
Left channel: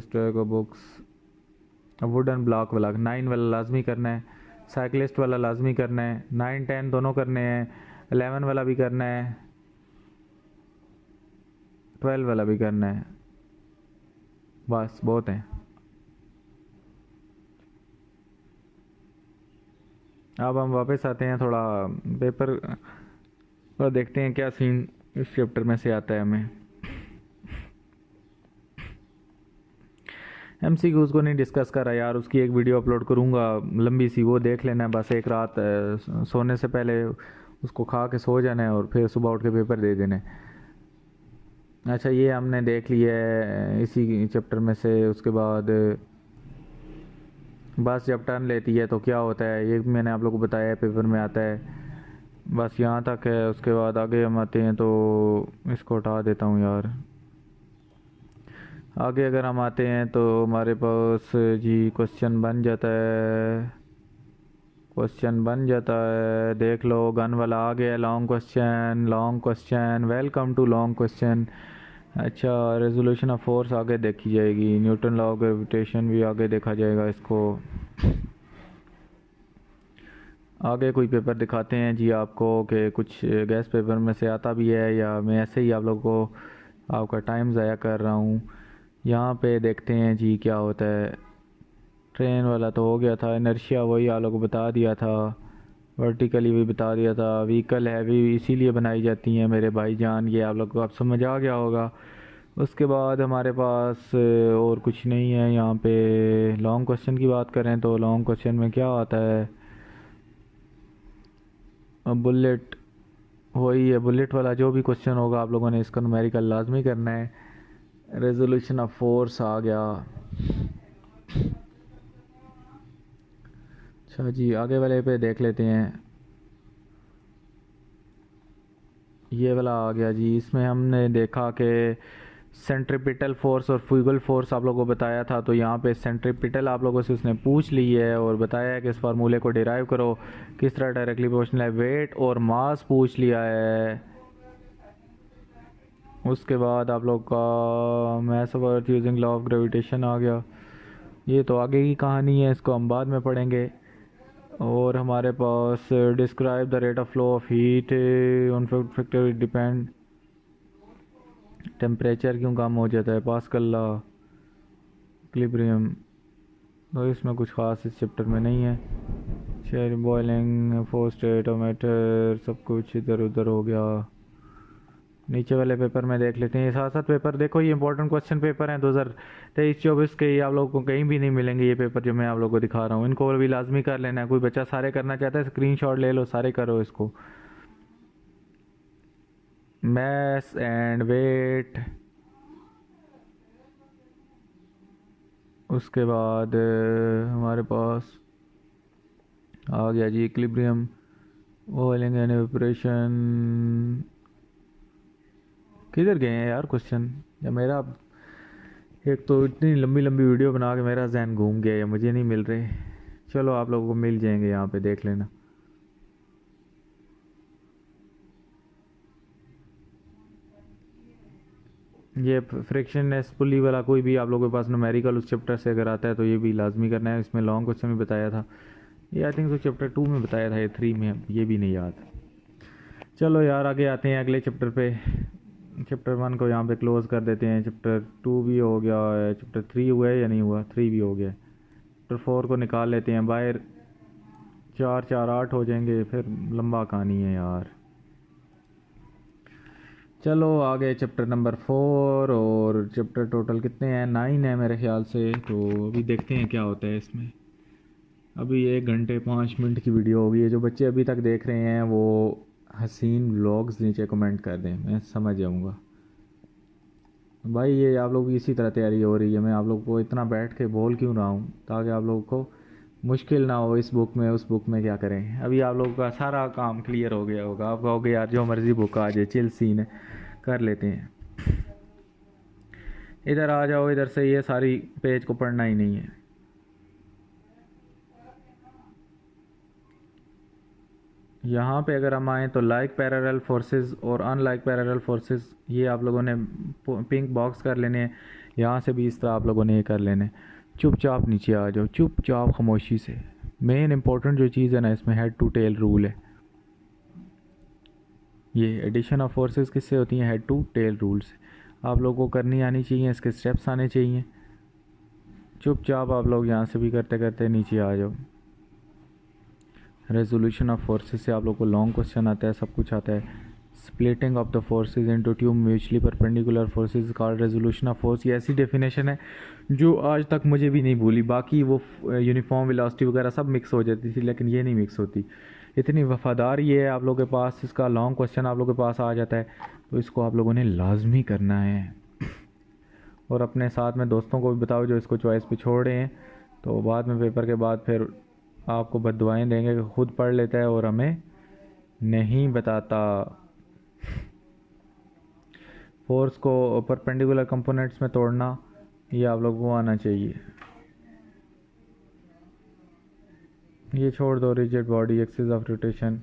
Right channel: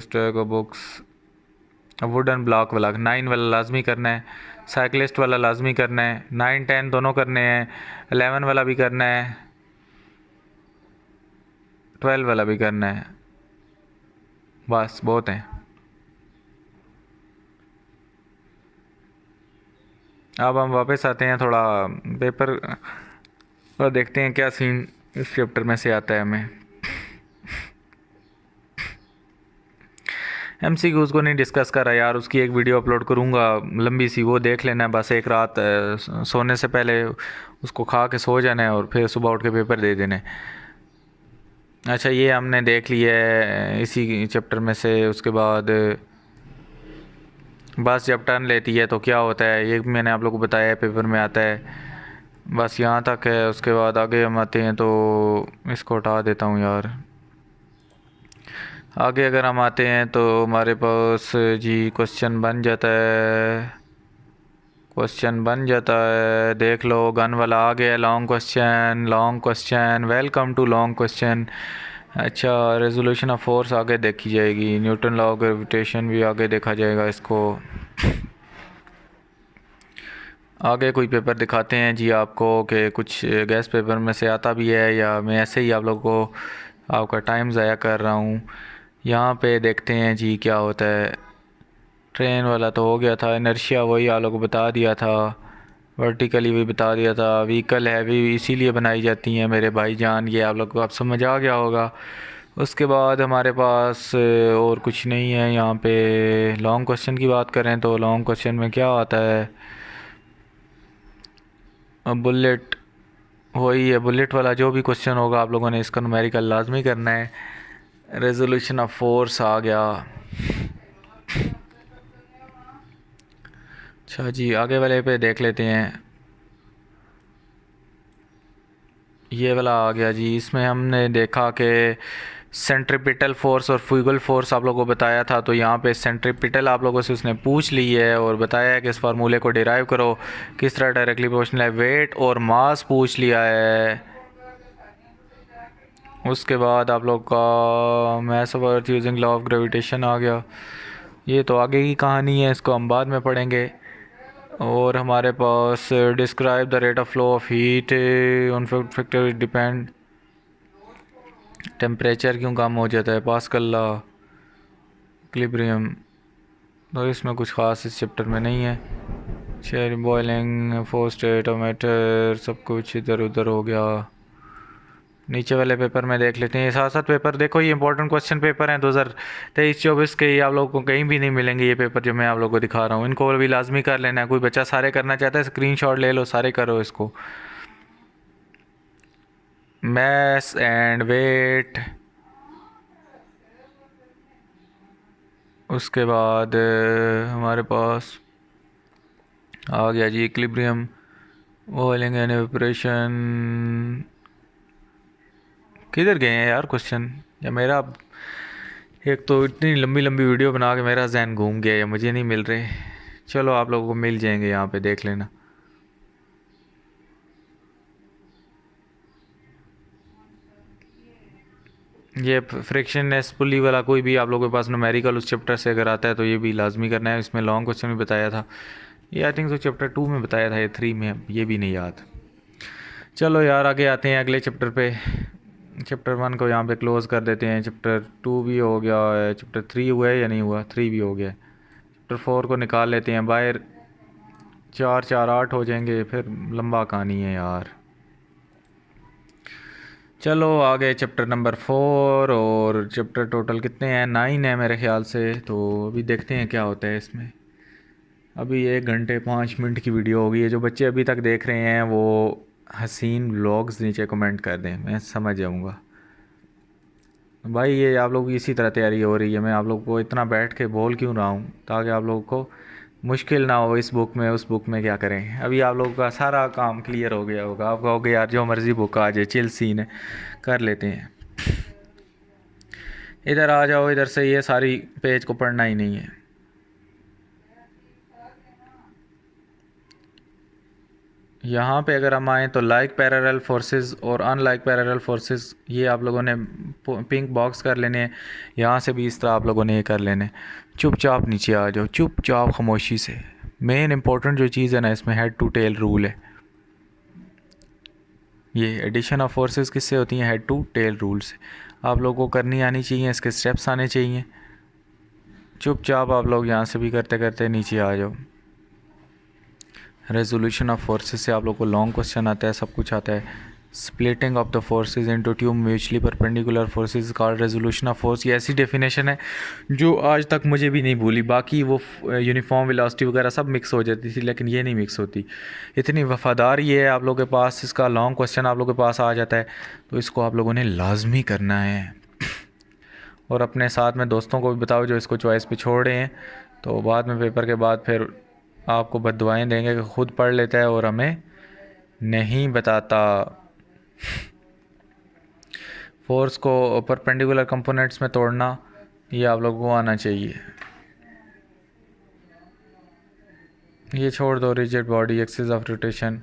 stack of books, wooden block वाला 9 वाला लाजमी करना है। साइकिलिस्ट वाला लाजमी करना है। 9 10 दोनों करने हैं। 11 वाला भी करना है, 12 वाला भी करना है। बस बहुत हैं। अब हम वापस आते हैं थोड़ा पेपर और देखते हैं क्या सीन इस चैप्टर में से आता है हमें। MCQs को नहीं डिस्कस कर रहा यार, उसकी एक वीडियो अपलोड करूँगा लंबी सी, वो देख लेना है बस एक रात। सोने से पहले उसको खा के सो जाना है और फिर सुबह उठ के पेपर दे देना है। अच्छा, ये हमने देख लिया है इसी चैप्टर में से। उसके बाद बस जब टर्न लेती है तो क्या होता है, ये मैंने आप लोगों को बताया है, पेपर में आता है। बस यहाँ तक है। उसके बाद आगे हम आते हैं, तो इसको हटा देता हूँ यार। आगे अगर हम आते हैं तो हमारे पास जी क्वेश्चन बन जाता है। देख लो, गन वाला आ गया। Long question, welcome to long question. अच्छा, रेजोल्यूशन ऑफ फोर्स आगे देखी जाएगी। न्यूटन लॉ ऑफ ग्रेविटेशन भी आगे देखा जाएगा। इसको आगे कोई पेपर दिखाते हैं जी आपको कि कुछ गैस पेपर में से आता भी है, या मैं ऐसे ही आप लोगों को आपका टाइम ज़ाया कर रहा हूँ। यहाँ पे देखते हैं जी क्या होता है। ट्रेन वाला तो हो गया था। इनर्शिया वही आप लोगों को बता दिया था। वर्टिकली भी बता दिया था। व्हीकल हैवी इसीलिए बनाई जाती हैं मेरे भाईजान, ये आप लोग को आप समझ आ गया होगा। उसके बाद हमारे पास और कुछ नहीं है यहाँ पे। लॉन्ग क्वेश्चन की बात करें तो लॉन्ग क्वेश्चन में क्या आता है, बुलेट वही है। बुलेट वाला जो भी क्वेश्चन होगा आप लोगों ने इसका न्यूमेरिकल लाजमी करना है। रेजोल्यूशन ऑफ फोर्स आ गया। अच्छा जी, आगे वाले पे देख लेते हैं। ये वाला आ गया जी। इसमें हमने देखा कि सेंट्रीपिटल फोर्स और फ्यूगल फोर्स आप लोगों को बताया था। तो यहाँ पे सेंट्रीपिटल आप लोगों से उसने पूछ ली है और बताया है कि इस फार्मूले को डिराइव करो किस तरह डायरेक्टली प्रोपोर्शनल है। वेट और मास पूछ लिया है। उसके बाद आप लोग का mass of earth using law of gravitation आ गया। ये तो आगे की कहानी है, इसको हम बाद में पढ़ेंगे। और हमारे पास describe the rate of flow of heat on factor depend, temperature क्यों कम हो जाता है, पास्कल लॉ, इक्विलिब्रियम। तो इसमें कुछ ख़ास इस चैप्टर में नहीं है। Share boiling, four state of matter, सब कुछ इधर उधर हो गया। नीचे वाले पेपर में देख लेते हैं। साथ साथ पेपर देखो, ये इंपॉर्टेंट क्वेश्चन पेपर हैं 2023-24 के। ये आप लोगों को कहीं भी नहीं मिलेंगे ये पेपर जो मैं आप लोगों को दिखा रहा हूँ। इनको भी लाजमी कर लेना है। कोई बच्चा सारे करना चाहता है स्क्रीनशॉट ले लो, सारे करो इसको। मैस एंड वेट, उसके बाद हमारे पास आ गया जी इक्विलिब्रियम, बॉइलिंग एंड इवेपोरेशन। किधर गए हैं यार क्वेश्चन, या मेरा एक तो इतनी लंबी लंबी वीडियो बना के मेरा जहन घूम गया, या मुझे नहीं मिल रहे। चलो आप लोगों को मिल जाएंगे, यहाँ पे देख लेना। ये फ्रिक्शनलेस पुली वाला कोई भी आप लोगों के पास न्यूमेरिकल उस चैप्टर से अगर आता है तो ये भी लाजमी करना है। इसमें लॉन्ग क्वेश्चन भी बताया था। ये आई थिंक तो चैप्टर 2 में बताया था, ये 3 में ये भी नहीं याद। चलो यार आगे आते हैं अगले चैप्टर पे। चैप्टर 1 को यहाँ पे क्लोज़ कर देते हैं। चैप्टर 2 भी हो गया है। चैप्टर 3 हुआ है या नहीं हुआ, 3 भी हो गया है। चैप्टर 4 को निकाल लेते हैं बाहर। 4 4 8 हो जाएंगे, फिर लंबा कहानी है यार। चलो आगे चैप्टर नंबर 4, और चैप्टर टोटल कितने हैं, 9 है मेरे ख्याल से। तो अभी देखते हैं क्या होता है इसमें। अभी 1 घंटे 5 मिनट की वीडियो होगी है। जो बच्चे अभी तक देख रहे हैं वो हसीन व्लॉग्स नीचे कमेंट कर दें, मैं समझ जाऊँगा। भाई ये आप लोगों की इसी तरह तैयारी हो रही है, मैं आप लोग को इतना बैठ के बोल क्यों रहा हूँ, ताकि आप लोगों को मुश्किल ना हो इस बुक में उस बुक में क्या करें। अभी आप लोगों का सारा काम क्लियर हो गया होगा, आप कहोगे यार जो मर्ज़ी बुक आ जाए, चिल सीन है, कर लेते हैं। इधर आ जाओ, इधर से ये सारी पेज को पढ़ना ही नहीं है। यहाँ पे अगर हम आएँ तो लाइक पैरेलल फोर्सेस और अनलाइक पैरेलल फोर्सेस, ये आप लोगों ने पिंक बॉक्स कर लेने हैं। यहाँ से भी इस तरह आप लोगों ने ये कर लेने। चुपचाप नीचे आ जाओ, चुपचाप खामोशी से। मेन इंपॉर्टेंट जो चीज़ है ना इसमें, हेड टू टेल रूल है। ये एडिशन ऑफ फोर्सेस किससे होती हैं? हेड टू टेल रूल से। आप लोगों को करनी आनी चाहिए, इसके स्टेप्स आने चाहिए। चुपचाप आप लोग यहाँ से भी करते करते नीचे आ जाओ। रेजोल्यूशन ऑफ फोर्सेस से आप लोग को लॉन्ग क्वेश्चन आता है, सब कुछ आता है। Splitting of the forces into two mutually perpendicular forces called resolution of force. ये ऐसी डेफिनेशन है जो आज तक मुझे भी नहीं भूली। बाकी वो यूनिफॉर्म वेलोसिटी वगैरह सब मिक्स हो जाती थी, लेकिन ये नहीं मिक्स होती। इतनी वफादार ये है आप लोगों के पास, इसका लॉन्ग क्वेश्चन आप लोगों के पास आ जाता है, तो इसको आप लोगों ने लाजमी करना है। और अपने साथ में दोस्तों को भी बताओ जो इसको चॉइस पे छोड़ रहे हैं, तो बाद में पेपर के बाद फिर आपको बददुआएं देंगे कि खुद पढ़ लेता है और हमें नहीं बताता। फोर्स को परपेंडिकुलर कंपोनेंट्स में तोड़ना, ये आप लोगों को आना चाहिए। ये छोड़ दो, rigid body, axis of rotation,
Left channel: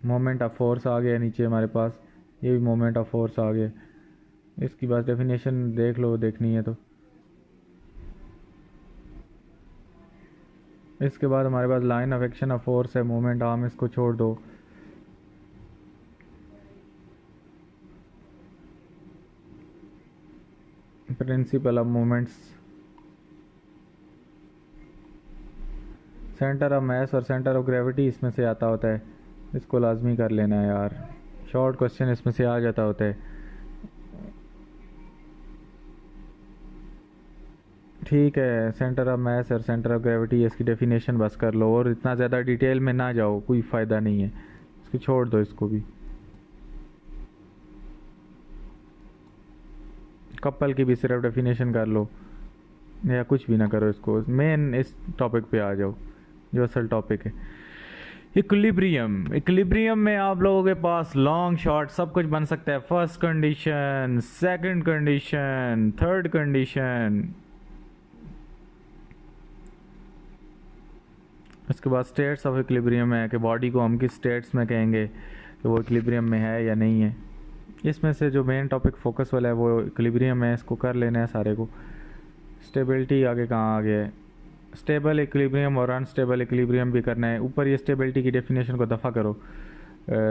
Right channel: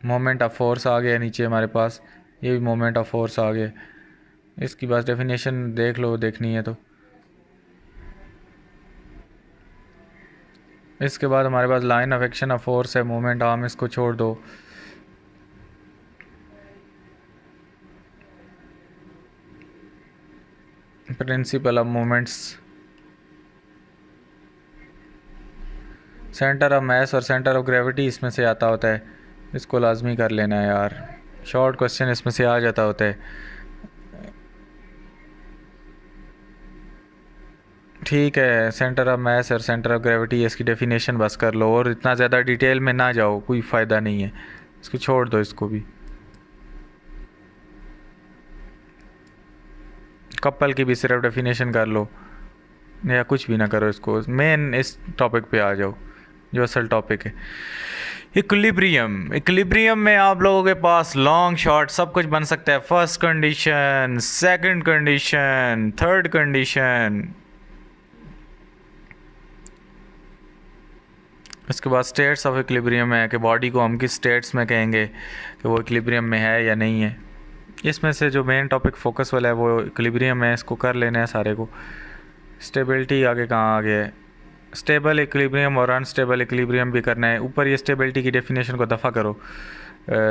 moment of force आ गया नीचे हमारे पास, ये भी मोमेंट ऑफ फोर्स आ गया। इसकी बस डेफिनेशन देख लो, देखनी है तो। इसके बाद हमारे पास line of action of force है, मोमेंट आर्म, इसको छोड़ दो। Principle of moments, centre of mass और सेंटर ऑफ ग्रेविटी इसमें से आता होता है, इसको लाजमी कर लेना है यार। शॉर्ट क्वेश्चन इसमें से आ जाता होता है। ठीक है, सेंटर ऑफ मास और सेंटर ऑफ ग्रेविटी, इसकी डेफिनेशन बस कर लो, और इतना ज़्यादा डिटेल में ना जाओ, कोई फ़ायदा नहीं है, इसको छोड़ दो। इसको भी कपल की भी सिर्फ डेफिनेशन कर लो, या कुछ भी ना करो, इसको मेन इस टॉपिक पे आ जाओ जो असल टॉपिक है। इक्विलिब्रियम, इक्विलिब्रियम में आप लोगों के पास लॉन्ग शॉर्ट सब कुछ बन सकता है। First condition, second condition, third condition. इसके बाद स्टेट्स ऑफ इक्विलिब्रियम है कि बॉडी को हम किस स्टेट्स में कहेंगे कि वो इक्विलिब्रियम में है या नहीं है। इसमें से जो मेन टॉपिक फोकस वाला है वो इक्विलिब्रियम है, इसको कर लेना है सारे को। स्टेबिलिटी आगे कहाँ आ गया है? स्टेबल इक्विलिब्रियम और अनस्टेबल इक्विलिब्रियम भी करना है। ऊपर ये स्टेबिलिटी की डेफिनेशन को दफ़ा करो।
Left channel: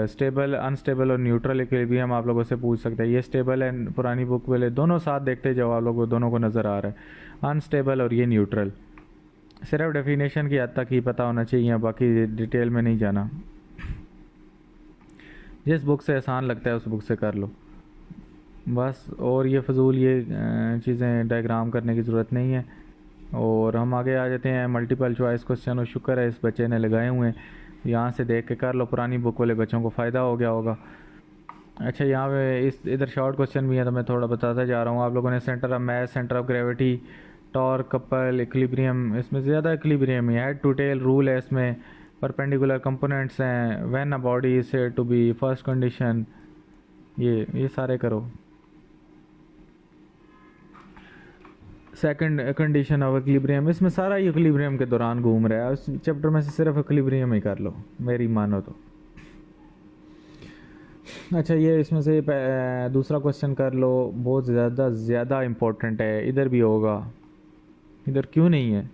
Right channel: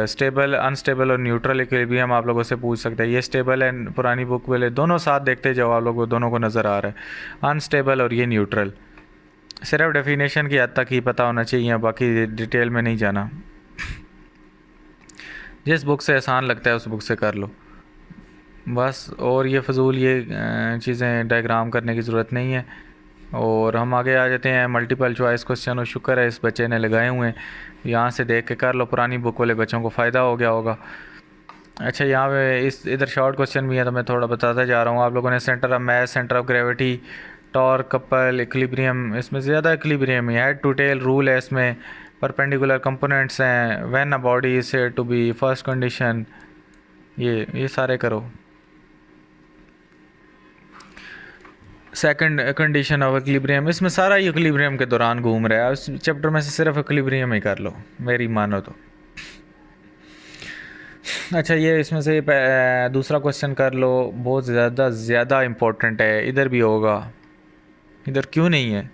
स्टेबल, अनस्टेबल और न्यूट्रल इक्विलिब्रियम आप लोगों से पूछ सकते हैं। ये स्टेबल है, पुरानी बुक वाले दोनों साथ देखते जाओ, आप लोगों को दोनों को नज़र आ रहा है, अनस्टेबल और ये न्यूट्रल। सिर्फ डेफिनेशन की हद तक ही पता होना चाहिए, बाकी डिटेल में नहीं जाना। जिस बुक से आसान लगता है उस बुक से कर लो बस। और ये फजूल ये चीज़ें डायग्राम करने की ज़रूरत नहीं है। और हम आगे आ जाते हैं मल्टीपल चॉइस क्वेश्चन, और शुक्र है इस बच्चे ने लगाए हुए हैं, यहाँ से देख के कर लो, पुरानी बुक वाले बच्चों को फ़ायदा हो गया होगा। अच्छा, यहाँ पे इस इधर शॉर्ट क्वेश्चन भी है तो मैं थोड़ा बताता जा रहा हूँ। आप लोगों ने centre of mass, centre of gravity, torque, couple, equilibrium, इसमें ज़्यादा इक्विलिब्रियम है। हेड टू टेल रूल है इसमें, परपेंडिकुलर कंपोनेंट्स हैं, when a body is said to be, first condition, ये सारे करो। सेकंड कंडीशन ऑफ इक्विलिब्रियम, इसमें सारा इक्विलिब्रियम के दौरान घूम रहा है। इस चैप्टर में से सिर्फ इक्विलिब्रियम ही कर लो, मेरी मानो तो। अच्छा, ये इसमें से दूसरा क्वेश्चन कर लो, बहुत ज़्यादा इम्पोर्टेंट है, इधर भी होगा, इधर क्यों नहीं है?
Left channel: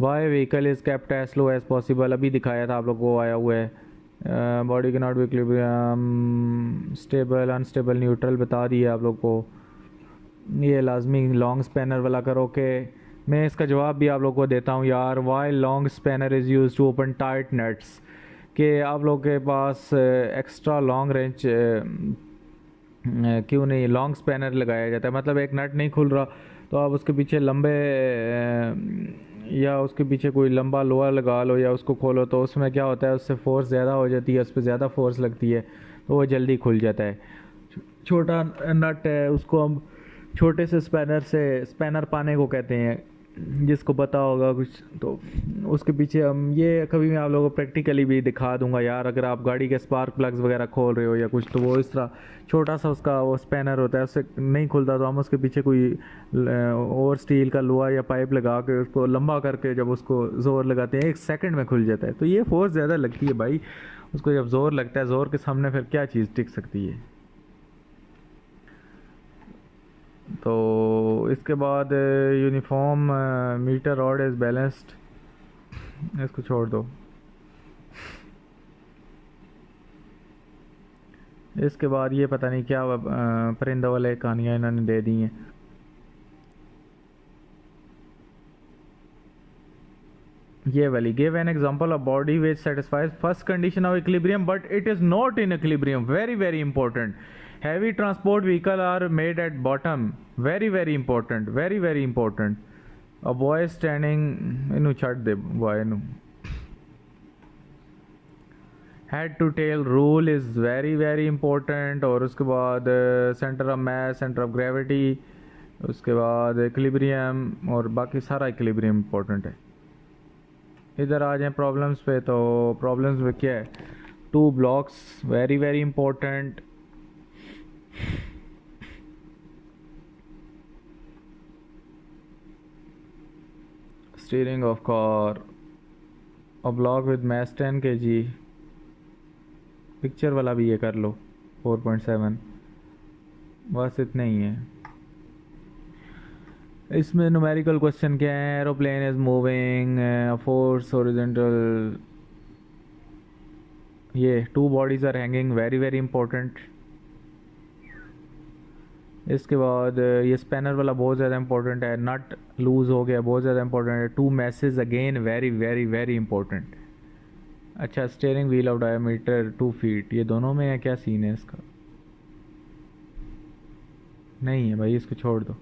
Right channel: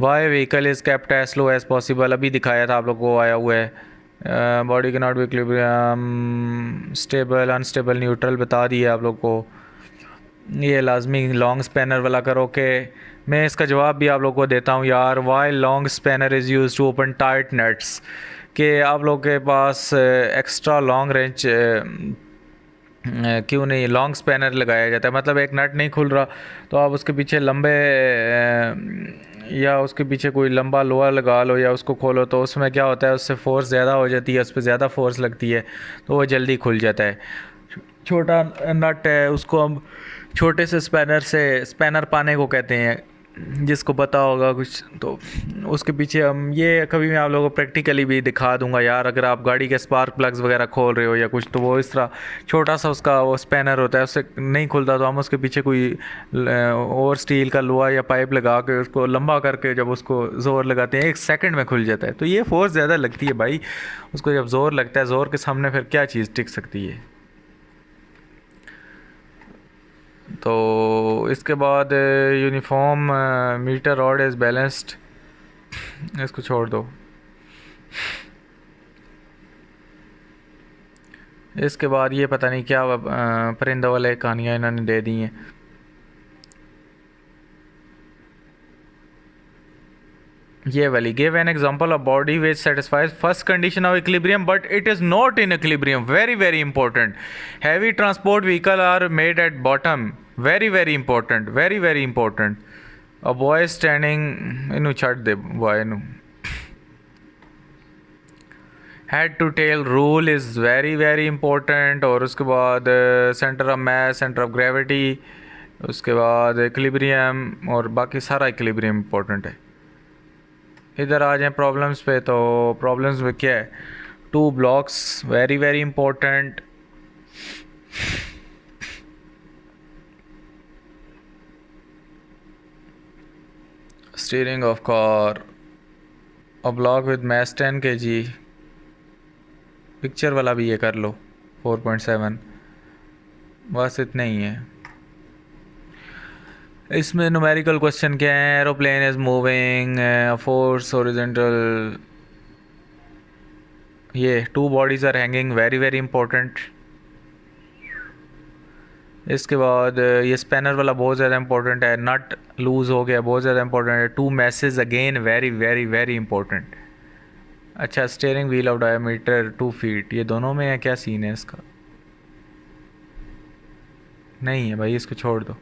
Why vehicle is kept as slow as possible, अभी दिखाया था आप लोग को, आया हुआ है। बॉडी के not be equilibrium, stable, unstable, neutral बता दिया आप लोग को। ये लाजमी लॉन्ग स्पैनर वाला करो कि मैं इसका जवाब भी आप लोग को देता हूँ यार। Why long spanner is use to open tight nuts, कि आप लोग के पास एक्स्ट्रा लॉन्ग रेंज क्यों नहीं लॉन्ग स्पैनर लगाया जाता है। मतलब एक नट नहीं खुल रहा तो आप उसके पीछे लंबे या उसके पीछे कोई लंबा लोहा लगा लो या उसको खोलो, तो उसमें क्या होता है, उससे फोर्स ज़्यादा हो जाती है, उस पर ज़्यादा फोर्स लगती है तो वो जल्दी खुल जाता है। छोटा नट है उसको हम छोटे से स्पैनर पाने को कहते हैं, जिसको पता होगा कुछ तो उसके पीछे हम ये कभी मैं आप लोगों को प्रैक्टिकली भी दिखा दूंगा यार। अगर आप गाड़ी के स्पार्क प्लग्स वगैरह खोल रहे हो या कुछ, तो वो इस तरह छोटा सा उसका वो स्पैनर होता है, उससे नहीं खुलता तो हम उसके पीछे कोई और स्टील का लोहा या पाइप लगा के उसको लंबा करके जब उसको ज़ोर लगाते हैं 1 सेकंड में खुल जाता है। तो ये फोर्स ज़्यादा लगती है भाई, उसको जब ज़ोर लगता है, ज़ोर के सामने फिर क्या चीज़ टिक सकती है। तो इसके बाद uniform metre rod is balanced, इसको छोड़ दो। इसके बाद ये पता नहीं क्या परिंदों वाले कहानियाँ इन्होंने दे दी हैं। ये वाली give an example of body which satisfies first condition of equilibrium but it is not in equilibrium, very very important. Heavy transport vehicle are made at bottom, very very important, very very important. A boy standing, इनू छड़ दे boy नू। Head to tail rule is very very important. और उसके बाद centre of mass, centre of gravity, उसके बाद equilibrium और बाकी सारा इक्विलिब्रियम इंपॉर्टेंट है। इधर आ जाएं प्रॉब्लम्स पे, तो प्रॉब्लम्स में क्या है, 2 blocks very very important. Steering of car, a block with mass 10 kg, picture वाला भी ये कर लो 4.7, बस इतना ही है। इसमें न्यूमेरिकल क्वेश्चन क्या है, aeroplane is moving force horizontal, ये 2 bodies are hanging, very very important. इसके बाद ये स्पैनर वाला बहुत ज़्यादा इंपॉर्टेंट है, नट लूज़ हो गया बहुत ज़्यादा इंपॉर्टेंट है। 2 message again very very very important. अच्छा, steering wheel of diameter 2 feet, ये दोनों में है, क्या सीन है इसका? नहीं है भाई, इसको छोड़ दो।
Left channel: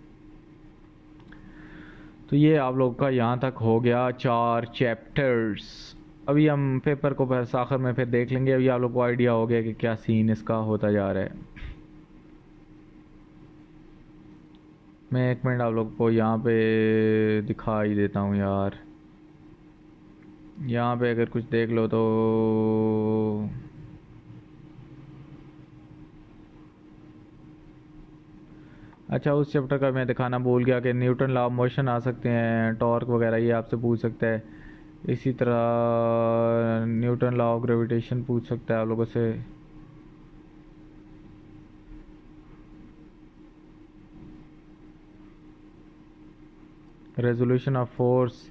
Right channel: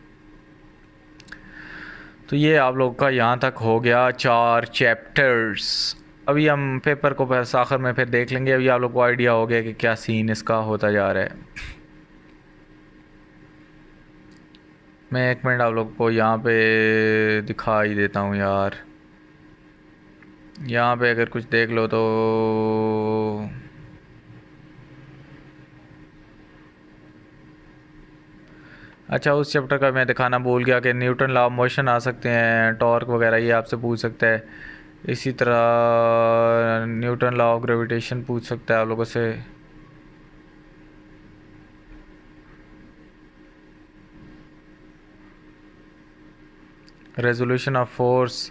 तो ये आप लोग का यहाँ तक हो गया 4 चैप्टर्स। अभी हम पेपर को आखिर में फिर देख लेंगे। अभी आप लोग को आइडिया हो गया कि क्या सीन इसका होता जा रहा है। मैं 1 मिनट आप लोग को यहाँ पे दिखा ही देता हूँ यार। यहाँ पे अगर कुछ देख लो तो अच्छा, उस चैप्टर का मैं दिखाना भूल गया कि न्यूटन लॉ ऑफ मोशन आ सकते हैं, टॉर्क वगैरह ये आपसे पूछ सकता है। इसी तरह न्यूटन लॉ ऑफ ग्रेविटेशन पूछ सकता है आप लोगों से। Resolution of force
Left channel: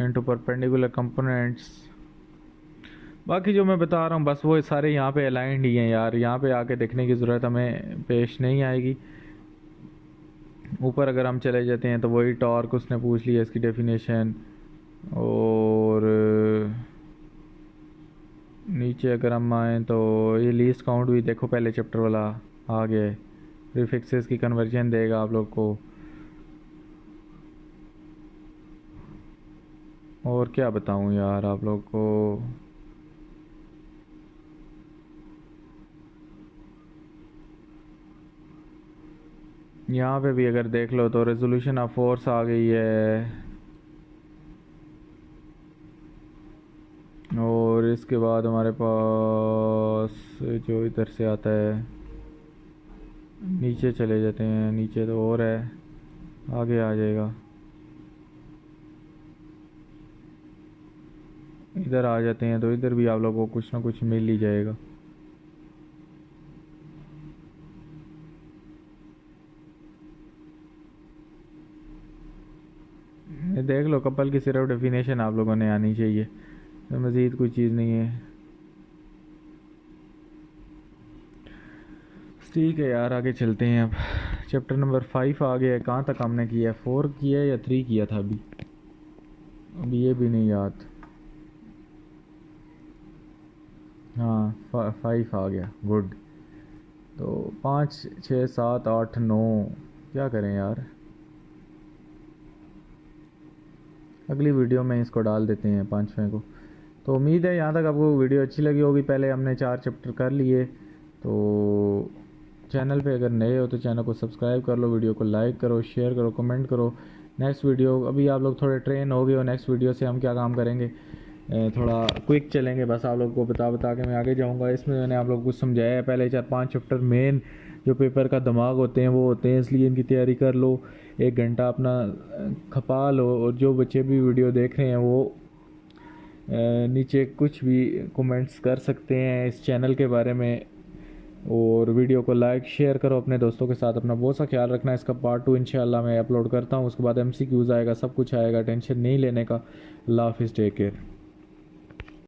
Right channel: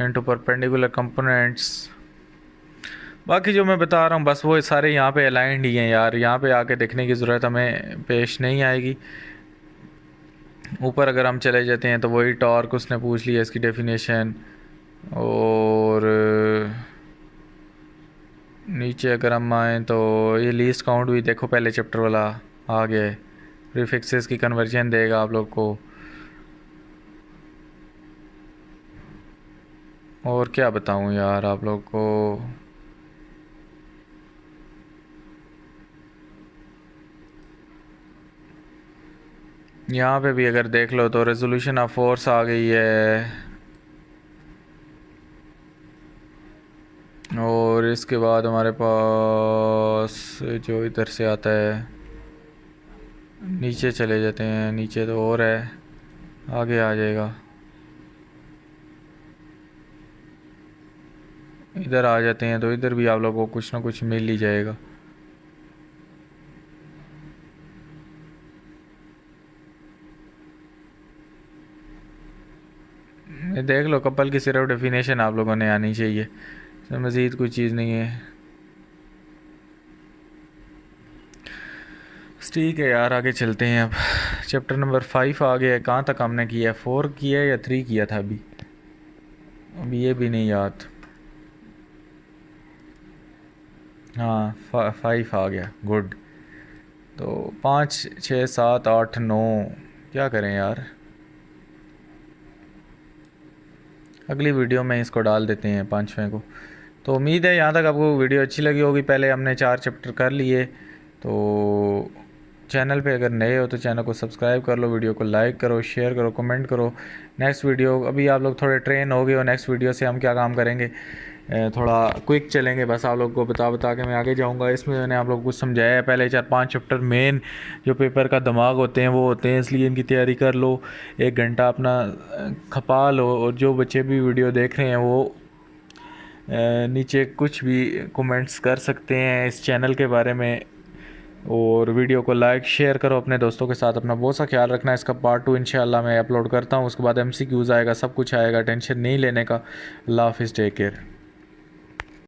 into perpendicular components. बाकी जो मैं बता रहा हूँ बस वो सारे यहाँ पे अलाइंड ही हैं यार, यहाँ पे आके देखने की ज़रूरत हमें पेश नहीं आएगी। ऊपर अगर हम चले जाते हैं तो वही टॉर्क उसने पूछ लिया, इसकी डेफिनेशन। और नीचे अगर हम आए तो ये लीस्ट काउंट भी देखो, पहले चैप्टर वाला आ गया। प्रीफिक्सेस की कन्वर्जन देगा आप लोग को। और क्या बताऊं यार आप लोग को, यहाँ पे भी अगर देख लो तो रेजोल्यूशन ऑफ फोर्स आ गई है। और इसके बाद हमारे पास जो इधर से आता है, नीचे चले जाते हैं, नीचे तो और है, आगे आ जाएगा। इधर आ जाते हैं तो इधर भी आप लोगों को कुछ ना कुछ मिल ही जाएगा। ये देख लो, कपल की सिर्फ डेफिनेशन आप लोगों ने आनी चाहिए, इसमें मज़ीद कोई चीज़ नहीं है। ठीक है यार, आगे चलते हैं। अब चैप्टर नंबर 5 आ गया है। कहाँ तक हमने किया, 4 किया या 3 किया था अभी ये भी नहीं याद। हाँ 5 आ गया, गुड। तो 5 6 7 8 9 क्या करें यार, अगली वीडियो में इसको डाल देते हैं 5वें को। तो उम्मीद है यहाँ तक आपको वीडियो अच्छी लगी होगी। पहले हमने 4 चैप्टर कर लिए, तो चैनल पे अगर नए हो तो चैनल को सब्सक्राइब कर लो, वीडियो को लाइक करो, शेयर करो, कमेंट करो। नेक्स्ट वीडियो अभी आप लोग थोड़े ट्रेन हो गए हो, नेक्स्ट वीडियो से हम क्या काम करेंगे, थोड़ा क्विक चलेंगे, बस आप लोग को बता के मैं आगे जाऊंगा। इसमें मैंने आप लोग को कुछ समझाया है, पहले 4-5 चैप्टर मेन जो पेपर का दिमाग होते हैं वो होते हैं, इसलिए इनकी तैयारी कर लो, 1 घंटा अपना खपा लो। और जो बच्चे भी वीडियो देख रहे हैं वो नीचे कुछ भी कमेंट्स कर सकते हैं इस चैनल के बारे में, और वीडियो को लाइक शेयर करो अपने दोस्तों के साथ। अपना बहुत सा ख्याल रखना। इसका पार्ट 2 इंशाल्लाह मैं अपलोड करता हूँ, उसके बाद MCQs आएगा, सब कुछ आएगा, टेंशन नहीं लेने का। अल्लाह हाफिज़, टेक केयर।